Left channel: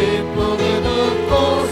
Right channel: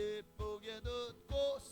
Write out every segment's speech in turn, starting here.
기쁘게 듣고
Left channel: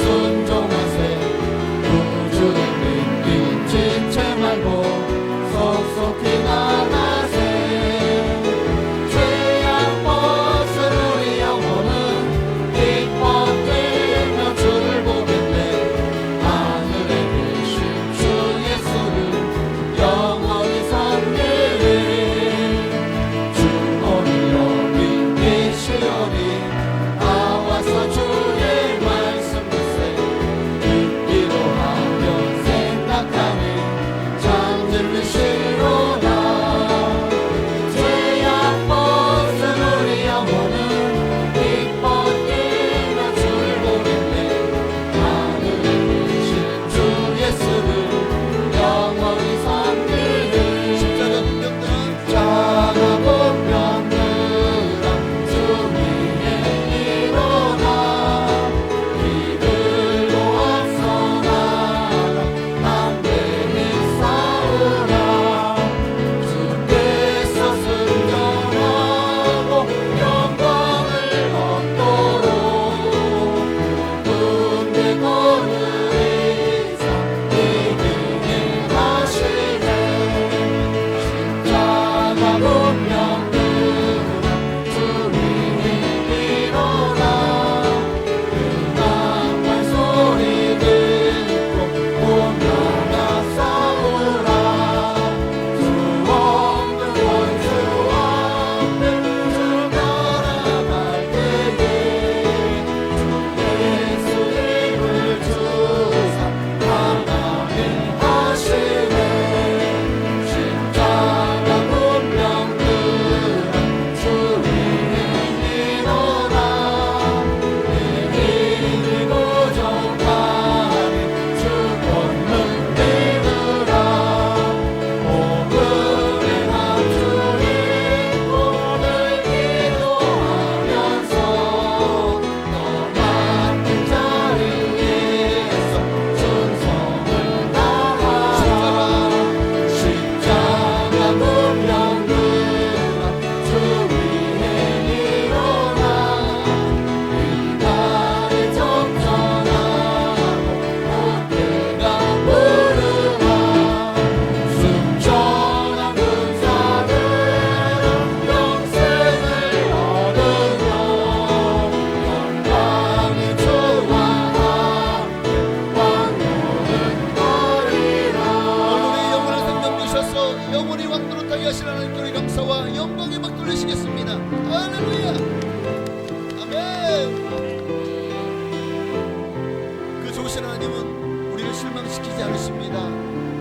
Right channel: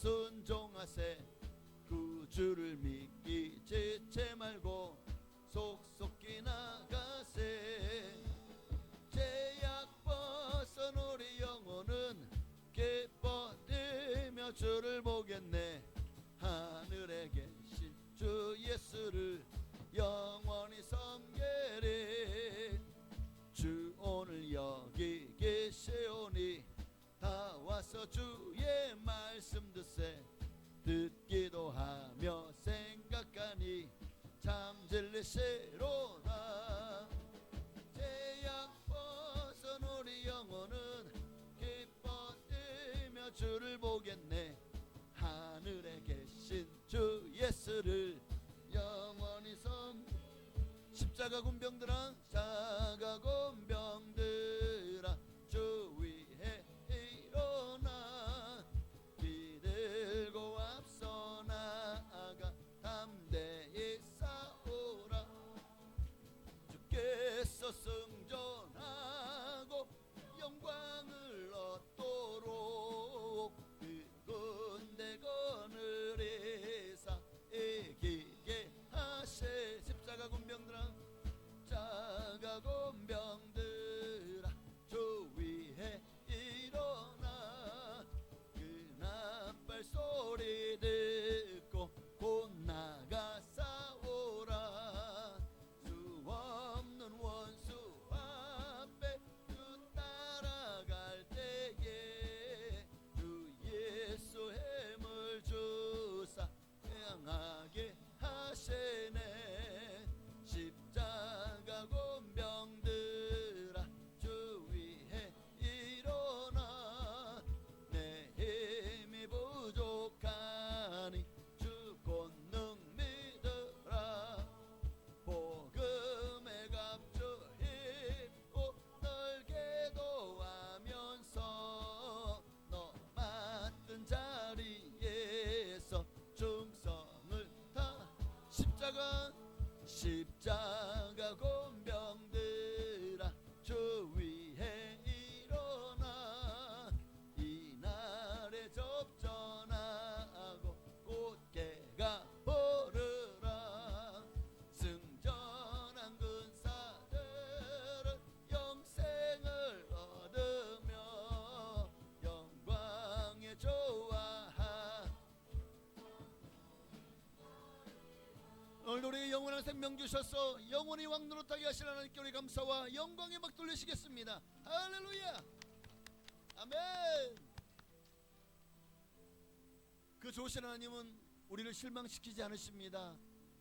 좋으신 하나님은 우리를 실망시키지 않으십니다.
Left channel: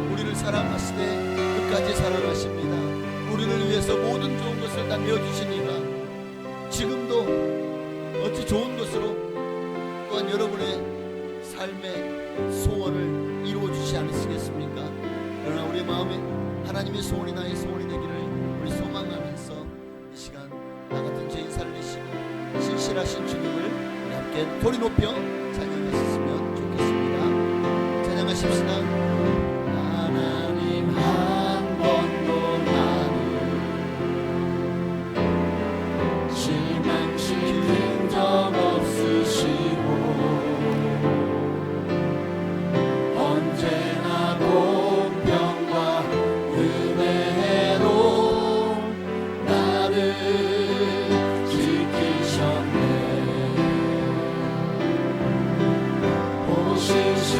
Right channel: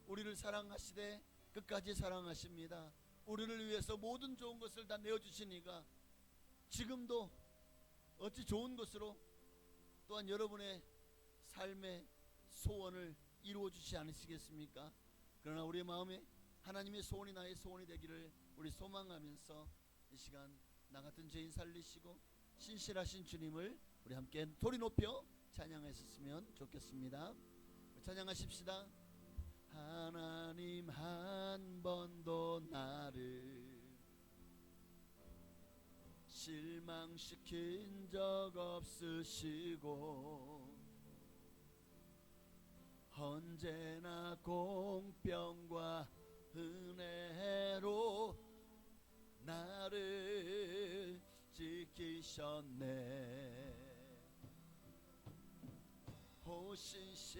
우리를 사랑하시되 끝까지 사랑하십니다. 우리를 위해서 모든 좋은 것을 다 내어주시니가 지금도 어찌 좋은 것으로 또한 여러분의 삶의 소원을 이루어주시지 않으시겠습니까? 그러나 우리의 마음에 하나님의 소원이 나의 소원이 되기를 우리 소망하면서 이 시간 나 같은 죄인 살리시고 신실하신 주님을 우리 함께 소리 높여 찬양하셨으면 좋겠습니다. 찬양하십시다. 하나님 한 번도 나를 실망시킨 적 없으시고 언제나 공평과 은혜로 나를 지키셨네. 보시하신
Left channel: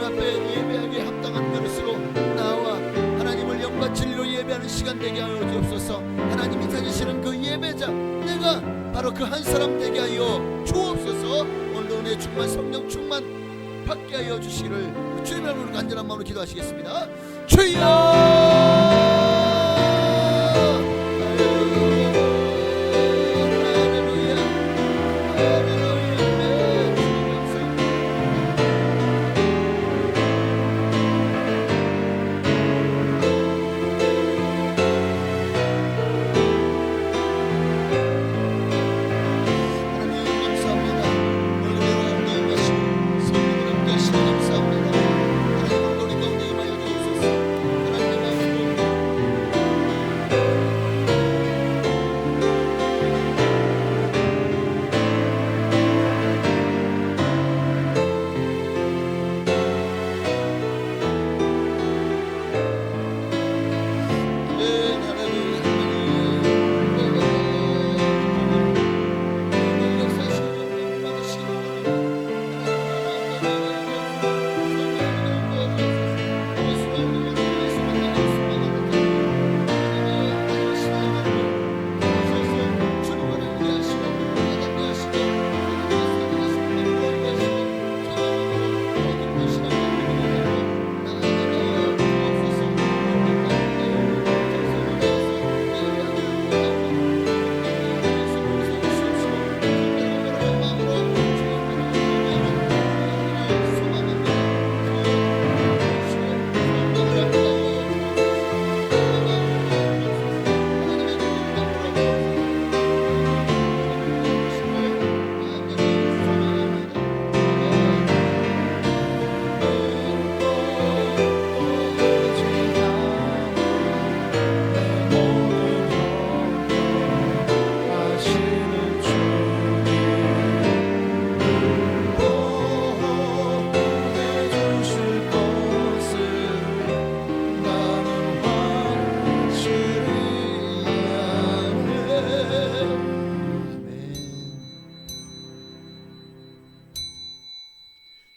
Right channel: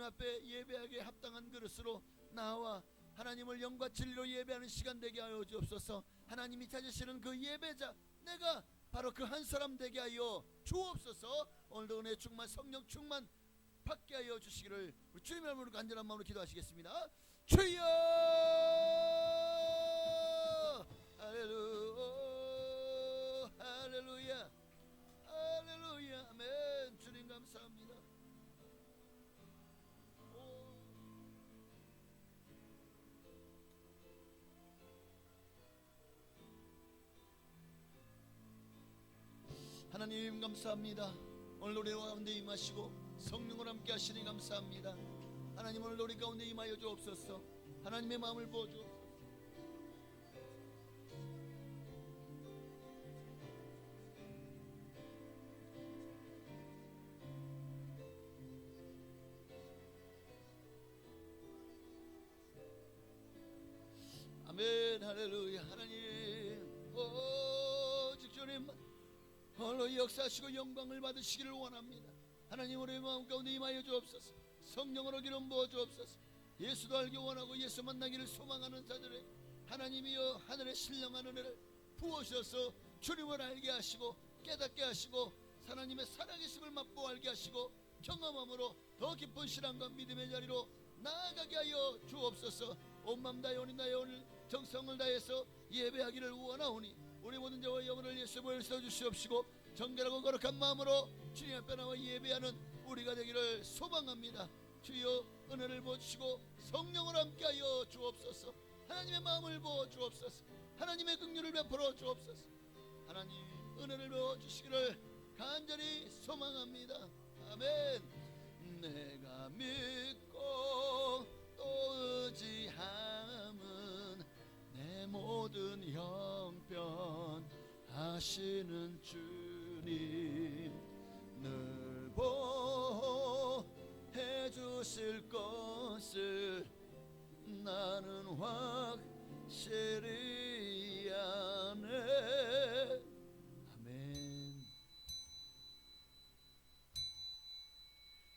하나님 앞에 예배하기에 합당한 그릇으로 나와 하나님을 영과 진리로 예배하는 시간 되게 하여 주옵소서. 하나님이 찾으시는 그 예배자 내가 바로 그 한 사람 되게 하여 주옵소서. 오늘도 은혜 충만 성령 충만 받게 하여 주시기를 주님의 이름으로 간절한 마음으로 기도하시겠습니다. 주여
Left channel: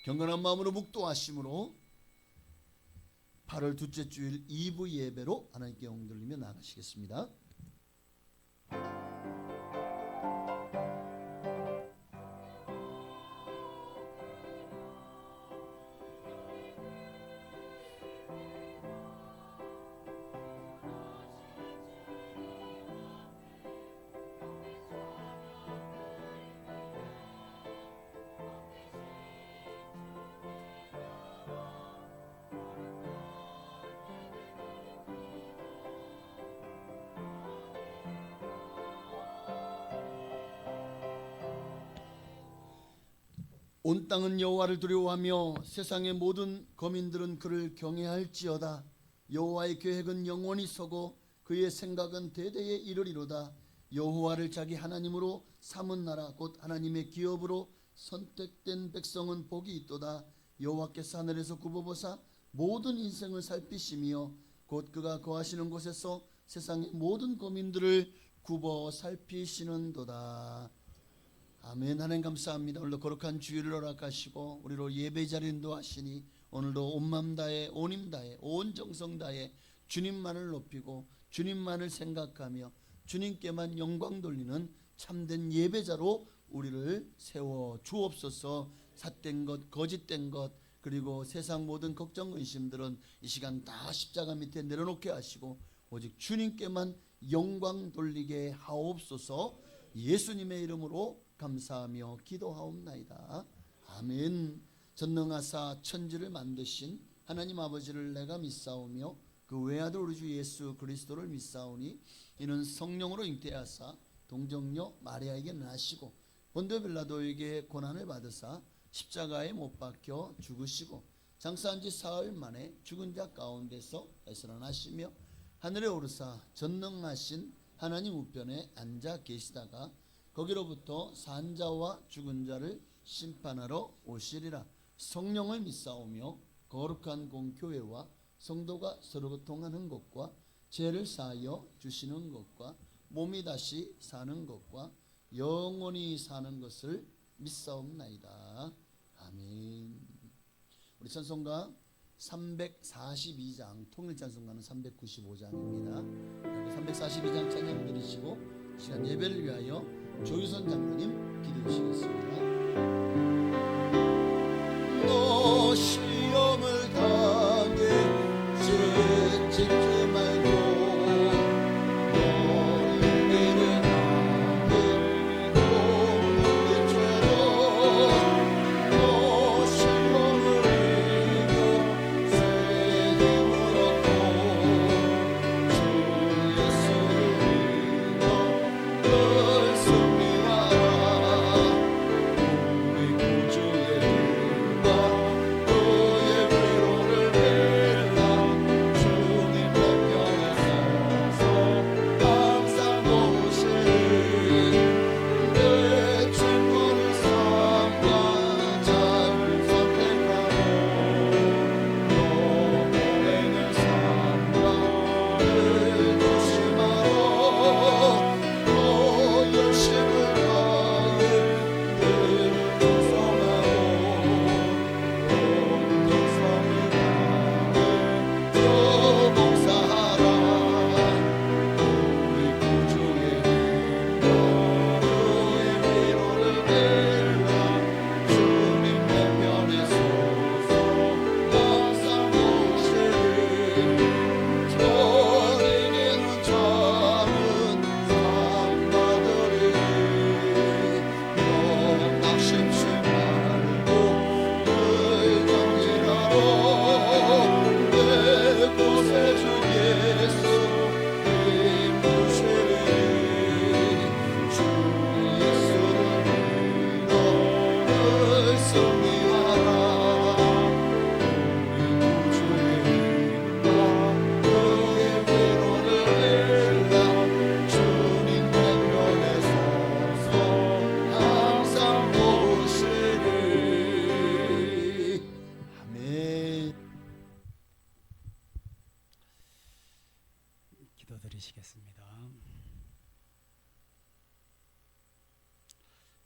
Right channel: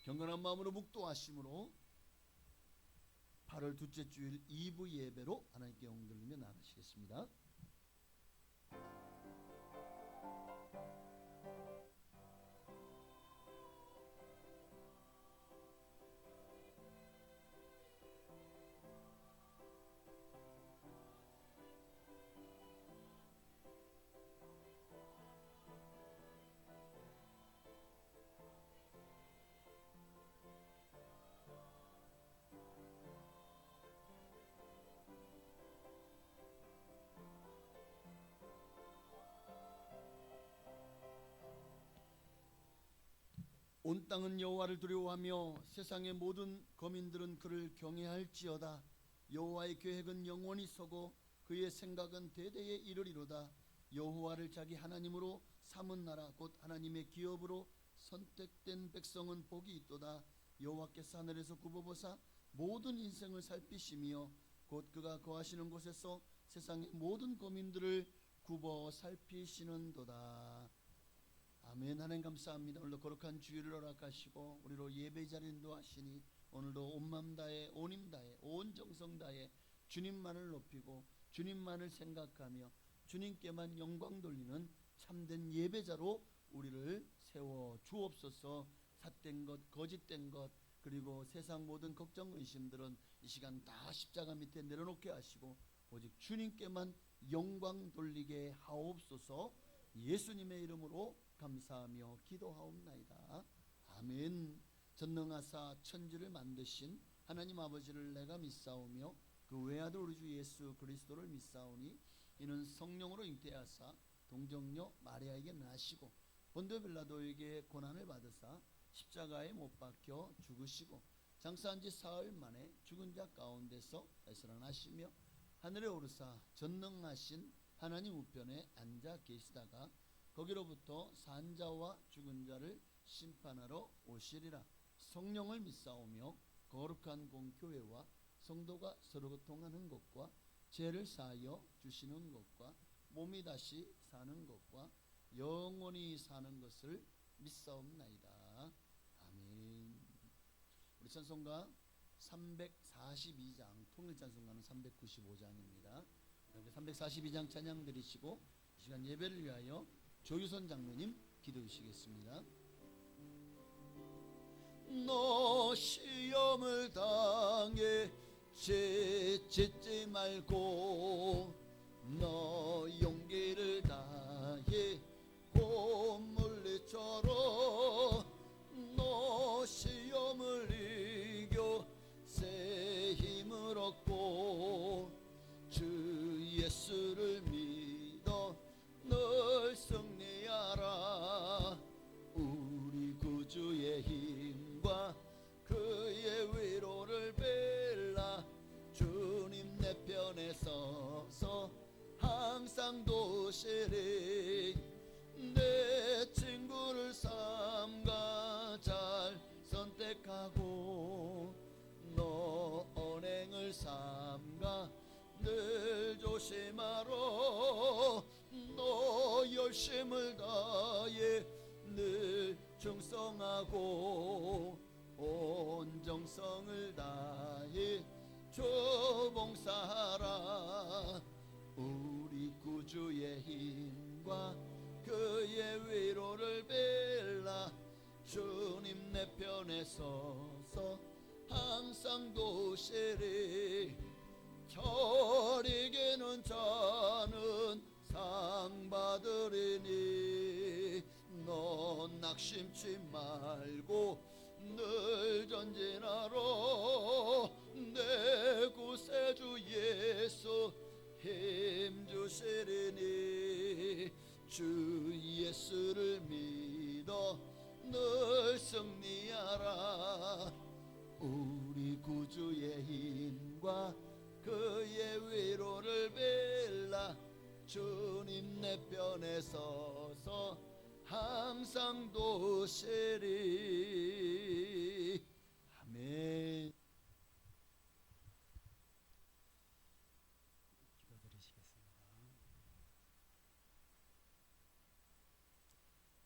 경건한 마음으로 묵도하심으로 8월 둘째 주일 2부 예배로 하나님께 영광 돌리며 나가시겠습니다. 온 땅은 여호와를 두려워하며 세상의 모든 거민들은 그를 경외할지어다. 여호와의 계획은 영원히 서고 그의 생각은 대대에 이르리로다. 여호와를 자기 하나님으로 삼은 나라 곧 하나님의 기업으로 선택된 백성은 복이 있도다. 여호와께서 하늘에서 굽어보사 모든 인생을 살피시며 곧 그가 거하시는 곳에서 세상의 모든 거민들을 굽어 살피시는도다. 아멘. 하나님 감사합니다. 오늘도 거룩한 주일을 허락하시고 우리로 예배 자리에 인도하시니 오늘도 온 마음 다해 온 힘 다해 온 정성 다해 주님만을 높이고 주님만을 생각하며 주님께만 영광 돌리는 참된 예배자로 우리를 세워 주옵소서. 삿된 것 거짓된 것 그리고 세상 모든 걱정 의심들은 이 시간 다 십자가 밑에 내려놓게 하시고 오직 주님께만 영광 돌리게 하옵소서. 예수님의 이름으로 감사하며 기도하옵나이다. 아멘. 전능하사 천지를 만드신 하나님 아버지를 내가 믿사오며 그 외아들 우리 주 예수 그리스도를 믿사오니 이는 성령으로 잉태하사 동정녀 마리아에게 나시고 본디오 빌라도에게 고난을 받으사 십자가에 못 박혀 죽으시고 장사한 지 사흘 만에 죽은 자 가운데서 되살아나시며 하늘에 오르사 전능하신 하나님 우편에 앉아 계시다가 거기로부터 산 자와 죽은 자를 심판하러 오시리라. 성령을 믿사오며 거룩한 공교회와 성도가 서로 교통하는 것과 죄를 사하여 주시는 것과 몸이 다시 사는 것과 영원히 사는 것을 믿사옵나이다. 아멘. 우리 찬송가 342장, 통일 찬송가는 395장입니다. 342장 찬양 드리시고 시간 예배를 위하여 조유선 장로님 기도해 주시겠습니다. 너 시험을 당해 찍지 말고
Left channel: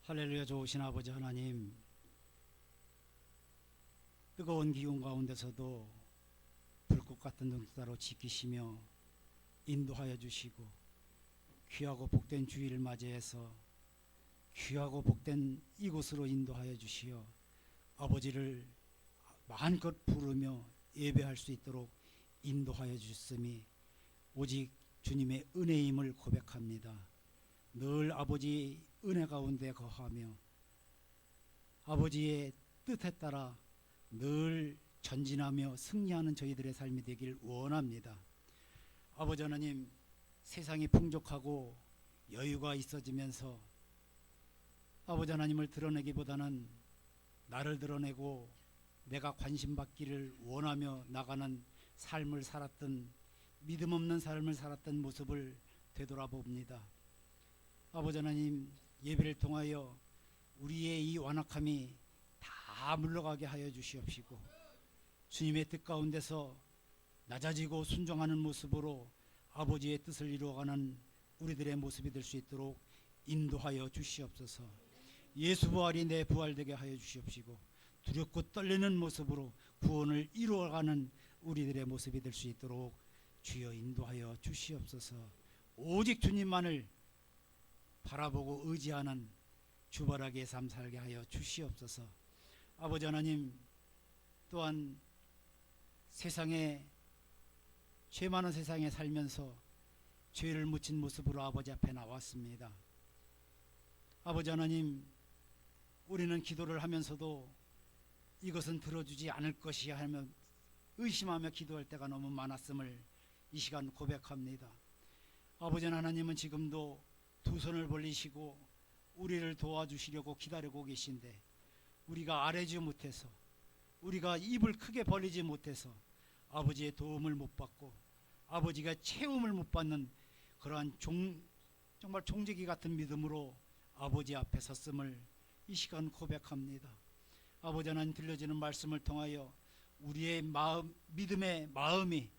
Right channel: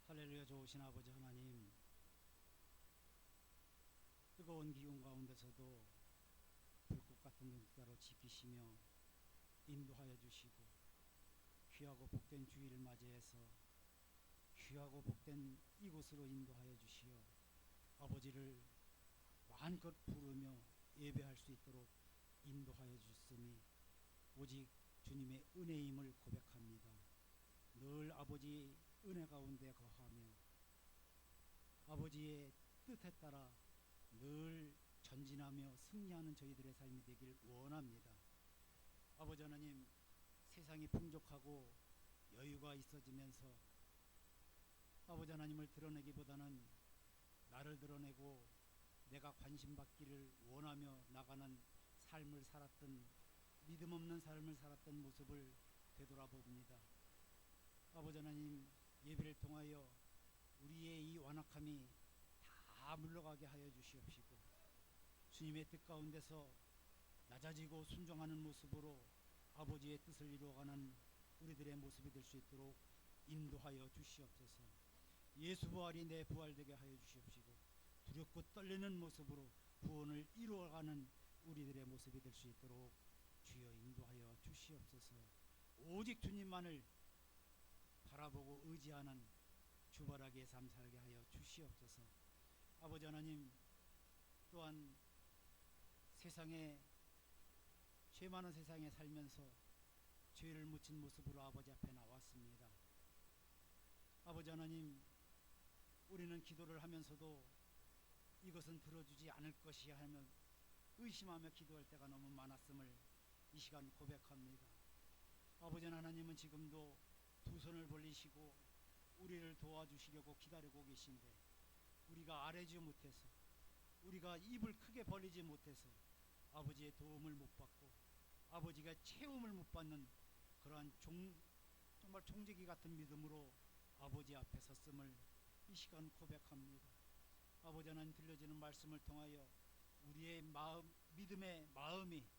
할렐루야. 좋으신 아버지 하나님, 뜨거운 기운 가운데서도 불꽃 같은 눈동자로 지키시며 인도하여 주시고, 귀하고 복된 주일을 맞이해서 귀하고 복된 이곳으로 인도하여 주시어 아버지를 마음껏 부르며 예배할 수 있도록 인도하여 주셨음이 오직 주님의 은혜임을 고백합니다. 늘 아버지 은혜 가운데 거하며 아버지의 뜻에 따라 늘 전진하며 승리하는 저희들의 삶이 되길 원합니다. 아버지 하나님, 세상이 풍족하고 여유가 있어지면서 아버지 하나님을 드러내기보다는 나를 드러내고 내가 관심받기를 원하며 나가는 삶을 살았던, 믿음 없는 삶을 살았던 모습을 되돌아봅니다. 아버지 하나님, 예배를 통하여 우리의 이 완악함이 다 물러가게 하여 주시옵시고, 주님의 뜻 가운데서 낮아지고 순종하는 모습으로 아버지의 뜻을 이루어가는 우리들의 모습이 될 수 있도록 인도하여 주시옵소서. 예수 부활이 내 부활되게 하여 주시옵시고, 두렵고 떨리는 모습으로 구원을 이루어가는 우리들의 모습이 될 수 있도록 주여 인도하여 주시옵소서. 오직 주님만을 바라보고 의지하는 주바라기의 삶 살게 하여 주시옵소서. 아버지 하나님, 또한 세상에, 죄 많은 세상에 살면서 죄를 묻힌 모습으로 아버지 앞에 나왔습니다. 아버지 하나님, 우리는 기도를 하면서도 이것은 들어주지 않을 것이야 하며 의심하며 기도할 때가 너무 많았음을 이 시간 고백합니다. 아버지 하나님은 지금도 두 손을 벌리시고 우리를 도와주시려고 기다리고 계신데, 우리가 아뢰지 못해서, 우리가 입을 크게 벌리지 못해서 아버지의 도움을 못 받고 아버지가 채움을 못 받는 그러한 정말 종지기 같은 믿음으로 아버지 앞에 섰음을 이 시간 고백합니다. 아버지 하나님, 들려지는 말씀을 통하여 우리의 마음, 믿음의 마음이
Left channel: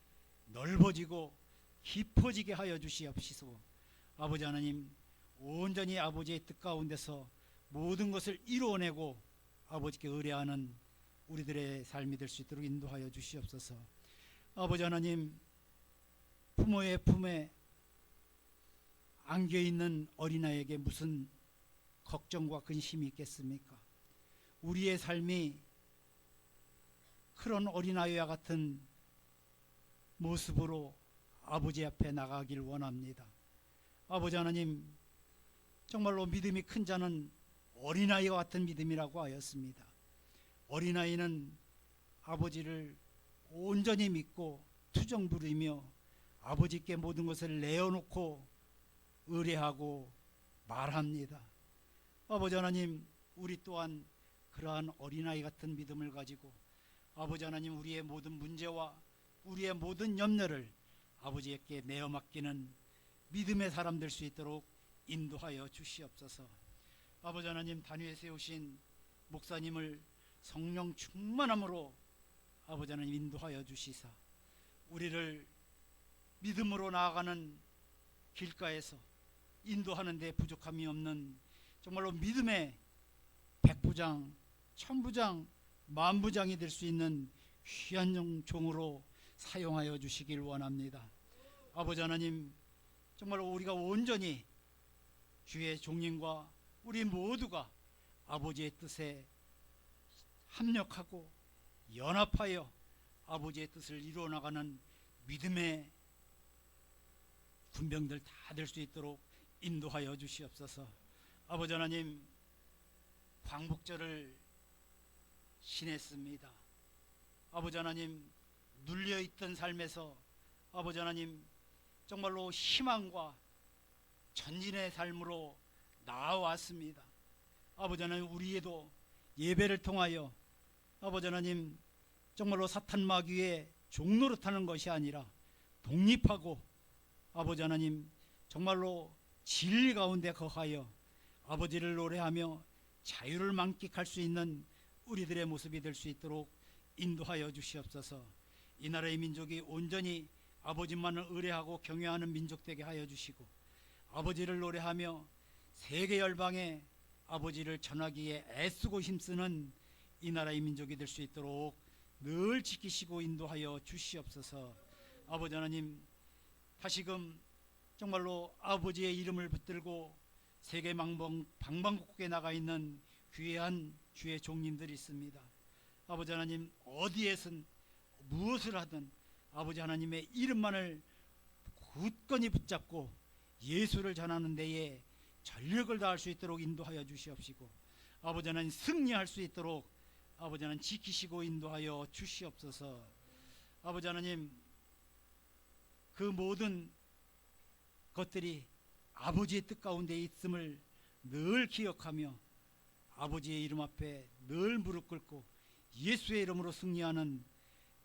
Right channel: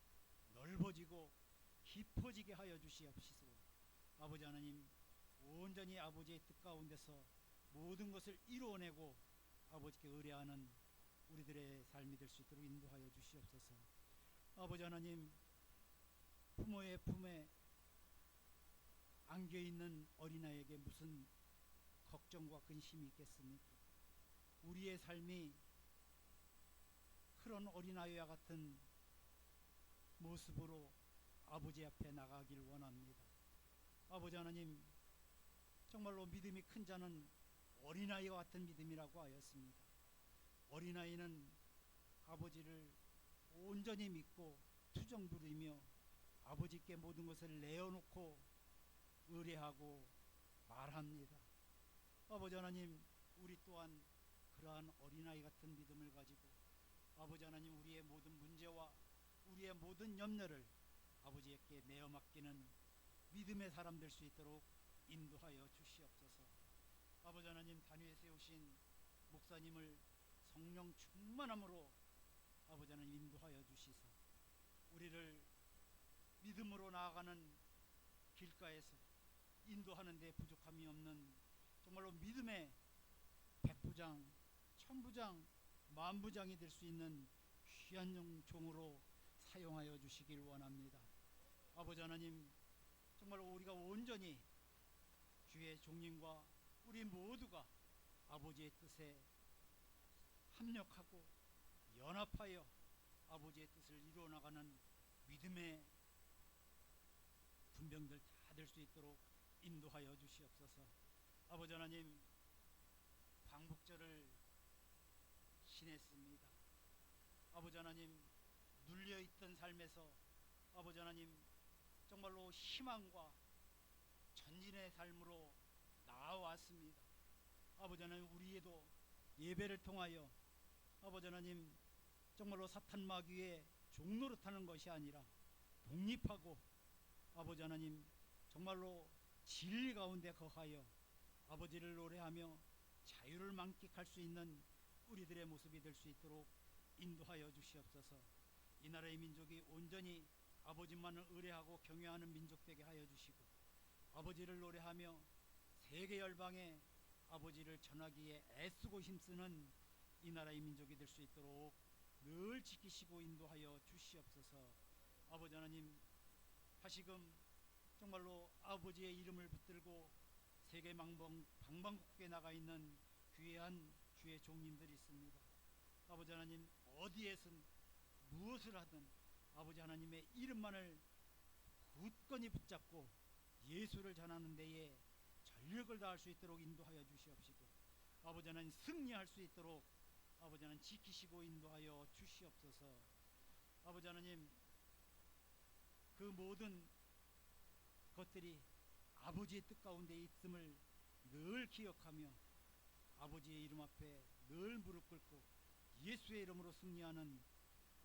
넓어지고 깊어지게 하여 주시옵시고, 아버지 하나님, 온전히 아버지의 뜻 가운데서 모든 것을 이루어내고 아버지께 의뢰하는 우리들의 삶이 될 수 있도록 인도하여 주시옵소서. 아버지 하나님, 부모의 품에 안겨있는 어린아이에게 무슨 걱정과 근심이 있겠습니까? 우리의 삶이 그런 어린아이와 같은 모습으로 아버지 앞에 나가길 원합니다. 아버지 하나님, 정말로 믿음이 큰 자는 어린아이와 같은 믿음이라고 하였습니다. 어린아이는 아버지를 온전히 믿고 투정 부리며 아버지께 모든 것을 내어놓고 의뢰하고 말합니다. 아버지 하나님, 우리 또한 그러한 어린아이 같은 믿음을 가지고 아버지 하나님, 우리의 모든 문제와 우리의 모든 염려를 아버지께 내어 맡기는 믿음의 사람 될 수 있도록 인도하여 주시옵소서. 아버지 하나님, 단위에 세우신 목사님을 성령 충만함으로 아버지 하나님 인도하여 주시사 우리를 믿음으로 나아가는 길가에서 인도하는 데 부족함이 없는 정말로 믿음의 백부장, 천부장, 만부장이 될 수 있는 귀한 종으로 사용하여 주시길 원합니다. 아버지 하나님, 정말로 우리가 온전히 주의 종님과 우리 모두가 아버지의 뜻에 합력하고 연합하여 아버지의 뜻을 이루어 나가는 믿음의 군병들 다 될 수 있도록 인도하여 주시옵소서. 아버지 하나님, 광복절을 지냈습니다. 아버지 하나님, 눌려있던 삶에서 아버지 하나님, 정말로 희망과 전진의 삶으로 나아왔습니다. 아버지 하나님, 우리에도 예배를 통하여 아버지 하나님, 정말로 사탄 마귀의 종노릇하는 것이 아니라 독립하고 아버지 하나님, 정말로 진리 가운데 거하여 아버지를 노래하며 자유를 만끽할 수 있는 우리들의 모습이 될 수 있도록 인도하여 주시옵소서. 이 나라의 민족이 온전히 아버지만을 의뢰하고 경외하는 민족 되게 하여 주시고 아버지를 노래하며 세계 열방에 아버지를 전하기에 애쓰고 힘쓰는 이 나라의 민족이 될 수 있도록 늘 지키시고 인도하여 주시옵소서. 아버지 하나님, 다시금 정말로 아버지의 이름을 붙들고 세계 방방곡곡에 나가 있는 귀한 주의 종님들이 있습니다. 아버지 하나님, 어디에선 무엇을 하든 아버지 하나님의 이름만을 굳건히 붙잡고 예수를 전하는 데에 전력을 다할 수 있도록 인도하여 주시옵시고 아버지 하나님, 승리할 수 있도록 아버지 하나님 지키시고 인도하여 주시옵소서. 아버지 하나님, 그 모든 것들이 아버지의 뜻 가운데 있음을 늘 기억하며 아버지의 이름 앞에 늘 무릎 꿇고 예수의 이름으로 승리하는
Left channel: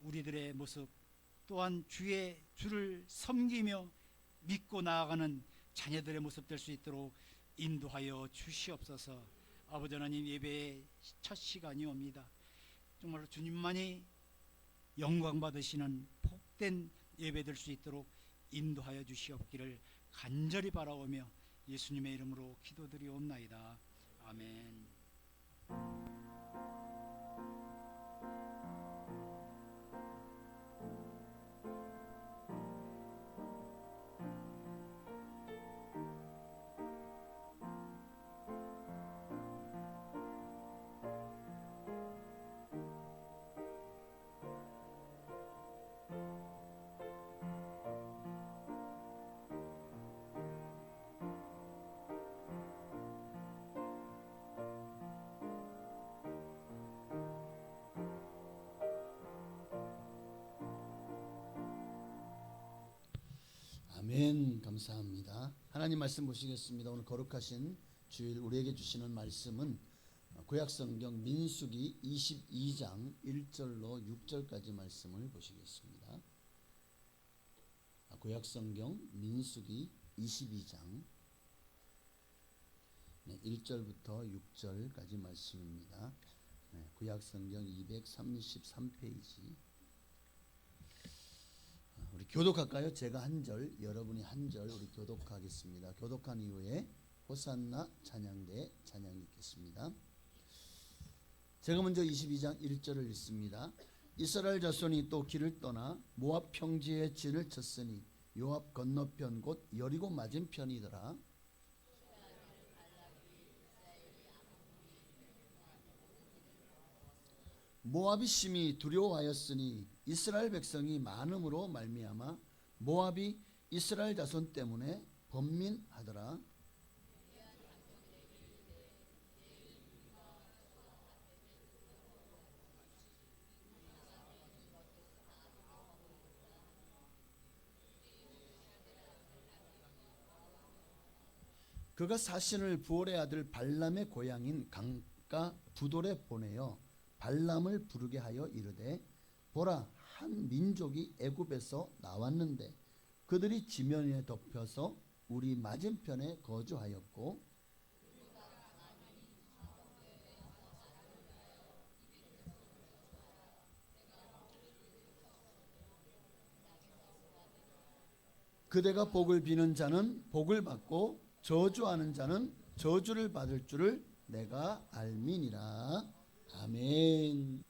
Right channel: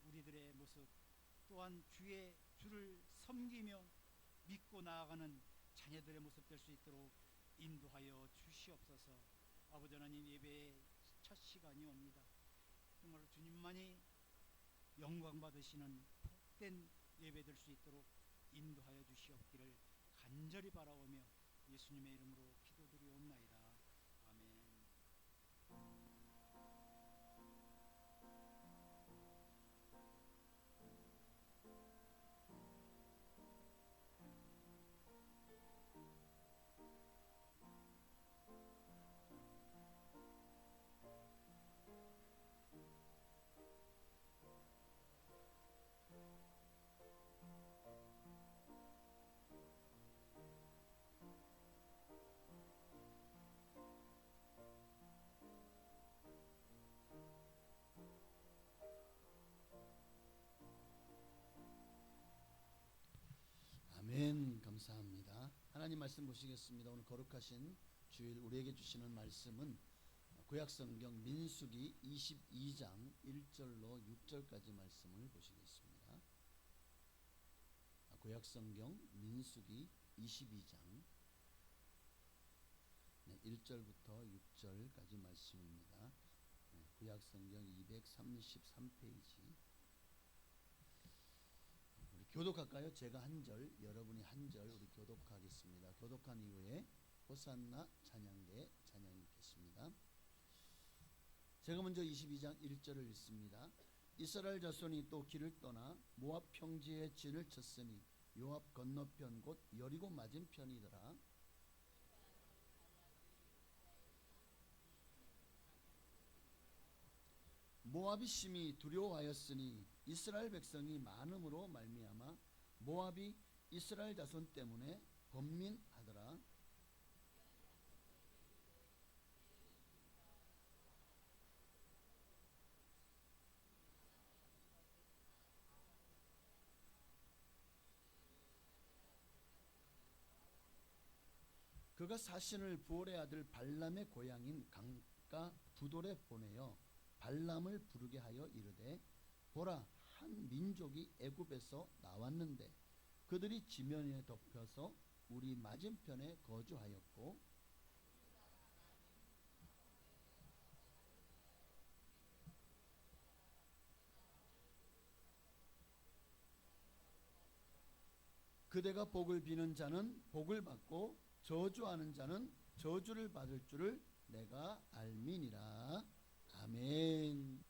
우리들의 모습, 또한 주를 섬기며 믿고 나아가는 자녀들의 모습 될 수 있도록 인도하여 주시옵소서. 아버지 하나님, 예배의 첫 시간이 옵니다. 정말로 주님만이 영광 받으시는 복된 예배 될 수 있도록 인도하여 주시옵기를 간절히 바라오며 예수님의 이름으로 기도드리옵나이다. 아멘. 아멘. 감사합니다. 하나님 말씀 보시겠습니다. 오늘 거룩하신 주일 우리에게 주시는 말씀은 구약성경 민수기 22장 1절로 6절까지 말씀을 보시겠습니다. 구약성경 민수기 22장 1절부터 6절까지 말씀입니다. 구약성경 233페이지. 우리 교독할까요? 제가 한 절, 여러분이 한 절 우리 교독하겠습니다. 교독한 이후에 호산나 찬양대 찬양이 있겠습니다. 제가 먼저 22장 1절을 읽습니다. 이스라엘 자손이 또 길을 떠나 모압 평지에 진을 쳤으니 요압 건너편 곧 여리고 맞은편이더라. 모압이 심히 두려워하였으니 이스라엘 백성이 많음으로 말미암아 모압이 이스라엘 자손 때문에 번민하더라. 그가 사신을 부올의 아들 발람의 고향인 강가 부돌에 보내어 발람을 부르게 하여 이르되 보라, 한 민족이 애굽에서 나왔는데 그들이 지면에 덮여서 우리 맞은편에 거주하였고 그대가 복을 비는 자는 복을 받고 저주하는 자는 저주를 받을 줄을 내가 알미니라. 아멘.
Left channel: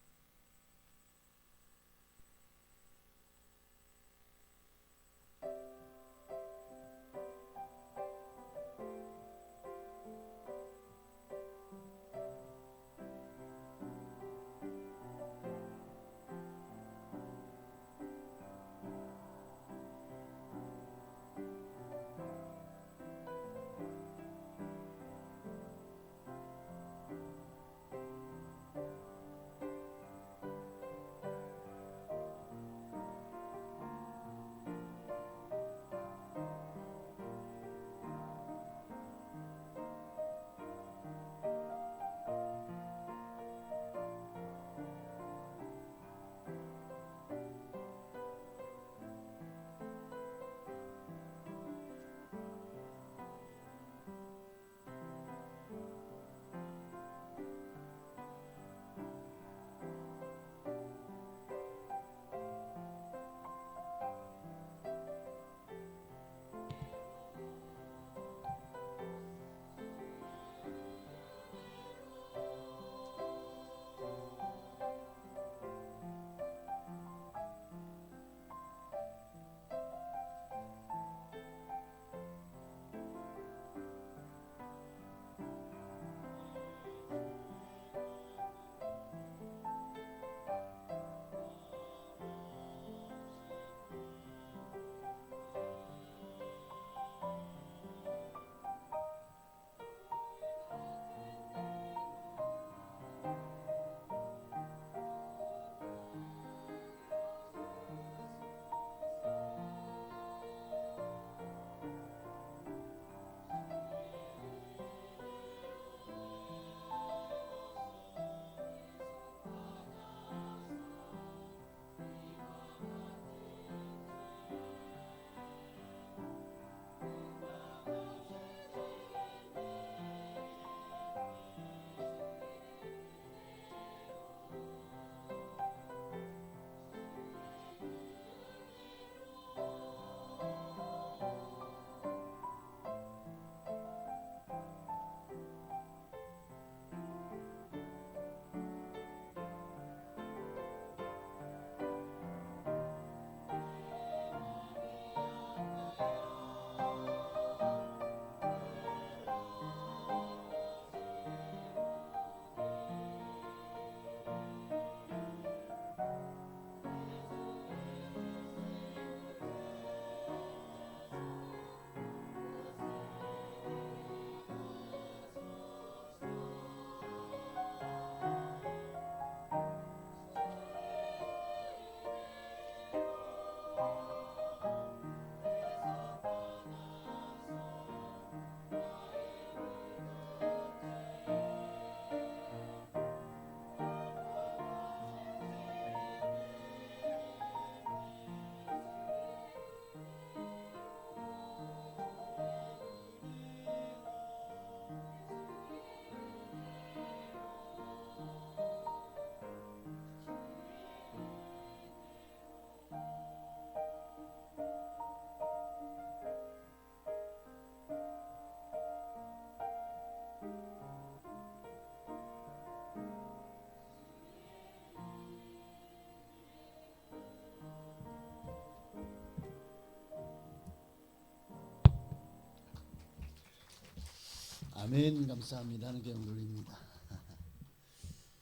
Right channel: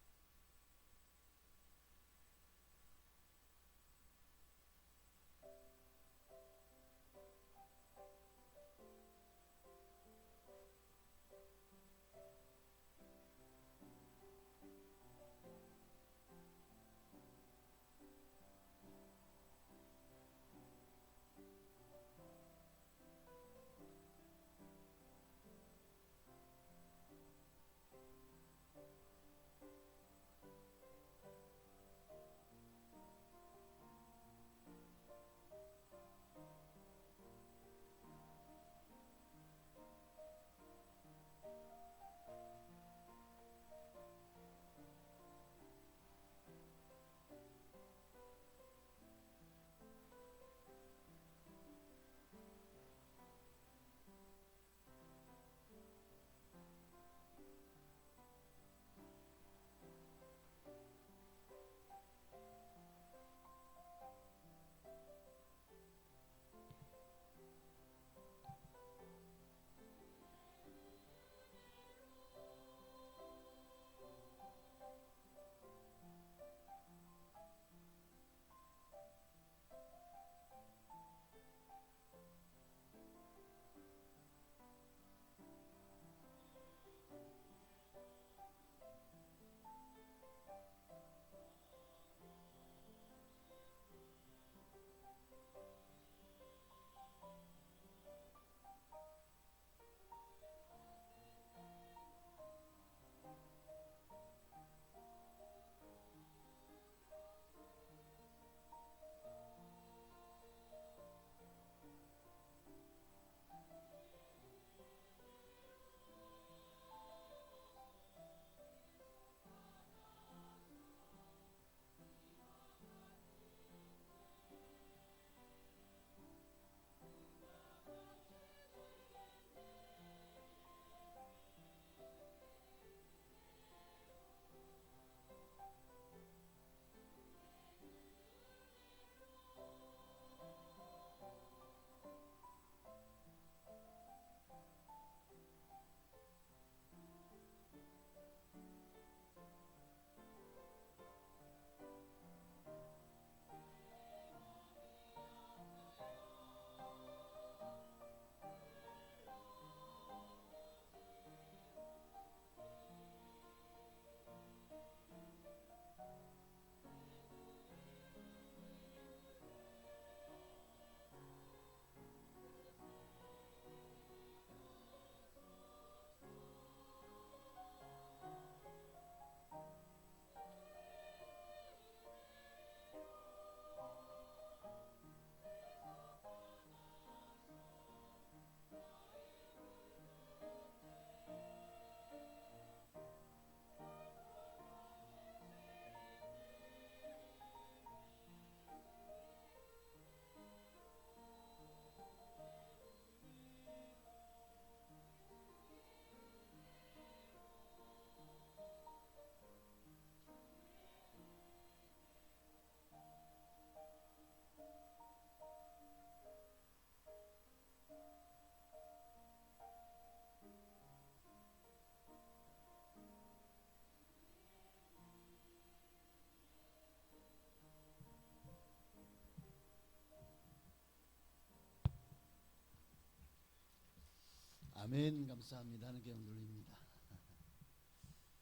아멘. 감사합니다. 하는 게 돌립니다.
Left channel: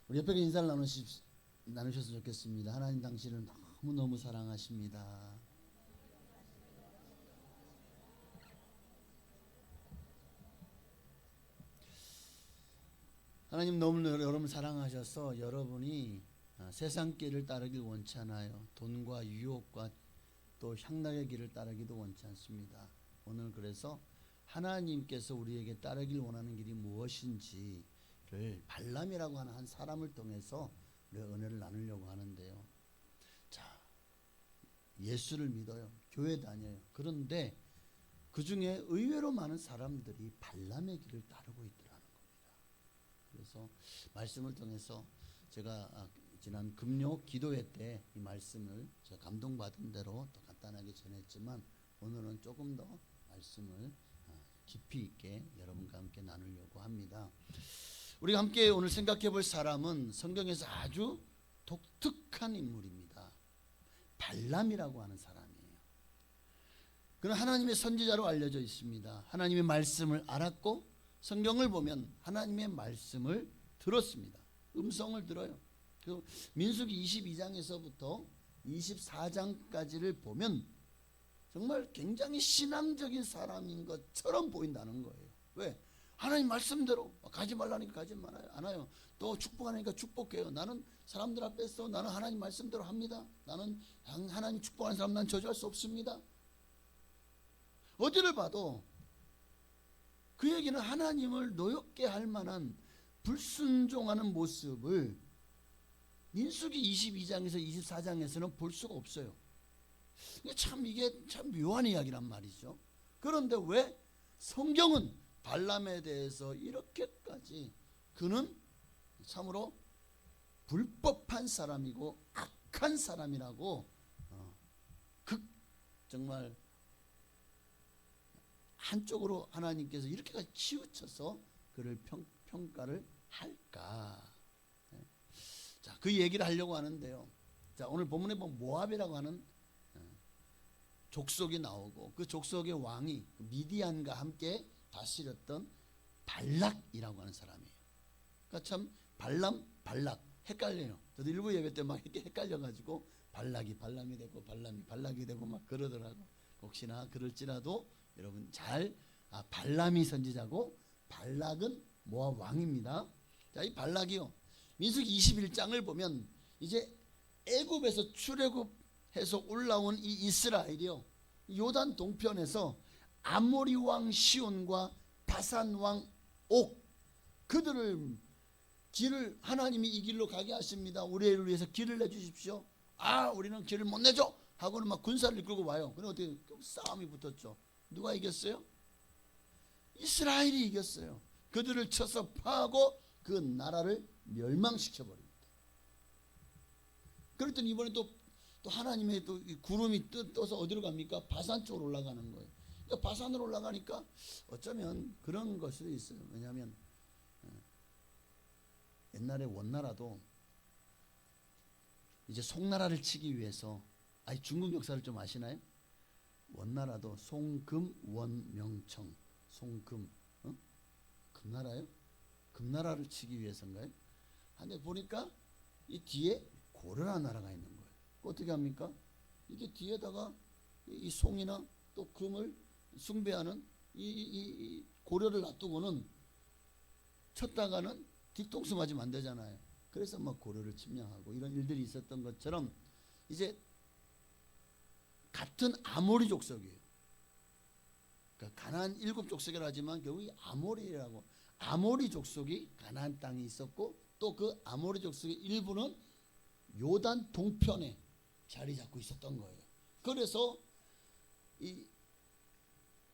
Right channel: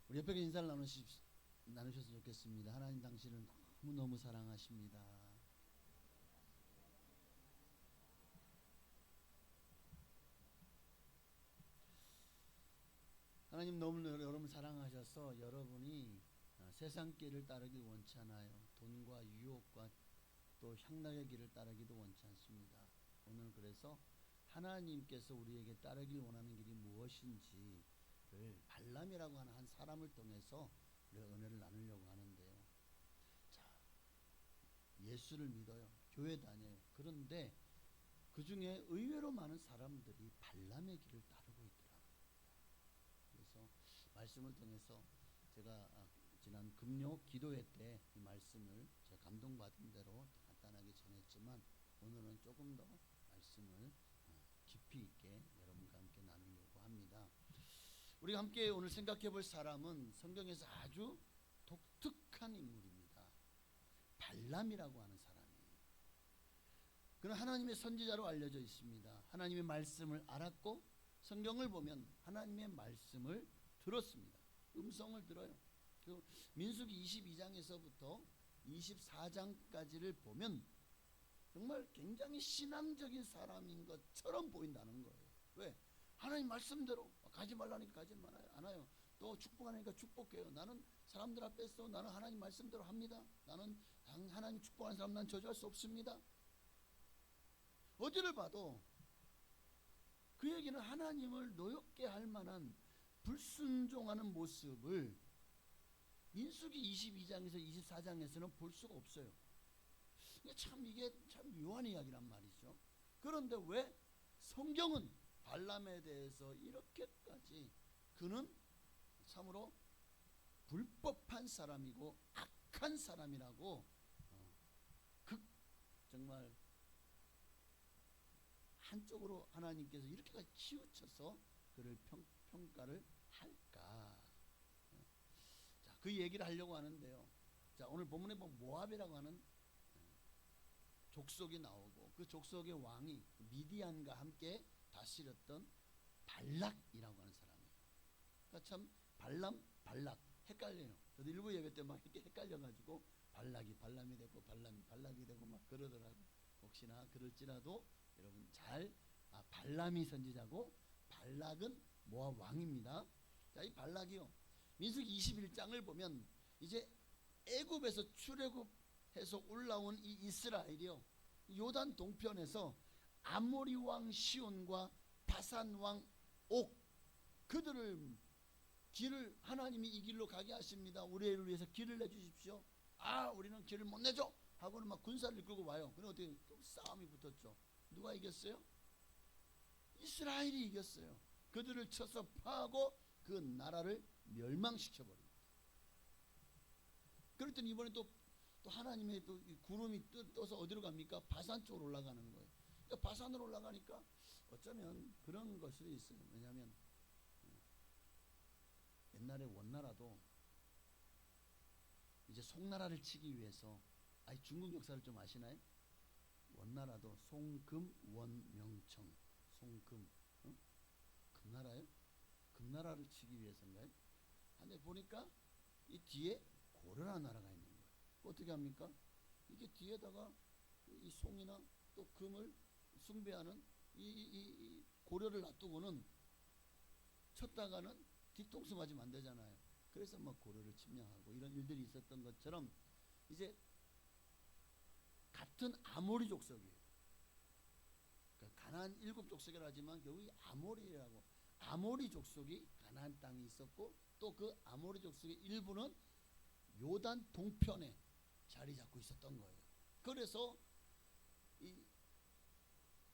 우리 옆에 인사를 나누셨으면 좋겠습니다. 하나님 당신을 너무너무 사랑하십니다. 하나님 너무 여러분을 사랑하셔서 여러분이 세상 길을 따르길 원치 않아요. 돈과 유혹과 또 향락의 길을 따르기도 원치 않습니다. 오늘 그래서 하나님께서 우리에게 따르길 원하는 길이 무엇인지를 발람이라고 하는 한 사람을 통해서 우리가 은혜를 나누려고 하는데요. 자, 예수를 믿어요. 교회 다녀요. 그런데 그 중에 의외로 많은 사람들이 발람의 길을 따르고 있더라는 겁니다. 그래서 말씀을 통해서 제가 지난 금요 기도회 때 이 말씀을 제가 감동받은 대로 또 간단하게 전했지만 오늘은 조금 더 말씀을 깊이 있게 여러분과 함께 나누려고 합니다. 우리가 함께 오늘 생각해 볼 사람은 성경에서 아주 독특한 인물입니다. 발람이라고 하는 사람이에요. 그는 하나님의 선지자로 알려져 있습니다. 하나님의 말씀을 알았고 성경을 보면 하나님의 말씀을 들었습니다. 음성을 들어요. 그리고 민수기 22장에서부터 24장까지를 보면 정말 굉장히 신앙적인 사람인 것처럼 보인다는 거예요. 왜? 하나님 말씀대로 가지 말라니까 가지 말아요. 안 와요. 또 축복하니까 축복해요. 나는 사람들 앞에서 나는 하나님 말씀대로 합니다. 나는 하나님 축복하는 사람 난 저주할 수 없습니다. 어디를 봐도 그에게는 하나님을 노엽게 할 만한 불순종하는 모습을 민수기 22장에서 24장에서는 볼 수가 없어요. 이게 참 묘한 이야기란 말이죠. 그런데 왜 성경은 발람에 대해서 이렇게까지 그는 참으로 불법한 사람이고 악한 사람이라고 정말 한쪽으로 하나님께서 이렇게까지 치우쳐서 그를 평가를 할까? 자, 그 얘기를 하려고 하는데요. 자, 오늘 본문에 보면 모압이라고 하는 족속이 나오고 그 족속의 왕이 미디안과 함께 다스렸던 발락이라고 하는 사람이에요. 그러니까 참 발락 헷갈려요. 저도 일부 예배 때 막 이렇게 헷갈려가지고 발락이 발람이 되고 발람이 발락이 되고 막 그러더라고. 혹시나 그럴지라도 여러분 잘 발람이 선지자고 발락은 모압 왕입니다. 자, 이 발락이요. 민수기 21장을 보면 이제 애굽에서 출애굽해서 올라온 이 이스라엘이요. 요단 동편에서 아모리 왕 시온과 바산 왕 옥 그들을 길을 하나님이 이 길로 가게 하십니다. 우리를 위해서 길을 내주십시오. 우리는 길을 못 내줘 하고는 막 군사를 이끌고 와요. 그럼 어떻게 싸움이 붙었죠. 누가 이겼어요? 이스라엘이 이겼어요. 그들을 쳐서 파하고 그 나라를 멸망시켜버립니다. 그랬더니 이번에 또 하나님의 또 구름이 떠서 어디로 갑니까? 바산 쪽으로 올라가는 거예요. 그러니까 바산으로 올라가니까 어쩌면 그런 걸 수도 있어요. 왜냐하면 옛날에 원나라도 이제 송나라를 치기 위해서 중국 역사를 좀 아시나요? 원나라도 송금 원명청 송금 금나라요? 금나라를 치기 위해서인가요? 근데 보니까 이 뒤에 고려라는 나라가 있는 거예요. 어떻게 합니까? 이게 뒤에다가 이 송이나 또 금을 숭배하는 이 고려를 놔두고는 쳤다가는 뒤통수 맞으면 안 되잖아요. 그래서 막 고려를 침략하고 이런 일들이 있었던 것처럼 이제 같은 아모리 족속이에요. 그러니까 가나안 7족속이라 하지만 결국 아모리라고 아모리 족속이 가나안 땅에 있었고 또 그 아모리 족속의 일부는 요단 동편에 자리 잡고 있었던 거예요. 그래서 이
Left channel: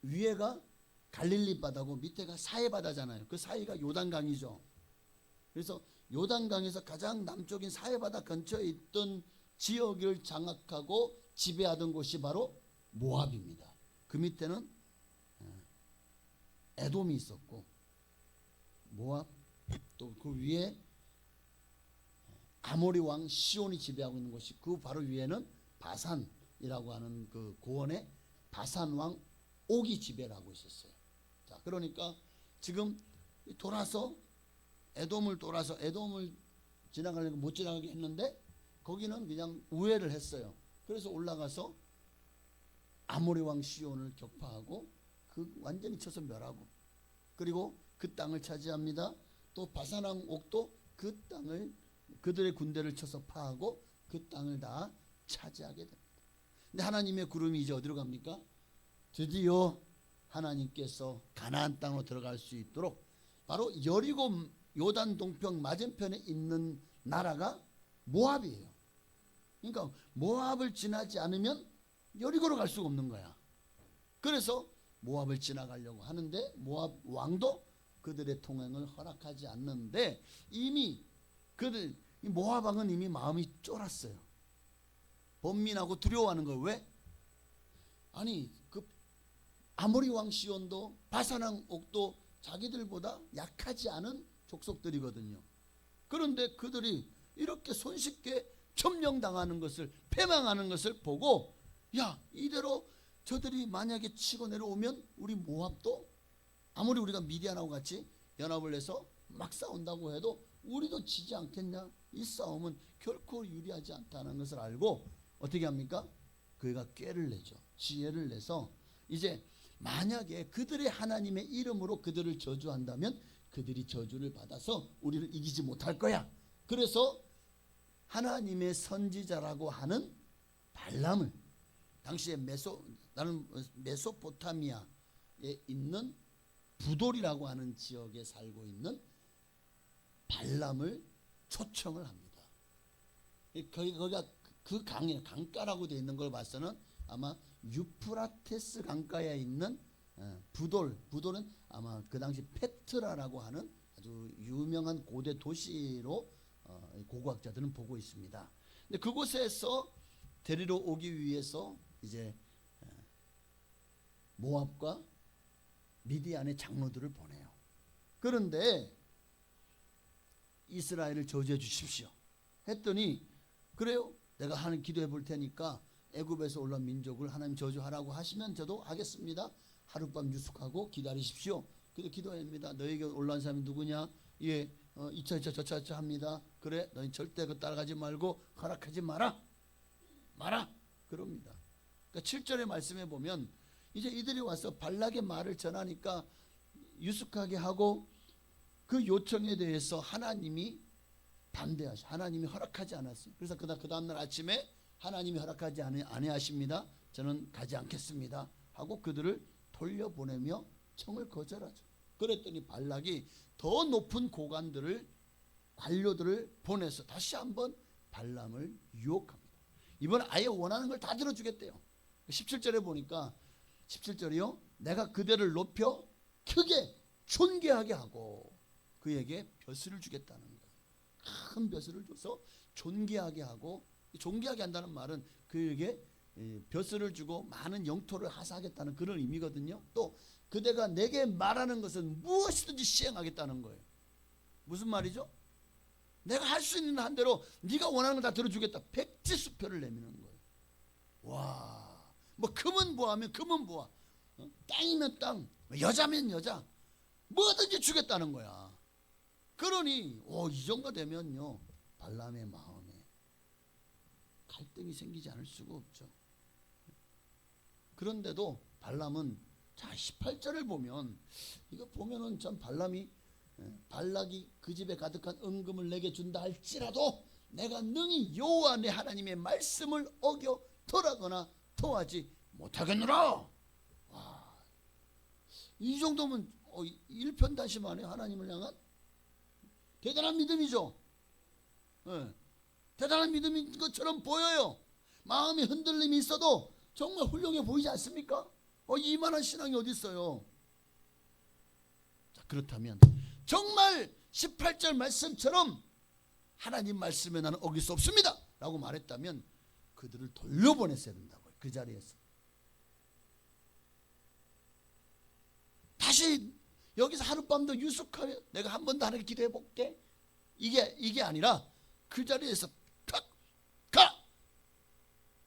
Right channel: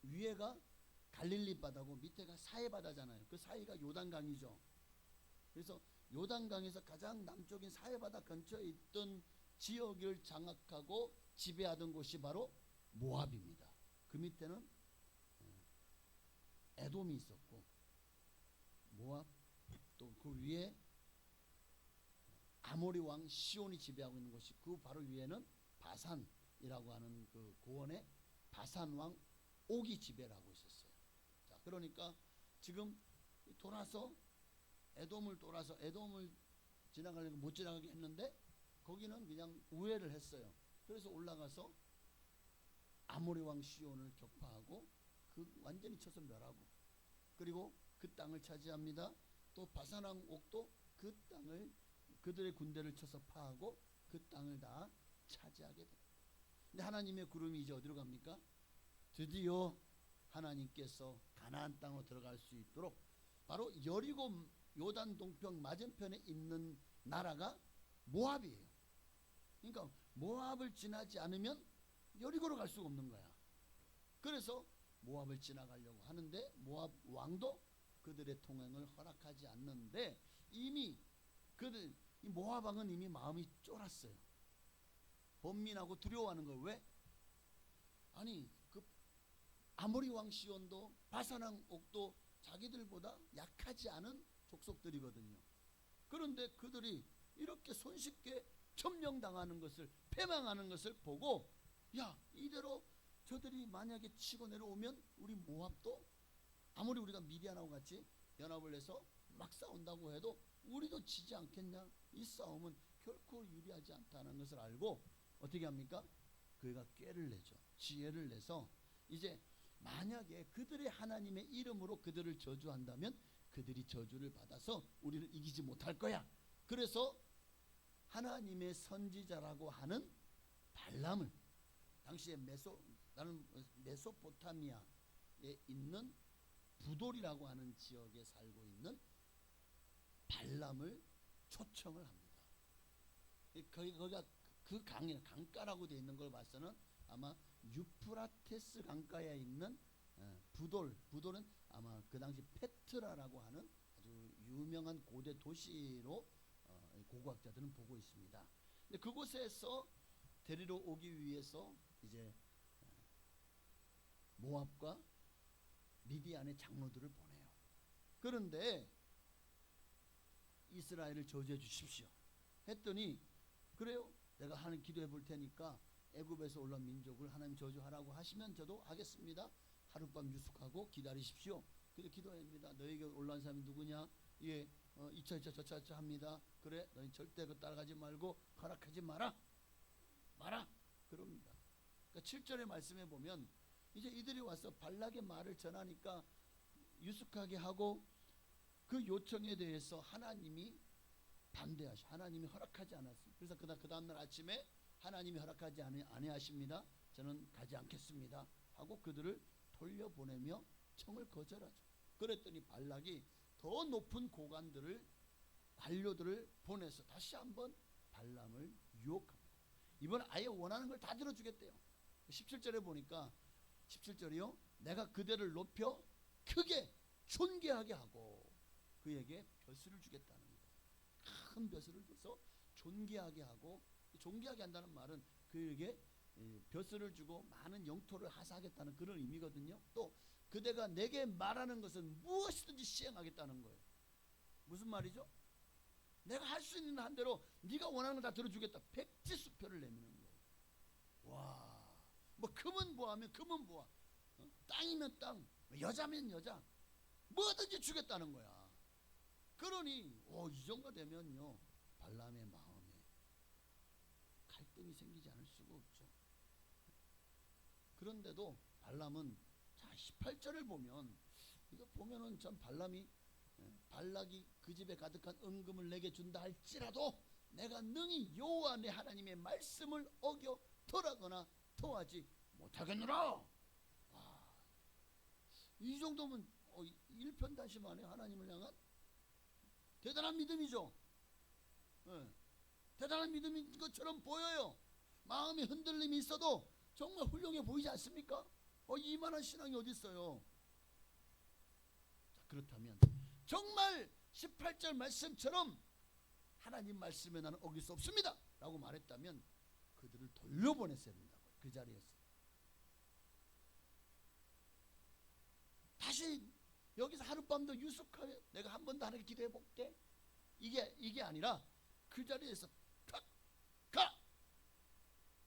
위에가 갈릴리 바다고 밑에가 사해 바다잖아요. 그 사이가 요단강이죠. 그래서 요단강에서 가장 남쪽인 사해 바다 근처에 있던 지역을 장악하고 지배하던 곳이 바로 모압입니다. 그 밑에는 에돔이 있었고 모압 또 그 위에 아모리 왕 시온이 지배하고 있는 곳이 그 바로 위에는 바산이라고 하는 그 고원에 바산 왕 옥이 지배를 하고 있었어요. 자, 그러니까 지금 돌아서 에돔을 지나가려고 못 지나가게 했는데 거기는 그냥 우회를 했어요. 그래서 올라가서 아모리 왕 시온을 격파하고 그 완전히 쳐서 멸하고, 그리고 그 땅을 차지합니다. 또 바산 왕 옥도 그 땅을, 그들의 군대를 쳐서 파하고 그 땅을 다 차지하게 됩니다. 근데 하나님의 구름이 이제 어디로 갑니까? 드디어 하나님께서 가나안 땅으로 들어갈 수 있도록, 바로 여리고 요단 동편 맞은편에 있는 나라가 모압이에요. 그러니까 모압을 지나지 않으면 여리고로 갈 수가 없는 거야. 그래서 모압을 지나가려고 하는데 모압 왕도 그들의 통행을 허락하지 않는데, 이미 모압 왕은 이미 마음이 쫄았어요. 번민하고 두려워하는 거예요. 왜? 아니 그 아모리 왕 시온도 바산 왕 옥도 자기들보다 약하지 않은 족속들이거든요. 그런데 그들이 이렇게 손쉽게 점령당하는 것을, 패망하는 것을 보고, 야, 이대로 저들이 만약에 치고 내려오면 우리 모압도 아무리 우리가 미디안하고 같이 연합을 해서 막 싸운다고 해도 우리도 지지 않겠냐? 이 싸움은 결코 유리하지 않다는 것을 알고 어떻게 합니까? 그가 꾀를 내죠. 지혜를 내서 이제 만약에 그들의 하나님의 이름으로 그들을 저주한다면 그들이 저주를 받아서 우리를 이기지 못할 거야. 그래서 하나님의 선지자라고 하는 발람을, 당시에 메소포타미아에 있는 부돌이라고 하는 지역에 살고 있는 발람을 초청을 합니다. 거기가 그 강가라고 되어 있는 걸 봐서는 아마 유프라테스 강가에 있는 부돌은 아마 그 당시 페트라라고 하는 아주 유명한 고대 도시로 고고학자들은 보고 있습니다. 근데 그곳에서 데리러 오기 위해서 이제 모압과 미디안의 장로들을 보내요. 그런데 이스라엘을 저주해 주십시오 했더니, 그래요, 내가 하는 기도해 볼 테니까 애굽에서 올라온 민족을 하나님 저주하라고 하시면 저도 하겠습니다. 하룻밤 유숙하고 기다리십시오. 그래서 기도합니다. 너에게 올라온 사람이 누구냐? 예, 이차 저차 합니다. 그래, 너희 절대 그 따라가지 말고 허락하지 마라 그럽니다. 그러니까 7절의 말씀에 보면 이제 이들이 와서 발락의 말을 전하니까 유숙하게 하고, 그 요청에 대해서 하나님이 하나님이 허락하지 않았어요. 그래서 그 다음날 아침에 하나님이 허락하지 아니하십니다. 저는 가지 않겠습니다 하고 그들을 돌려보내며 청을 거절하죠. 그랬더니 발락이 더 높은 관료들을 보내서 다시 한번 발람을 유혹합니다. 이번에 아예 원하는 걸 다 들어주겠대요. 17절에 보니까 17절이요, 내가 그대를 높여 크게 존귀하게 하고 그에게 벼슬을 주겠다는 거예요. 큰 벼슬을 줘서 존귀하게 하고, 존귀하게 한다는 말은 그에게 벼슬을 주고 많은 영토를 하사하겠다는 그런 의미거든요. 또 그대가 내게 말하는 것은 무엇이든지 시행하겠다는 거예요. 무슨 말이죠? 내가 할 수 있는 한대로 네가 원하는 걸 다 들어주겠다. 백지수표를 내미는 거예요. 와, 뭐 금은 보하면 금은 보하, 땅이면 땅, 여자면 여자, 뭐든지 주겠다는 거야. 그러니 이 정도 되면요, 발람의 마음에 갈등이 생기지 않을 수가 없죠. 그런데도 발람은, 자 18절을 보면, 이거 보면은 참 발락이 그 집에 가득한 은금을 내게 준다 할지라도 내가 능히 여호와 내 하나님의 말씀을 어겨 tor하거나 토하지 못하겠노라. 와, 이 정도면 일편단심하네. 하나님을 향한 대단한 믿음이죠. 대단한 믿음인 것처럼 보여요. 마음의 흔들림이 있어도 정말 훌륭해 보이지 않습니까? 이만한 신앙이 어디 있어요? 자, 그렇다면 정말 18절 말씀처럼 하나님 말씀에 나는 어길 수 없습니다 라고 말했다면 그들을 돌려보냈어야 된다고요. 그 자리에서 다시 여기서 하룻밤도 유숙하여 내가 한 번 더 하나님께 기도해 볼게, 이게 아니라 그 자리에서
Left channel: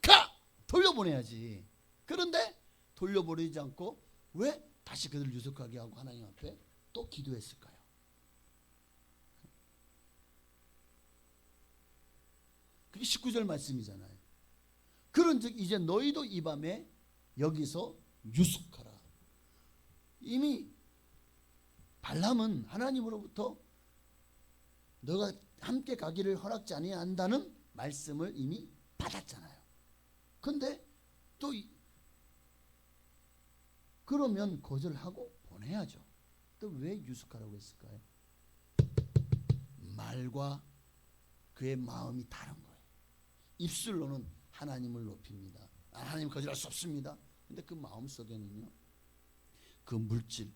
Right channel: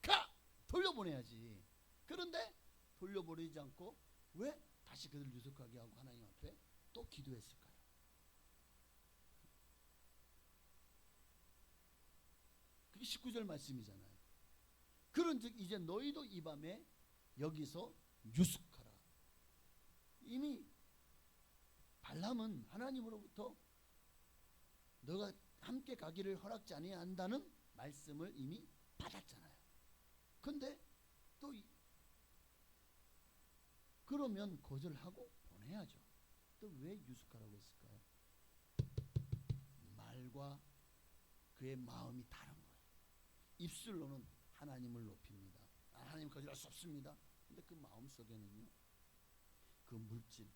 가 돌려보내야지. 그런데 돌려보내지 않고 왜 다시 그들을 유숙하게 하고 하나님 앞에 또 기도했을까요? 그게 19절 말씀이잖아요. 그런즉 이제 너희도 이 밤에 여기서 유숙하라. 이미 발람은 하나님으로부터 너가 함께 가기를 허락지 아니한다는 말씀을 이미 받았잖아요. 근데 또 그러면 거절하고 보내야죠. 또 왜 유숙하라고 했을까요? 말과 그의 마음이 다른 거예요. 입술로는 하나님을 높입니다. 하나님 거절할 수 없습니다. 근데 그 마음 속에는요, 그 물질,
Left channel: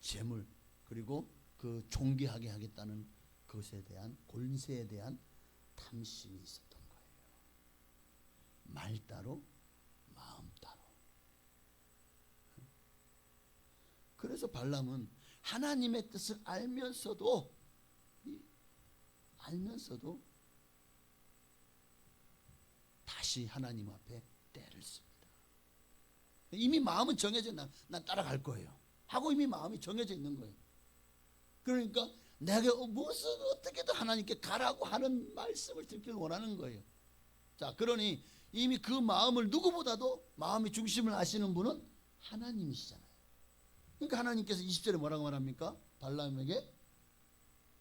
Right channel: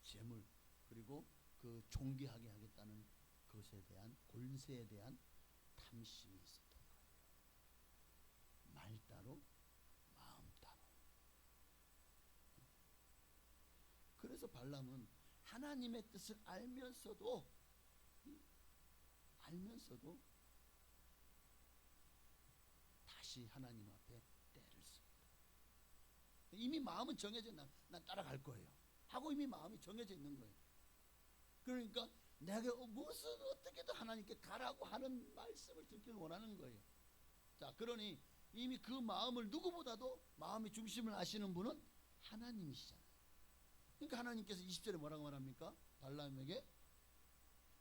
재물, 그리고 그 존귀하게 하겠다는 것에 대한 권세에 대한 탐심이 있었던 거예요. 말 따로 마음 따로. 그래서 발람은 하나님의 뜻을 알면서도 다시 하나님 앞에 때를 씁니다. 이미 마음은 정해져, 난 따라갈 거예요 하고 이미 마음이 정해져 있는 거예요. 그러니까 내가 무슨 어떻게든 하나님께 가라고 하는 말씀을 듣길 원하는 거예요. 자, 그러니 이미 그 마음을 누구보다도 마음의 중심을 아시는 분은 하나님이시잖아요. 그러니까 하나님께서 20절에 뭐라고 말합니까? 발람에게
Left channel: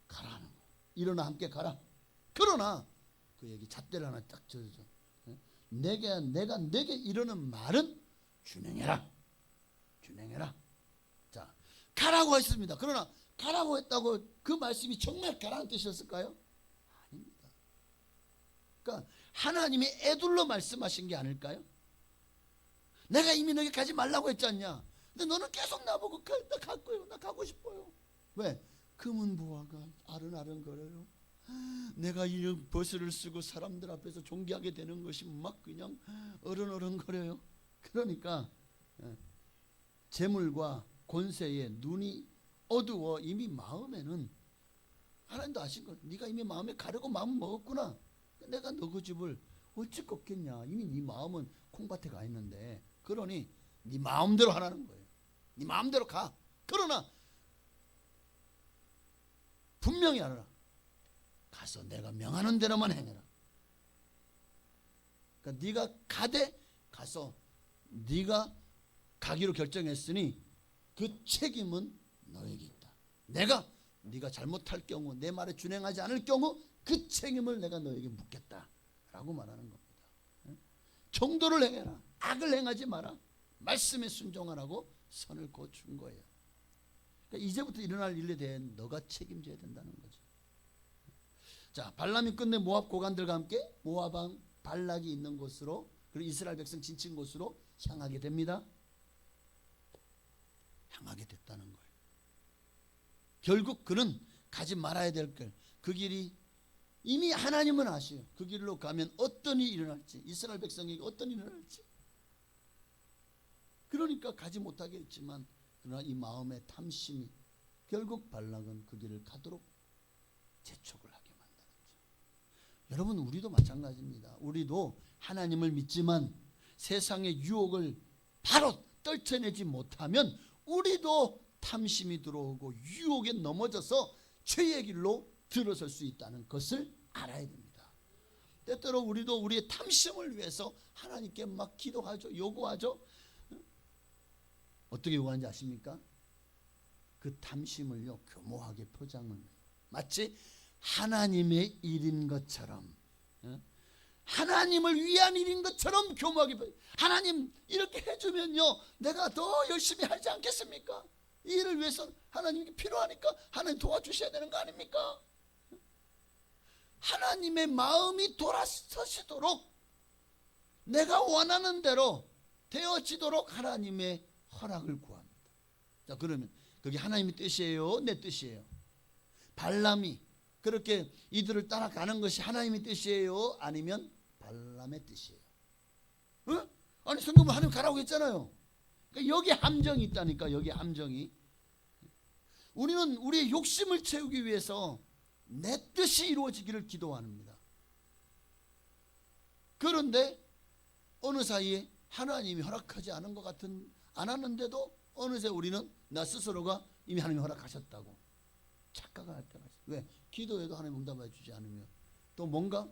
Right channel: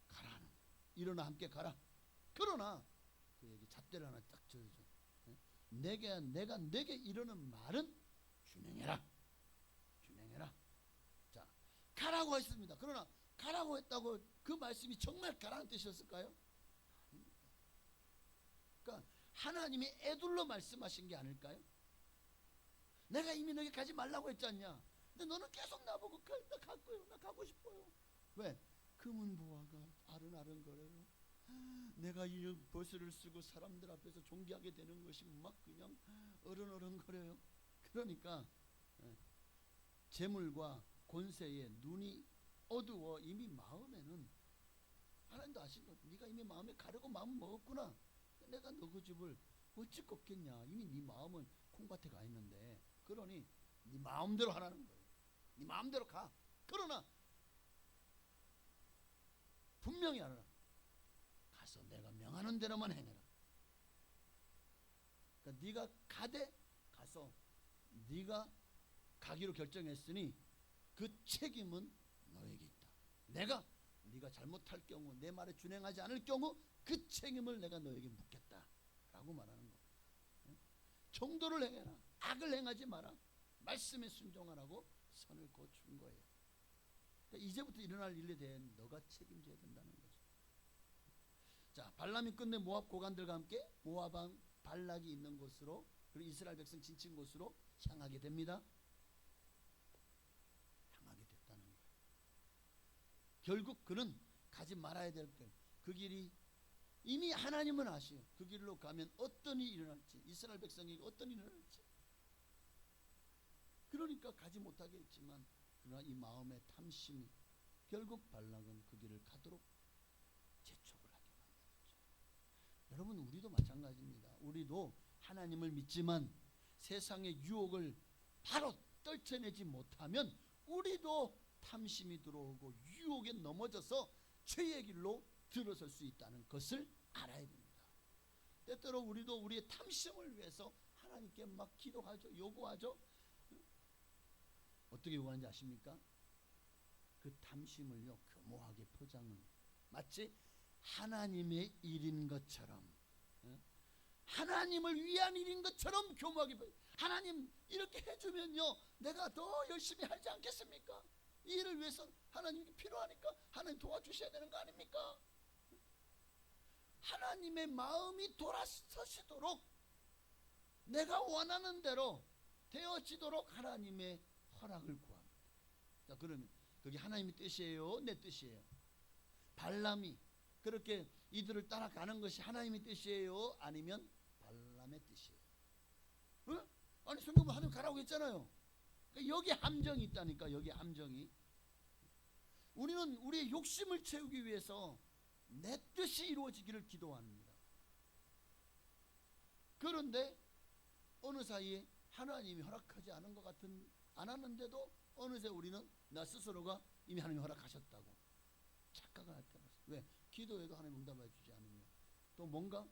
가라는 거예요. 일어나 함께 가라. 그러나 그에게 잣대를 하나 딱 져줘. 내가 내게 이르는 말은 준행해라. 자, 가라고 했습니다. 그러나 가라고 했다고 그 말씀이 정말 가라는 뜻이었을까요? 아닙니다. 그러니까 하나님이 애둘러 말씀하신 게 아닐까요? 내가 이미 너에게 가지 말라고 했지 않냐? 근데 너는 계속 나보고 나 갈 거예요. 나 가고 싶어요. 왜? 금은보화가 아른아른거려요. 내가 이 버스를 쓰고 사람들 앞에서 존귀하게 되는 것이 막 그냥 어른어른거려요. 그러니까 재물과 권세에 눈이 어두워 이미 마음에는 하나님도 아신 거예요. 네가 이미 마음에 가려고 마음 먹었구나. 내가 너 그 집을 어찌 꺾겠냐. 이미 네 마음은 콩밭에 가 있는데. 그러니 네 마음대로 하라는 거예요. 네 마음대로 가. 그러나 분명히 알아라. 가서 내가 명하는 대로만 행해라. 그러니까 네가 가서 네가 가기로 결정했으니 그 책임은 너에게 있다. 네가 잘못할 경우, 내 말에 준행하지 않을 경우 그 책임을 내가 너에게 묻겠다라고 말하는 겁니다. 정도를 행해라. 악을 행하지 마라. 말씀에 순종하라고 선을 거둔 거예요. 그러니까 이제부터 일어날 일에 대해 너가 책임져야 된다는 거죠. 자, 발람이 끝내 모압 고관들과 함께 모압 왕 발락이 있는 곳으로, 그리고 이스라엘 백성 지친 곳으로 향하게 됩니다. 향하게 됐다는 거예요. 결국 그는 가지 말아야 될 길, 그 길이 이미 하나님은 아시요. 그 길로 가면 어떤 일이 일어날지, 이스라엘 백성에게 어떤 일이 일어날지. 그러니까 가지 못하게 했지만, 그러나 이 마음의 탐심이 결국 발락은 그 길을 가도록 재촉을 하게 만들었죠. 여러분, 우리도 마찬가지입니다. 우리도 하나님을 믿지만 세상의 유혹을 바로 떨쳐내지 못하면 우리도 탐심이 들어오고 유혹에 넘어져서 죄의 길로 들어설 수 있다는 것을 알아야 됩니다. 때때로 우리도 우리의 탐심을 위해서 하나님께 막 기도하죠. 요구하죠. 어떻게 요구하는지 아십니까? 그 탐심을요, 교모하게 포장을, 마치 하나님의 일인 것처럼, 하나님을 위한 일인 것처럼 교모하게, 하나님 이렇게 해주면요 내가 더 열심히 하지 않겠습니까? 이 일을 위해서 하나님이 필요하니까 하나님 도와주셔야 되는 거 아닙니까? 하나님의 마음이 돌아서시도록, 내가 원하는 대로 되어지도록 하나님의 허락을 구합니다. 자, 그러면 그게 하나님의 뜻이에요, 내 뜻이에요? 발람이 그렇게 이들을 따라가는 것이 하나님의 뜻이에요, 아니면 발람의 뜻이에요? 아니, 성경은 하나님 가라고 했잖아요. 그러니까 여기 함정이 있다니까. 여기 함정이. 우리는 우리의 욕심을 채우기 위해서 내 뜻이 이루어지기를 기도합니다. 그런데 어느 사이에 하나님이 허락하지 않은 것 같은, 안 하는데도 어느새 우리는 나 스스로가 이미 하나님이 허락하셨다고 착각을 할 때가 있어요. 왜? 기도해도 하나님 응답해 주지 않으면 또 뭔가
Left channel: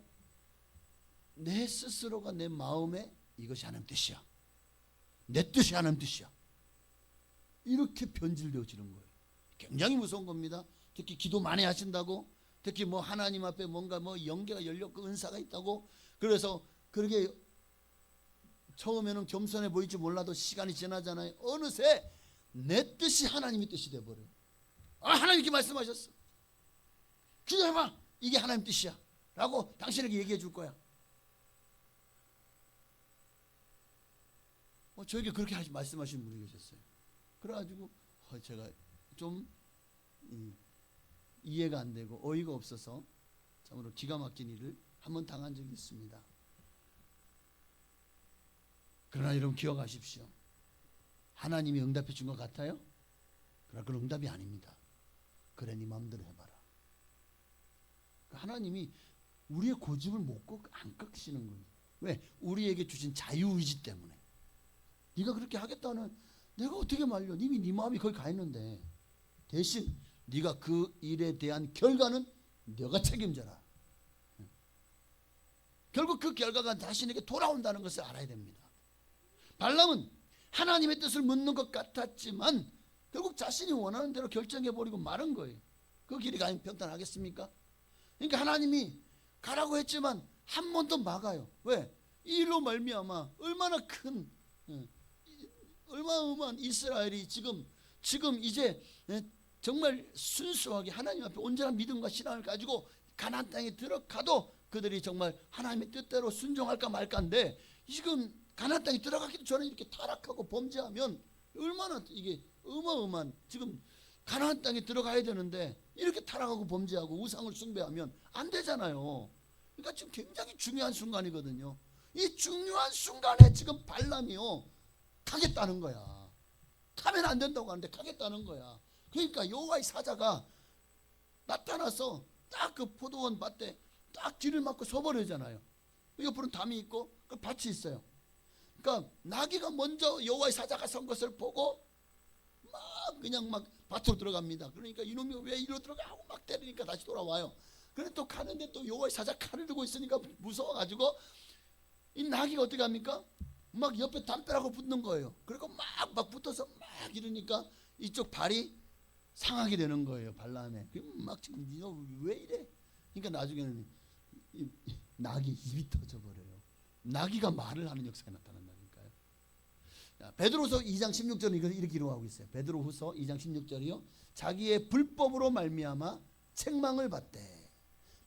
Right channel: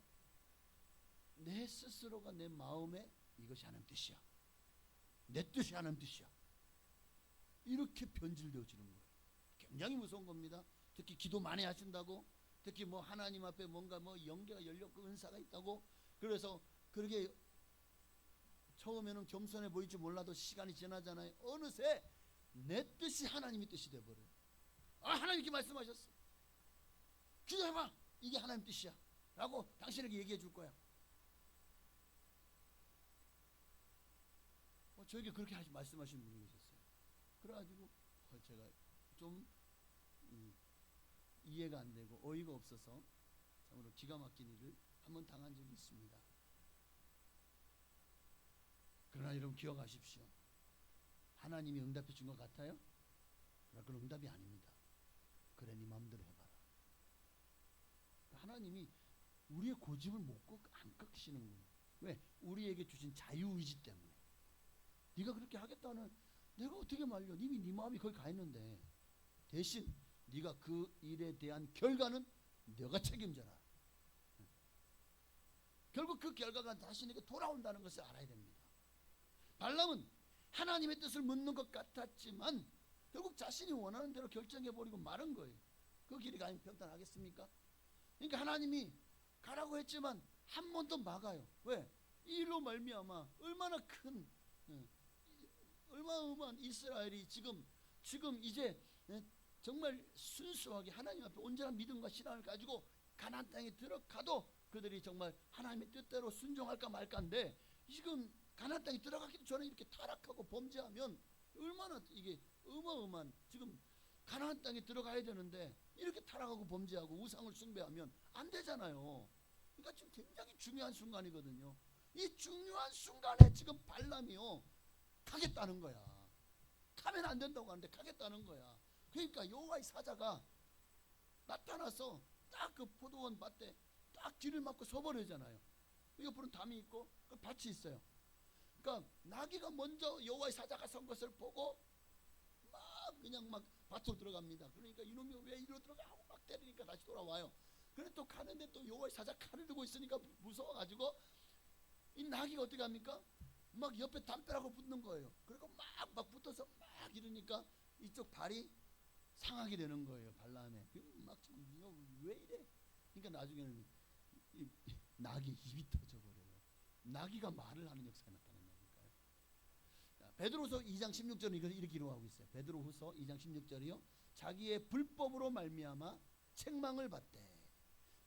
내 스스로가 내 마음에 이것이 하나님 뜻이야, 내 뜻이 하나님 뜻이야, 이렇게 변질되어지는 거예요. 굉장히 무서운 겁니다. 특히 기도 많이 하신다고, 특히 뭐 하나님 앞에 뭔가 뭐 영계가 열렸고 은사가 있다고, 그래서 그렇게 처음에는 겸손해 보일지 몰라도 시간이 지나잖아요. 어느새 내 뜻이 하나님의 뜻이 돼버려요. 하나님 이렇게 말씀하셨어, 기도해봐, 이게 하나님 뜻이야 라고 당신에게 얘기해 줄 거야. 저에게 그렇게 말씀하시는 분이 계셨어요. 그래가지고 제가 좀 이해가 안 되고 어이가 없어서 참으로 기가 막힌 일을 한번 당한 적이 있습니다. 그러나 여러분 기억하십시오. 하나님이 응답해 준 것 같아요? 그러나 그건 응답이 아닙니다. 그래 네 마음대로 해봐라. 하나님이 우리의 고집을 안 꺾으시는 거예요. 왜? 우리에게 주신 자유의지 때문에. 네가 그렇게 하겠다는, 내가 어떻게 말려? 이미 네 마음이 거기 가 있는데, 대신 네가 그 일에 대한 결과는 네가 책임져라. 결국 그 결과가 자신에게 돌아온다는 것을 알아야 됩니다. 발람은 하나님의 뜻을 묻는 것 같았지만 결국 자신이 원하는 대로 결정해버리고 마른 거예요. 그 길이 가면 평탄하겠습니까? 그러니까 하나님이 가라고 했지만 한 번 더 막아요. 왜? 이 일로 말미암아 얼마나 큰, 얼마나 이스라엘이 지금 이제 정말 순수하게 하나님 앞에 온전한 믿음과 신앙을 가지고 가나안 땅에 들어가도 그들이 정말 하나님의 뜻대로 순종할까 말까인데, 지금 가나안 땅에 들어가기도 전에 이렇게 타락하고 범죄하면 얼마나 이게 어마어마한, 지금 가나안 땅에 들어가야 되는데 이렇게 타락하고 범죄하고 우상을 숭배하면 안 되잖아요. 그러니까 지금 굉장히 중요한 순간이거든요. 이 중요한 순간에 지금 발람이요 가겠다는 거야. 가면 안 된다고 하는데 가겠다는 거야. 그러니까 여호와의 사자가 나타나서 딱 그 포도원 밭에 딱 길을 막고 서버리잖아요. 옆으로는 담이 있고 그 밭이 있어요. 그러니까 나귀가 먼저 여호와의 사자가 선 것을 보고 막 그냥 막 밭으로 들어갑니다. 그러니까 이놈이 왜 이리로 들어가 하고 막 때리니까 다시 돌아와요. 그런데 또 가는데 또 여호와의 사자 칼을 들고 있으니까 무서워가지고 이 나귀가 어떻게 합니까? 막 옆에 담벼락으로 붙는 거예요. 그리고 막 붙어서 막 이러니까 이쪽 발이 상하게 되는 거예요. 발람에. 막 지금 너 왜 이래? 그러니까 나중에는 이 나귀 입이 터져버려요. 나귀가 말을 하는 역사가 나타난다니까요. 베드로후서 2장 16절은 이렇게 기록하고 있어요. 베드로후서 2장 16절이요. 자기의 불법으로 말미암아 책망을 받되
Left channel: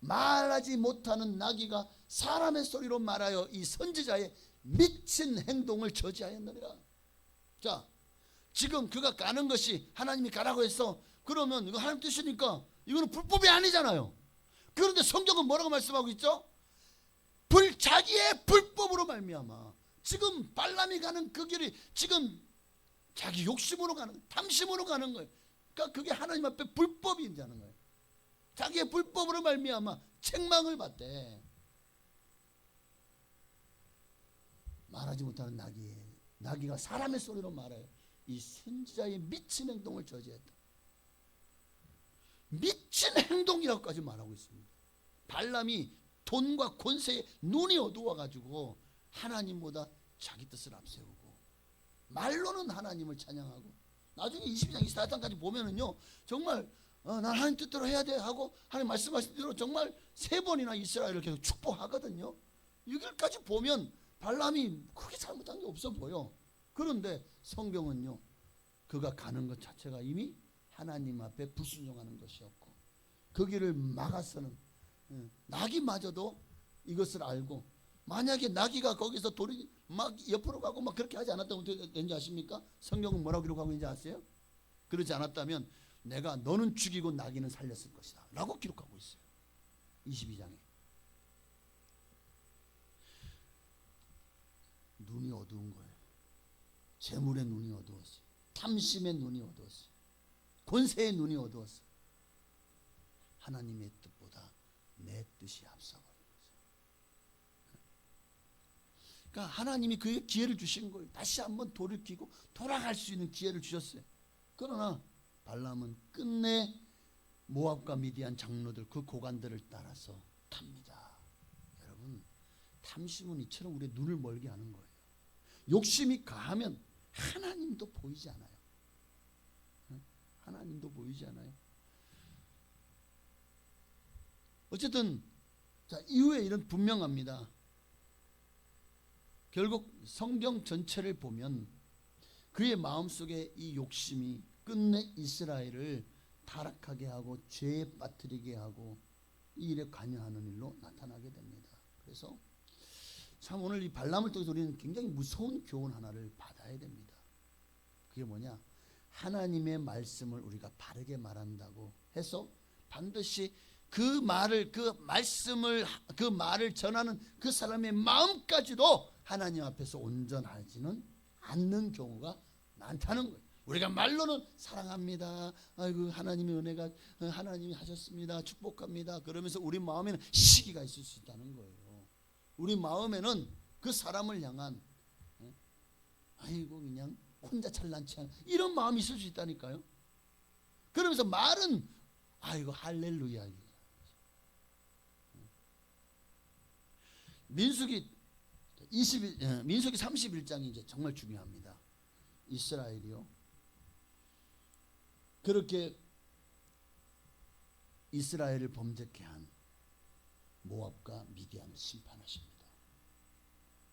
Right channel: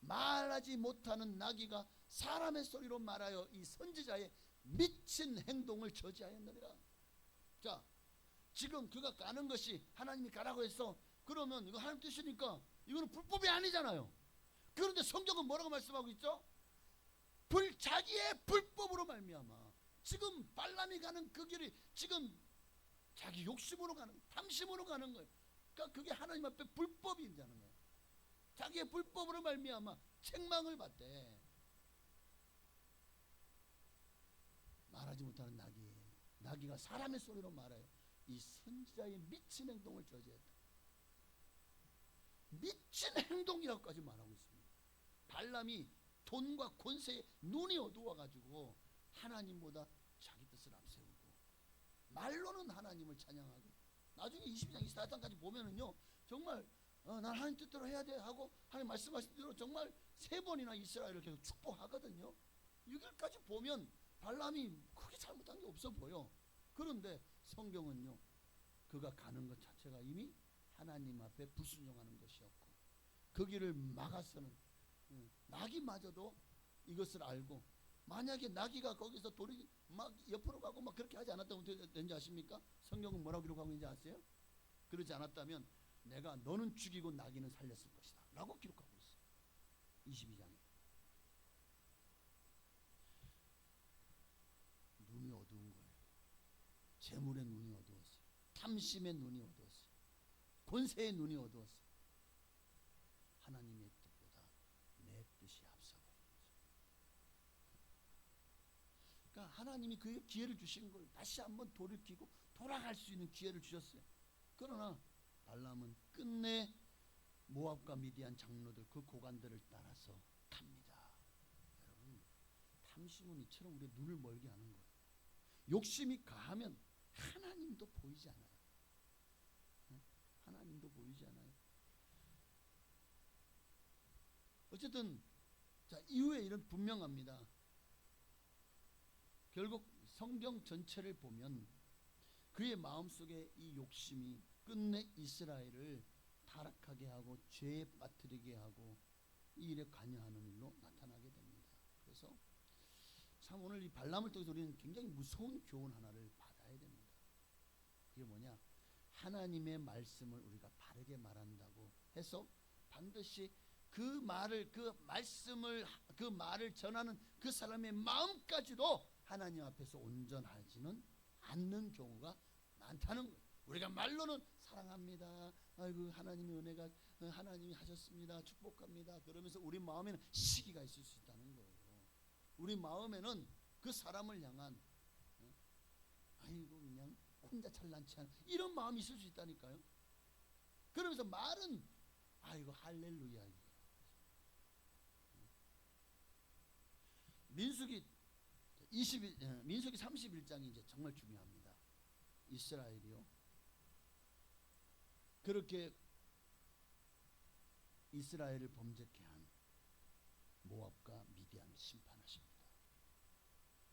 말하지 못하는 나귀가 사람의 소리로 말하여 이 선지자의 미친 행동을 저지하였느니라. 자, 지금 그가 가는 것이 하나님이 가라고 했어. 그러면 이거 하나님 뜻이니까 이거는 불법이 아니잖아요. 그런데 성경은 뭐라고 말씀하고 있죠? 자기의 불법으로 말미암아. 지금 발람이 가는 그 길이 지금 자기 욕심으로 가는, 탐심으로 가는 거예요. 그러니까 그게 하나님 앞에 불법이라는 거예요. 자기의 불법으로 말미암아 책망을 받대. 말하지 못하는 나귀가 사람의 소리로 말해요. 이 선지자의 미친 행동을 저지했다. 미친 행동이라고까지 말하고 있습니다. 발람이 돈과 권세에 눈이 어두워가지고 하나님보다 자기 뜻을 앞세우고 말로는 하나님을 찬양하고 나중에 22장 24장까지 보면은요 정말 난 하나님 뜻대로 해야 돼 하고 하나님 말씀하신 대로 정말 3번이나 이스라엘을 계속 축복하거든요. 여기까지 보면 발람이 크게 잘못한 게 없어 보여. 그런데 성경은요 그가 가는 것 자체가 이미 하나님 앞에 불순종하는 것이었고 그 길을 막아서는 나귀마저도 이것을 알고, 만약에 나귀가 거기서 돌이 막 옆으로 가고 막 그렇게 하지 않았다면 어떻게 되는지 아십니까? 성경은 뭐라고 기록하고 있는지 아세요? 그러지 않았다면 내가 너는 죽이고 나귀는 살렸을 것이다 라고 기록하고 있어요. 22장에. 눈이 어두운 거예요. 재물의 눈이 어두웠어요. 탐심의 눈이 어두웠어요. 권세의 눈이 어두웠어요. 하나님의 뜻보다 내 뜻이 앞서버린 거죠. 그러니까 하나님이 그의 기회를 주신 거예요. 다시 한번 돌이키고 돌아갈 수 있는 기회를 주셨어요. 그러나 발람은 끝내 모압과 미디안 장로들 그 고관들을 따라서 갑니다. 여러분, 탐심은 이처럼 우리의 눈을 멀게 하는 거예요. 욕심이 가하면 하나님도 보이지 않아요. 하나님도 보이지 않아요. 어쨌든 자, 이후에 이런 분명합니다. 결국 성경 전체를 보면 그의 마음속에 이 욕심이 끝내 이스라엘을 타락하게 하고 죄에 빠뜨리게 하고 이 일에 관여하는 일로 나타나게 됩니다. 그래서 참 오늘 이 발람을 통해서 우리는 굉장히 무서운 교훈 하나를 받아야 됩니다. 그게 뭐냐? 하나님의 말씀을 우리가 바르게 말한다고 해서 반드시 그 말을 그 말을 전하는 그 사람의 마음까지도 하나님 앞에서 온전하지는 않는 경우가 많다는 거예요. 우리가 말로는 사랑합니다. 아이고 하나님의 은혜가 하나님이 하셨습니다. 축복합니다. 그러면서 우리 마음에는 시기가 있을 수 있다는 거예요. 우리 마음에는 그 사람을 향한 아이고 그냥 혼자 잘난치 않은 이런 마음이 있을 수 있다니까요. 그러면서 말은 아이고 할렐루야. 민수기 31장이 이제 정말 중요합니다. 이스라엘이요. 그렇게 이스라엘을 범죄케 한 모압과 미디안을 심판하십니다.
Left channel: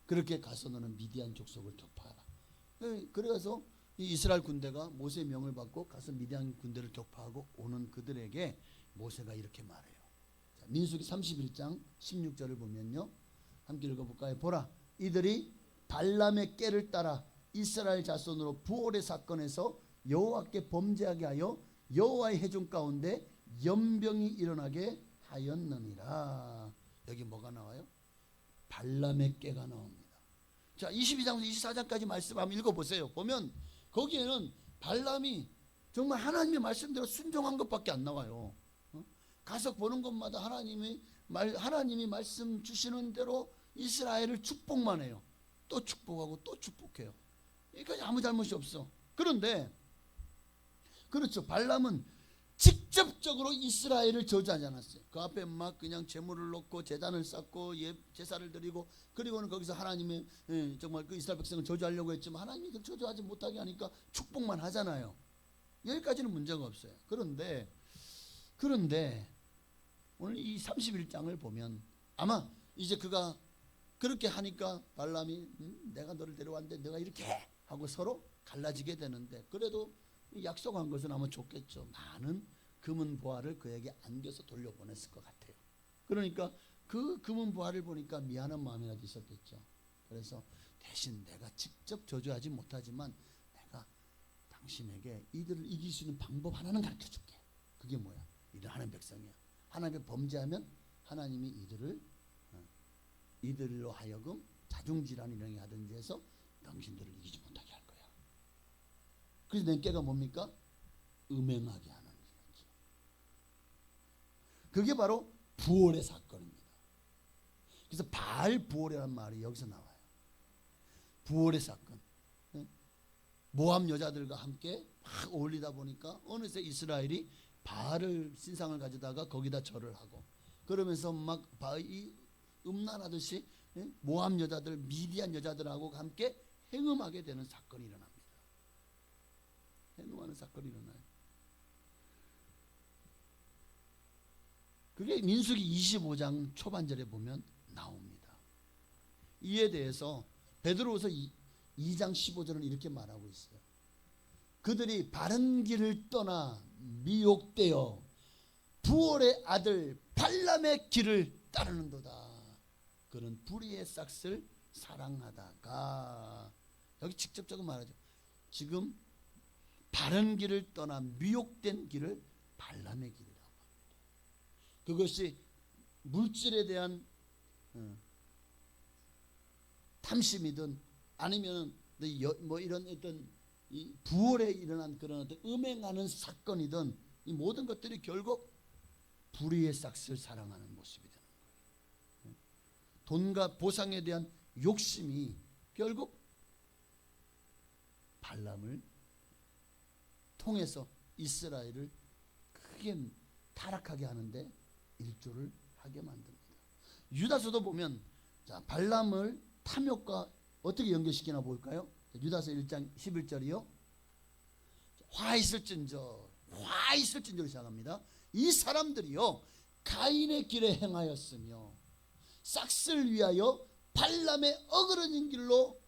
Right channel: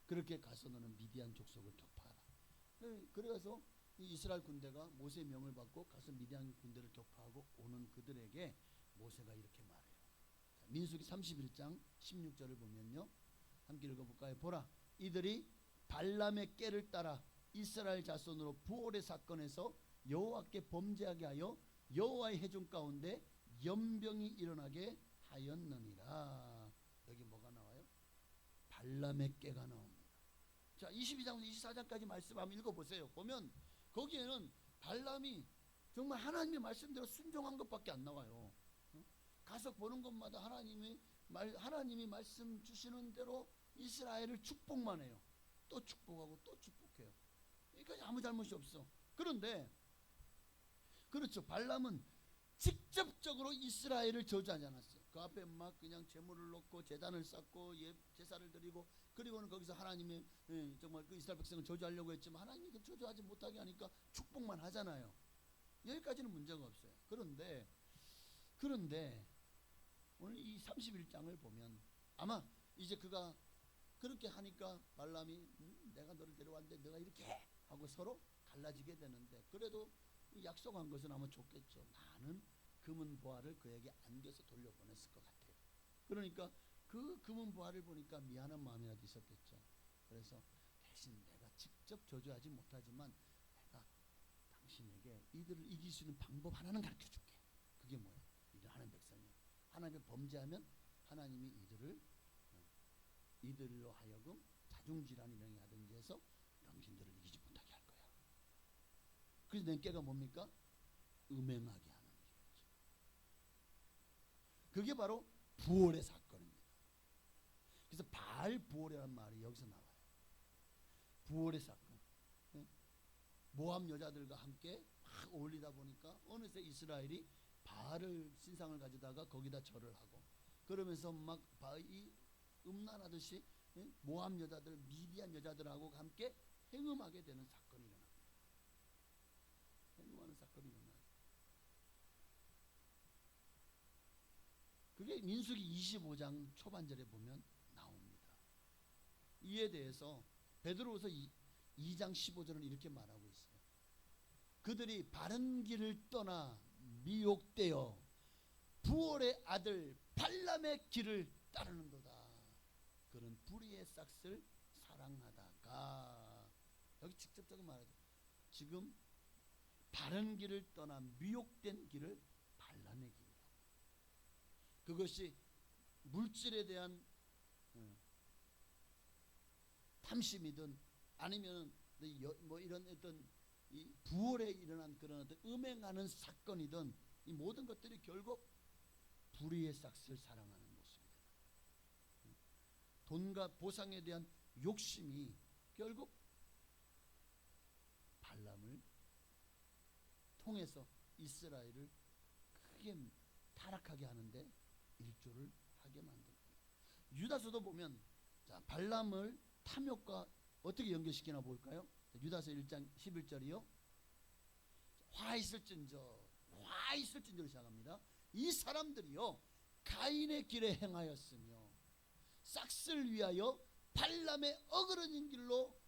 그렇게 가서 너는 미디안 족속을 격파하라. 그래서 이 이스라엘 군대가 모세의 명을 받고 가서 미디안 군대를 격파하고 오는 그들에게 모세가 이렇게 말해요. 자, 민수기 31장 16절을 보면요. 함께 읽어볼까요? 보라, 이들이 발람의 꾀를 따라 이스라엘 자손으로 부올의 사건에서 여호와께 범죄하게 하여 여호와의 회중 가운데 연병이 일어나게 하였느니라. 여기 뭐가 나와요? 발람의 꾀가 나옵니다. 자, 22장부터 24장까지 말씀 한번 읽어보세요. 보면 거기에는 발람이 정말 하나님의 말씀대로 순종한 것밖에 안 나와요. 가서 보는 것마다 하나님이 말씀 주시는 대로 이스라엘을 축복만 해요. 또 축복하고 또 축복해요. 그러니까 아무 잘못이 없어. 그런데 그렇죠. 발람은 직접적으로 이스라엘을 저주하지 않았어요. 그 앞에 막 그냥 제물을 놓고 제단을 쌓고 제사를 드리고 그리고는 거기서 하나님의 정말 그 이스라엘 백성을 저주하려고 했지만 하나님이 그 저주하지 못하게 하니까 축복만 하잖아요. 여기까지는 문제가 없어요. 그런데 오늘 이 31장을 보면 아마 이제 그가 그렇게 하니까 발람이 내가 너를 데려왔는데 내가 이렇게 해 하고 서로 갈라지게 되는데 그래도 약속한 것은 아마 좋겠죠. 많은 금은 보화를 그에게 안겨서 돌려보냈을 것 같아요. 그러니까 그 금은 보화를 보니까 미안한 마음이라도 있었겠죠. 그래서 대신 내가 직접 저주하지 못하지만 내가 당신에게 이들을 이길 수 있는 방법 하나는 가르쳐줄게. 그게 뭐야? 이들 하나님 백성이야. 하나님의 범죄하면 하나님이 이들로 하여금 자중질환 일어나게 하든지 해서 당신들을 이기지 못하게 할 거야. 그래서 내 꾀가 뭡니까? 음행하게 하는 거죠. 그게 바로 부올의 사건입니다. 그래서 바알부올이라는 말이 여기서 나와요. 부올의 사건. 모압 여자들과 함께 막 어울리다 보니까 어느새 이스라엘이 바알을 신상을 가져다가 거기다 절을 하고 그러면서 막 이 음란하듯이 모압 여자들, 미디안 여자들하고 함께 행음하게 되는 사건이 일어납니다. 행음하는 사건이 일어나요. 그게 민수기 25장 초반절에 보면 나옵니다. 이에 대해서 베드로후서 2장 15절은 이렇게 말하고 있어요. 그들이 바른 길을 떠나 미혹되어 부올의 아들 발람의 길을 따르는도다. 그는 불의의 싹을 사랑하다가 여기 직접적으로 말하죠. 지금 바른 길을 떠나 미혹된 길을 발람의 길이라고 합니다. 그것이 물질에 대한 탐심이든 아니면 뭐 이런 어떤 이 부월에 일어난 그런 어떤 음행하는 사건이든 이 모든 것들이 결국 불의의 싹을 사랑하는 모습이 되는 거예요. 돈과 보상에 대한 욕심이 결국 발람을 통해서 이스라엘을 크게 타락하게 하는데 일조를 하게 만듭니다. 유다서도 보면 자, 발람을 탐욕과 어떻게 연결시키나 볼까요? 유다서 1장 11절이요. 화 있을진저 시작합니다. 이 사람들이요 가인의 길에 행하였으며 싹을 위하여 발람의 어그러진 길로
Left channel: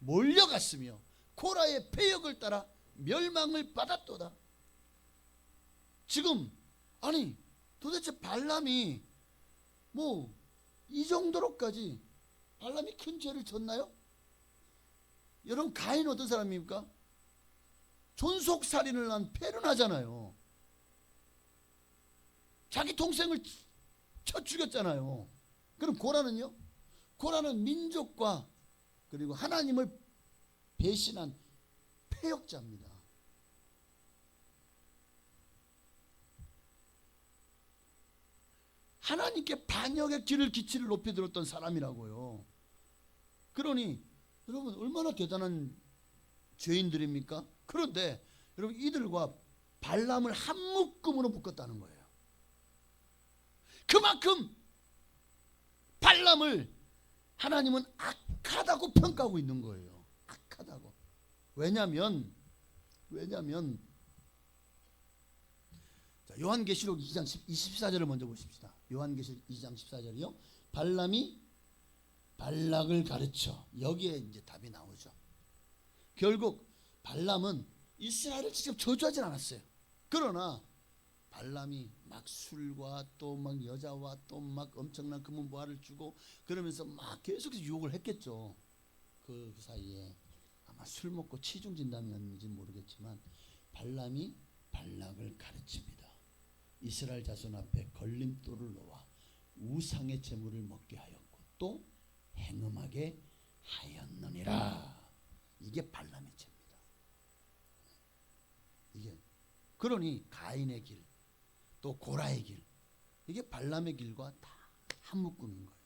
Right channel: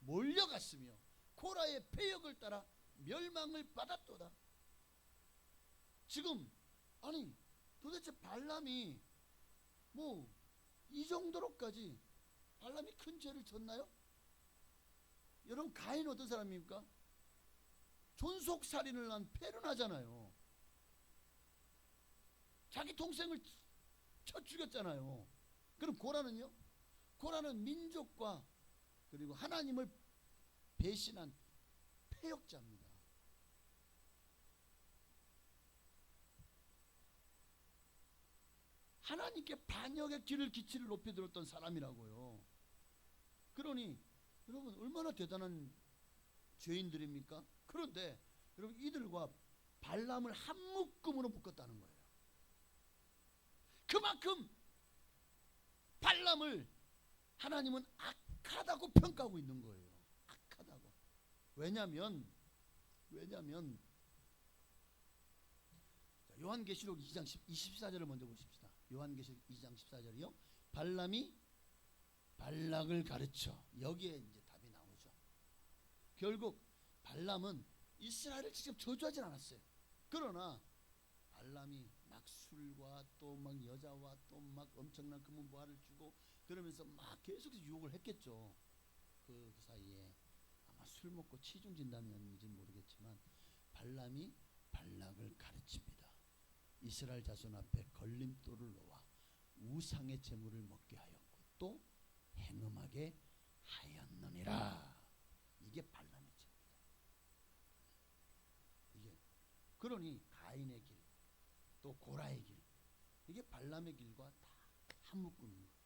몰려갔으며 코라의 패역을 따라 멸망을 받았도다. 지금 아니 도대체 발람이 뭐 이 정도로까지 발람이 큰 죄를 졌나요? 여러분 가인 어떤 사람입니까? 존속살인을 한 패륜하잖아요. 자기 동생을 쳐 죽였잖아요. 그럼 고라는요? 고라는 민족과 그리고 하나님을 배신한 패역자입니다. 하나님께 반역의 길을 기치를 높이 들었던 사람이라고요. 그러니 여러분 얼마나 대단한 죄인들입니까? 그런데 여러분 이들과 발람을 한 묶음으로 묶었다는 거예요. 그만큼 발람을 하나님은 악하다고 평가하고 있는 거예요. 악하다고. 왜냐하면 자, 요한계시록 2장 24절을 먼저 보십시다. 요한계시록 2장 14절이요. 발람이 발락을 가르쳐. 여기에 이제 답이 나오죠. 결국 발람은 이스라엘을 직접 저주하진 않았어요. 그러나 발람이 막 술과 또 막 여자와 또 막 엄청난 금은보화를 주고 그러면서 막 계속해서 유혹을 했겠죠. 그 사이에 아마 술 먹고 치중 진담이었는지 모르겠지만 발람이 발락을 가르칩니다. 이스라엘 자손 앞에 걸림돌을 놓아 우상의 제물을 먹게 하였고 또 행음하게 하였느니라. 이게 발람의 죄입니다. 이게 그러니 가인의 길, 또 고라의 길, 이게 발람의 길과 다 한 묶음인 거예요.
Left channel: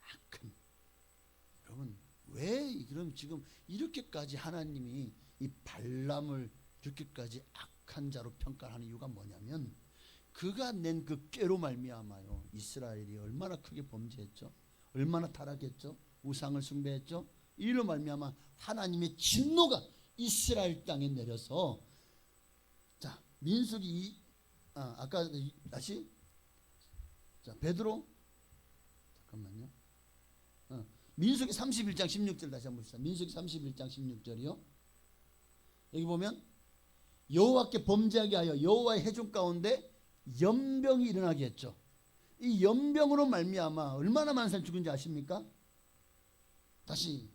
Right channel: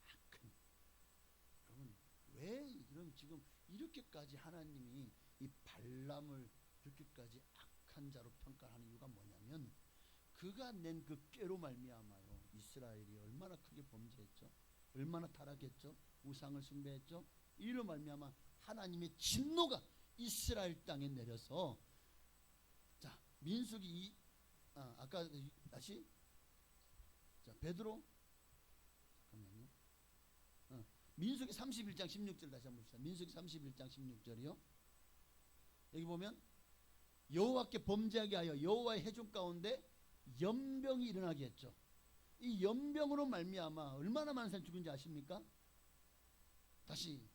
악한. 여러분 왜 그럼 지금 이렇게까지 하나님이 이 발람을 이렇게까지 악한 자로 평가하는 이유가 뭐냐면 그가 낸 그 꾀로 말미암아요. 이스라엘이 얼마나 크게 범죄했죠. 얼마나 타락했죠. 우상을 숭배했죠. 이로 말미암아 하나님의 진노가 이스라엘 땅에 내려서 자 민수기 아까 다시 자 베드로 잠깐만요. 민수기 31장 16절 다시 한번 봅시다. 민수기 31장 16절이요. 여기 보면 여호와께 범죄하게 하여 여호와의 회중 가운데 연병이 일어나게 했죠. 이 연병으로 말미암아 얼마나 많은 사람이 죽은지 아십니까? 다시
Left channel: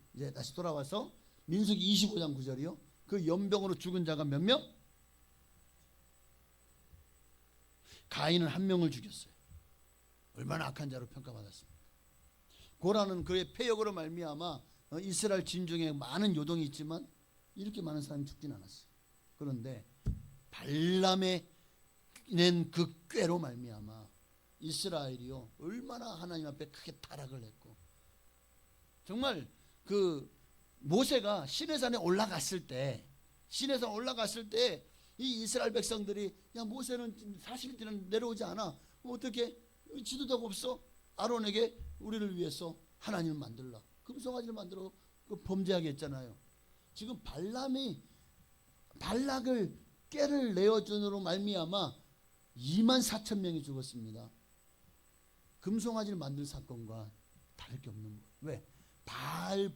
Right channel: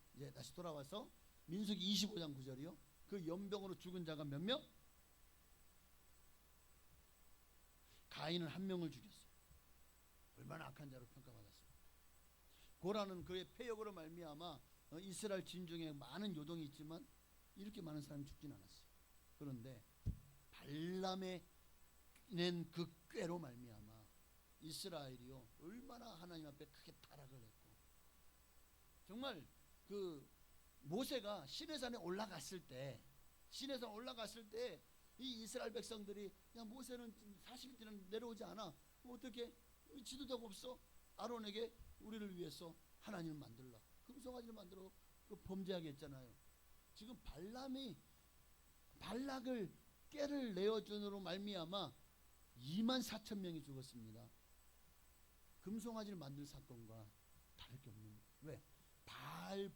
돌아와서 민수기 25장 9절이요. 그 연병으로 죽은 자가 몇 명? 가인은 한 명을 죽였어요. 얼마나 악한 자로 평가받았습니까? 고라는 그의 패역으로 말미암아 이스라엘 진중에 많은 요동이 있지만 이렇게 많은 사람이 죽진 않았어요. 그런데 발람의 낸 그 꾀로 말미암아 이스라엘이요 얼마나 하나님 앞에 크게 타락을 했고 정말 그 모세가 시내산에 올라갔을 때 이 이스라엘 백성들이 야 모세는 40일째는 내려오지 않아 어떻게 지도자가 없어 아론에게 우리를 위해서 하나님을 만들라 금송아지를 만들어 그 범죄하게 했잖아요. 지금 발람이 발락을 꾀를 내어준으로 말미암아 24,000명이 죽었습니다. 금송아지를 만들 사건과 다를 게 없는 거예요. 왜? 바알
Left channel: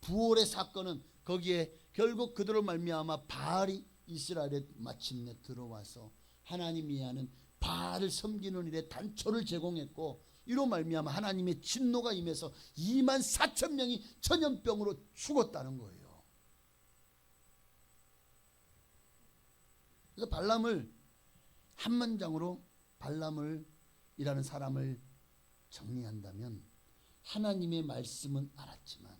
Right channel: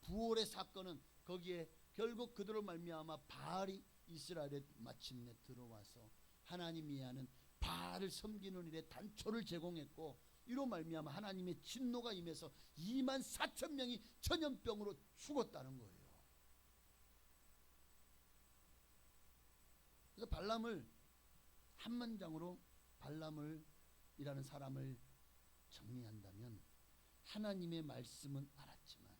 부올의 사건은 거기에 결국 그들로 말미암아 바알이 이스라엘에 마침내 들어와서 하나님이 하는 바알을 섬기는 일에 단초를 제공했고 이로 말미암아 하나님의 진노가 임해서 24,000명이 전염병으로 죽었다는 거예요. 그래서 발람을 한 문장으로 발람이라는 사람을 정리한다면 하나님의 말씀은 알았지만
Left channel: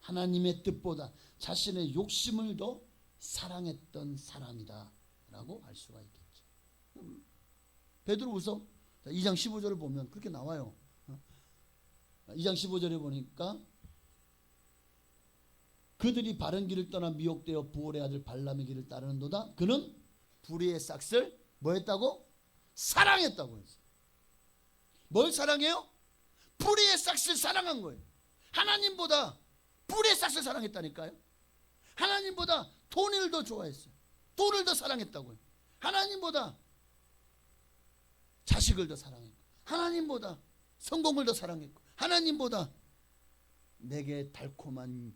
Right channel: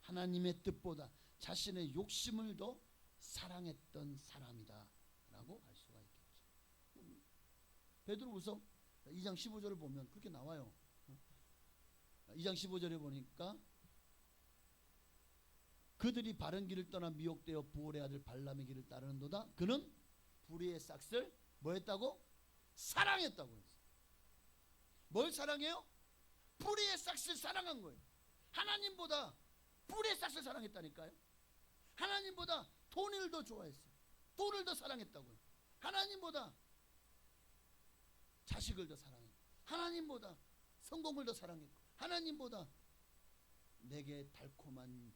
하나님의 뜻보다 자신의 욕심을 더 사랑했던 사람이다 라고 할 수가 있겠죠. 베드로후서 2장 15절을 보면 그렇게 나와요. 2장 15절에 보니까 그들이 바른 길을 떠나 미혹되어 부올의 아들 발람의 길을 따르는도다. 그는 불의의 싹을 뭐 했다고? 사랑했다고 했어요. 뭘 사랑해요? 뿌리의 싹을 사랑한 거예요. 하나님보다 뿌리의 싹을 사랑했다니까요. 하나님보다 돈을 더 좋아했어요. 돈을 더 사랑했다고요. 하나님보다 자식을 더 사랑했고, 하나님보다 성공을 더 사랑했고, 하나님보다 내게 달콤한,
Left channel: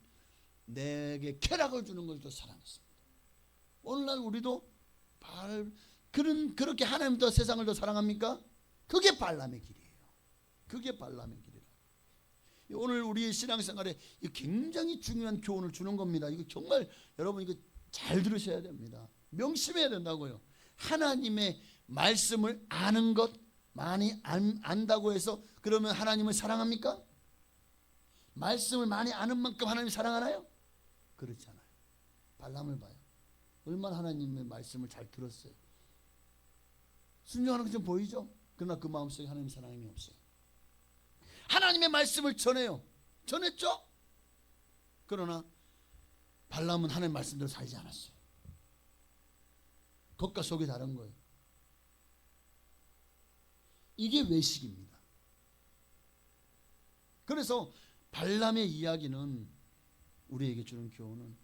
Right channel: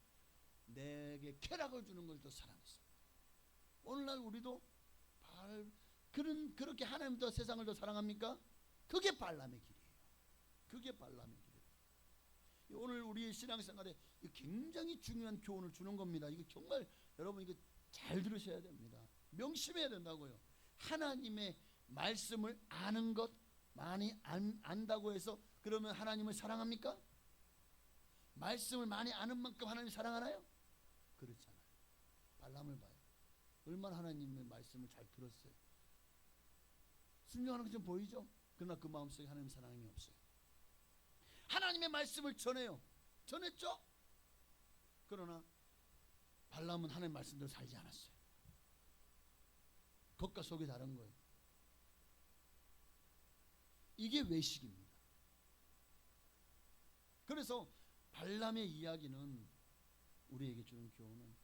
내게 쾌락을 주는 걸 더 사랑했습니다. 오늘날 우리도 그렇게 하나님 더 세상을 더 사랑합니까? 그게 발람의 길이에요. 그게 발람의 길이라. 오늘 우리의 신앙생활에 굉장히 중요한 교훈을 주는 겁니다. 이거 정말 여러분 이거 잘 들으셔야 됩니다. 명심해야 된다고요. 하나님의 말씀을 아는 것, 많이 안다고 해서 그러면 하나님을 사랑합니까? 말씀을 많이 아는 만큼 하나님을 사랑하나요? 그렇지 않아요. 발람을 봐요. 얼마나 하나님의 말씀을 잘 들었어요. 순종하는 게 좀 보이죠? 그러나 그 마음속에 하나님의 사랑이 없어요. 하나님의 말씀을 전해요. 전했죠? 그러나 발람은 하나님의 말씀대로 살지 않았어요. 겉과 속이 다른 거예요. 이게 외식입니다. 그래서 발람의 이야기는 우리에게 주는 교훈은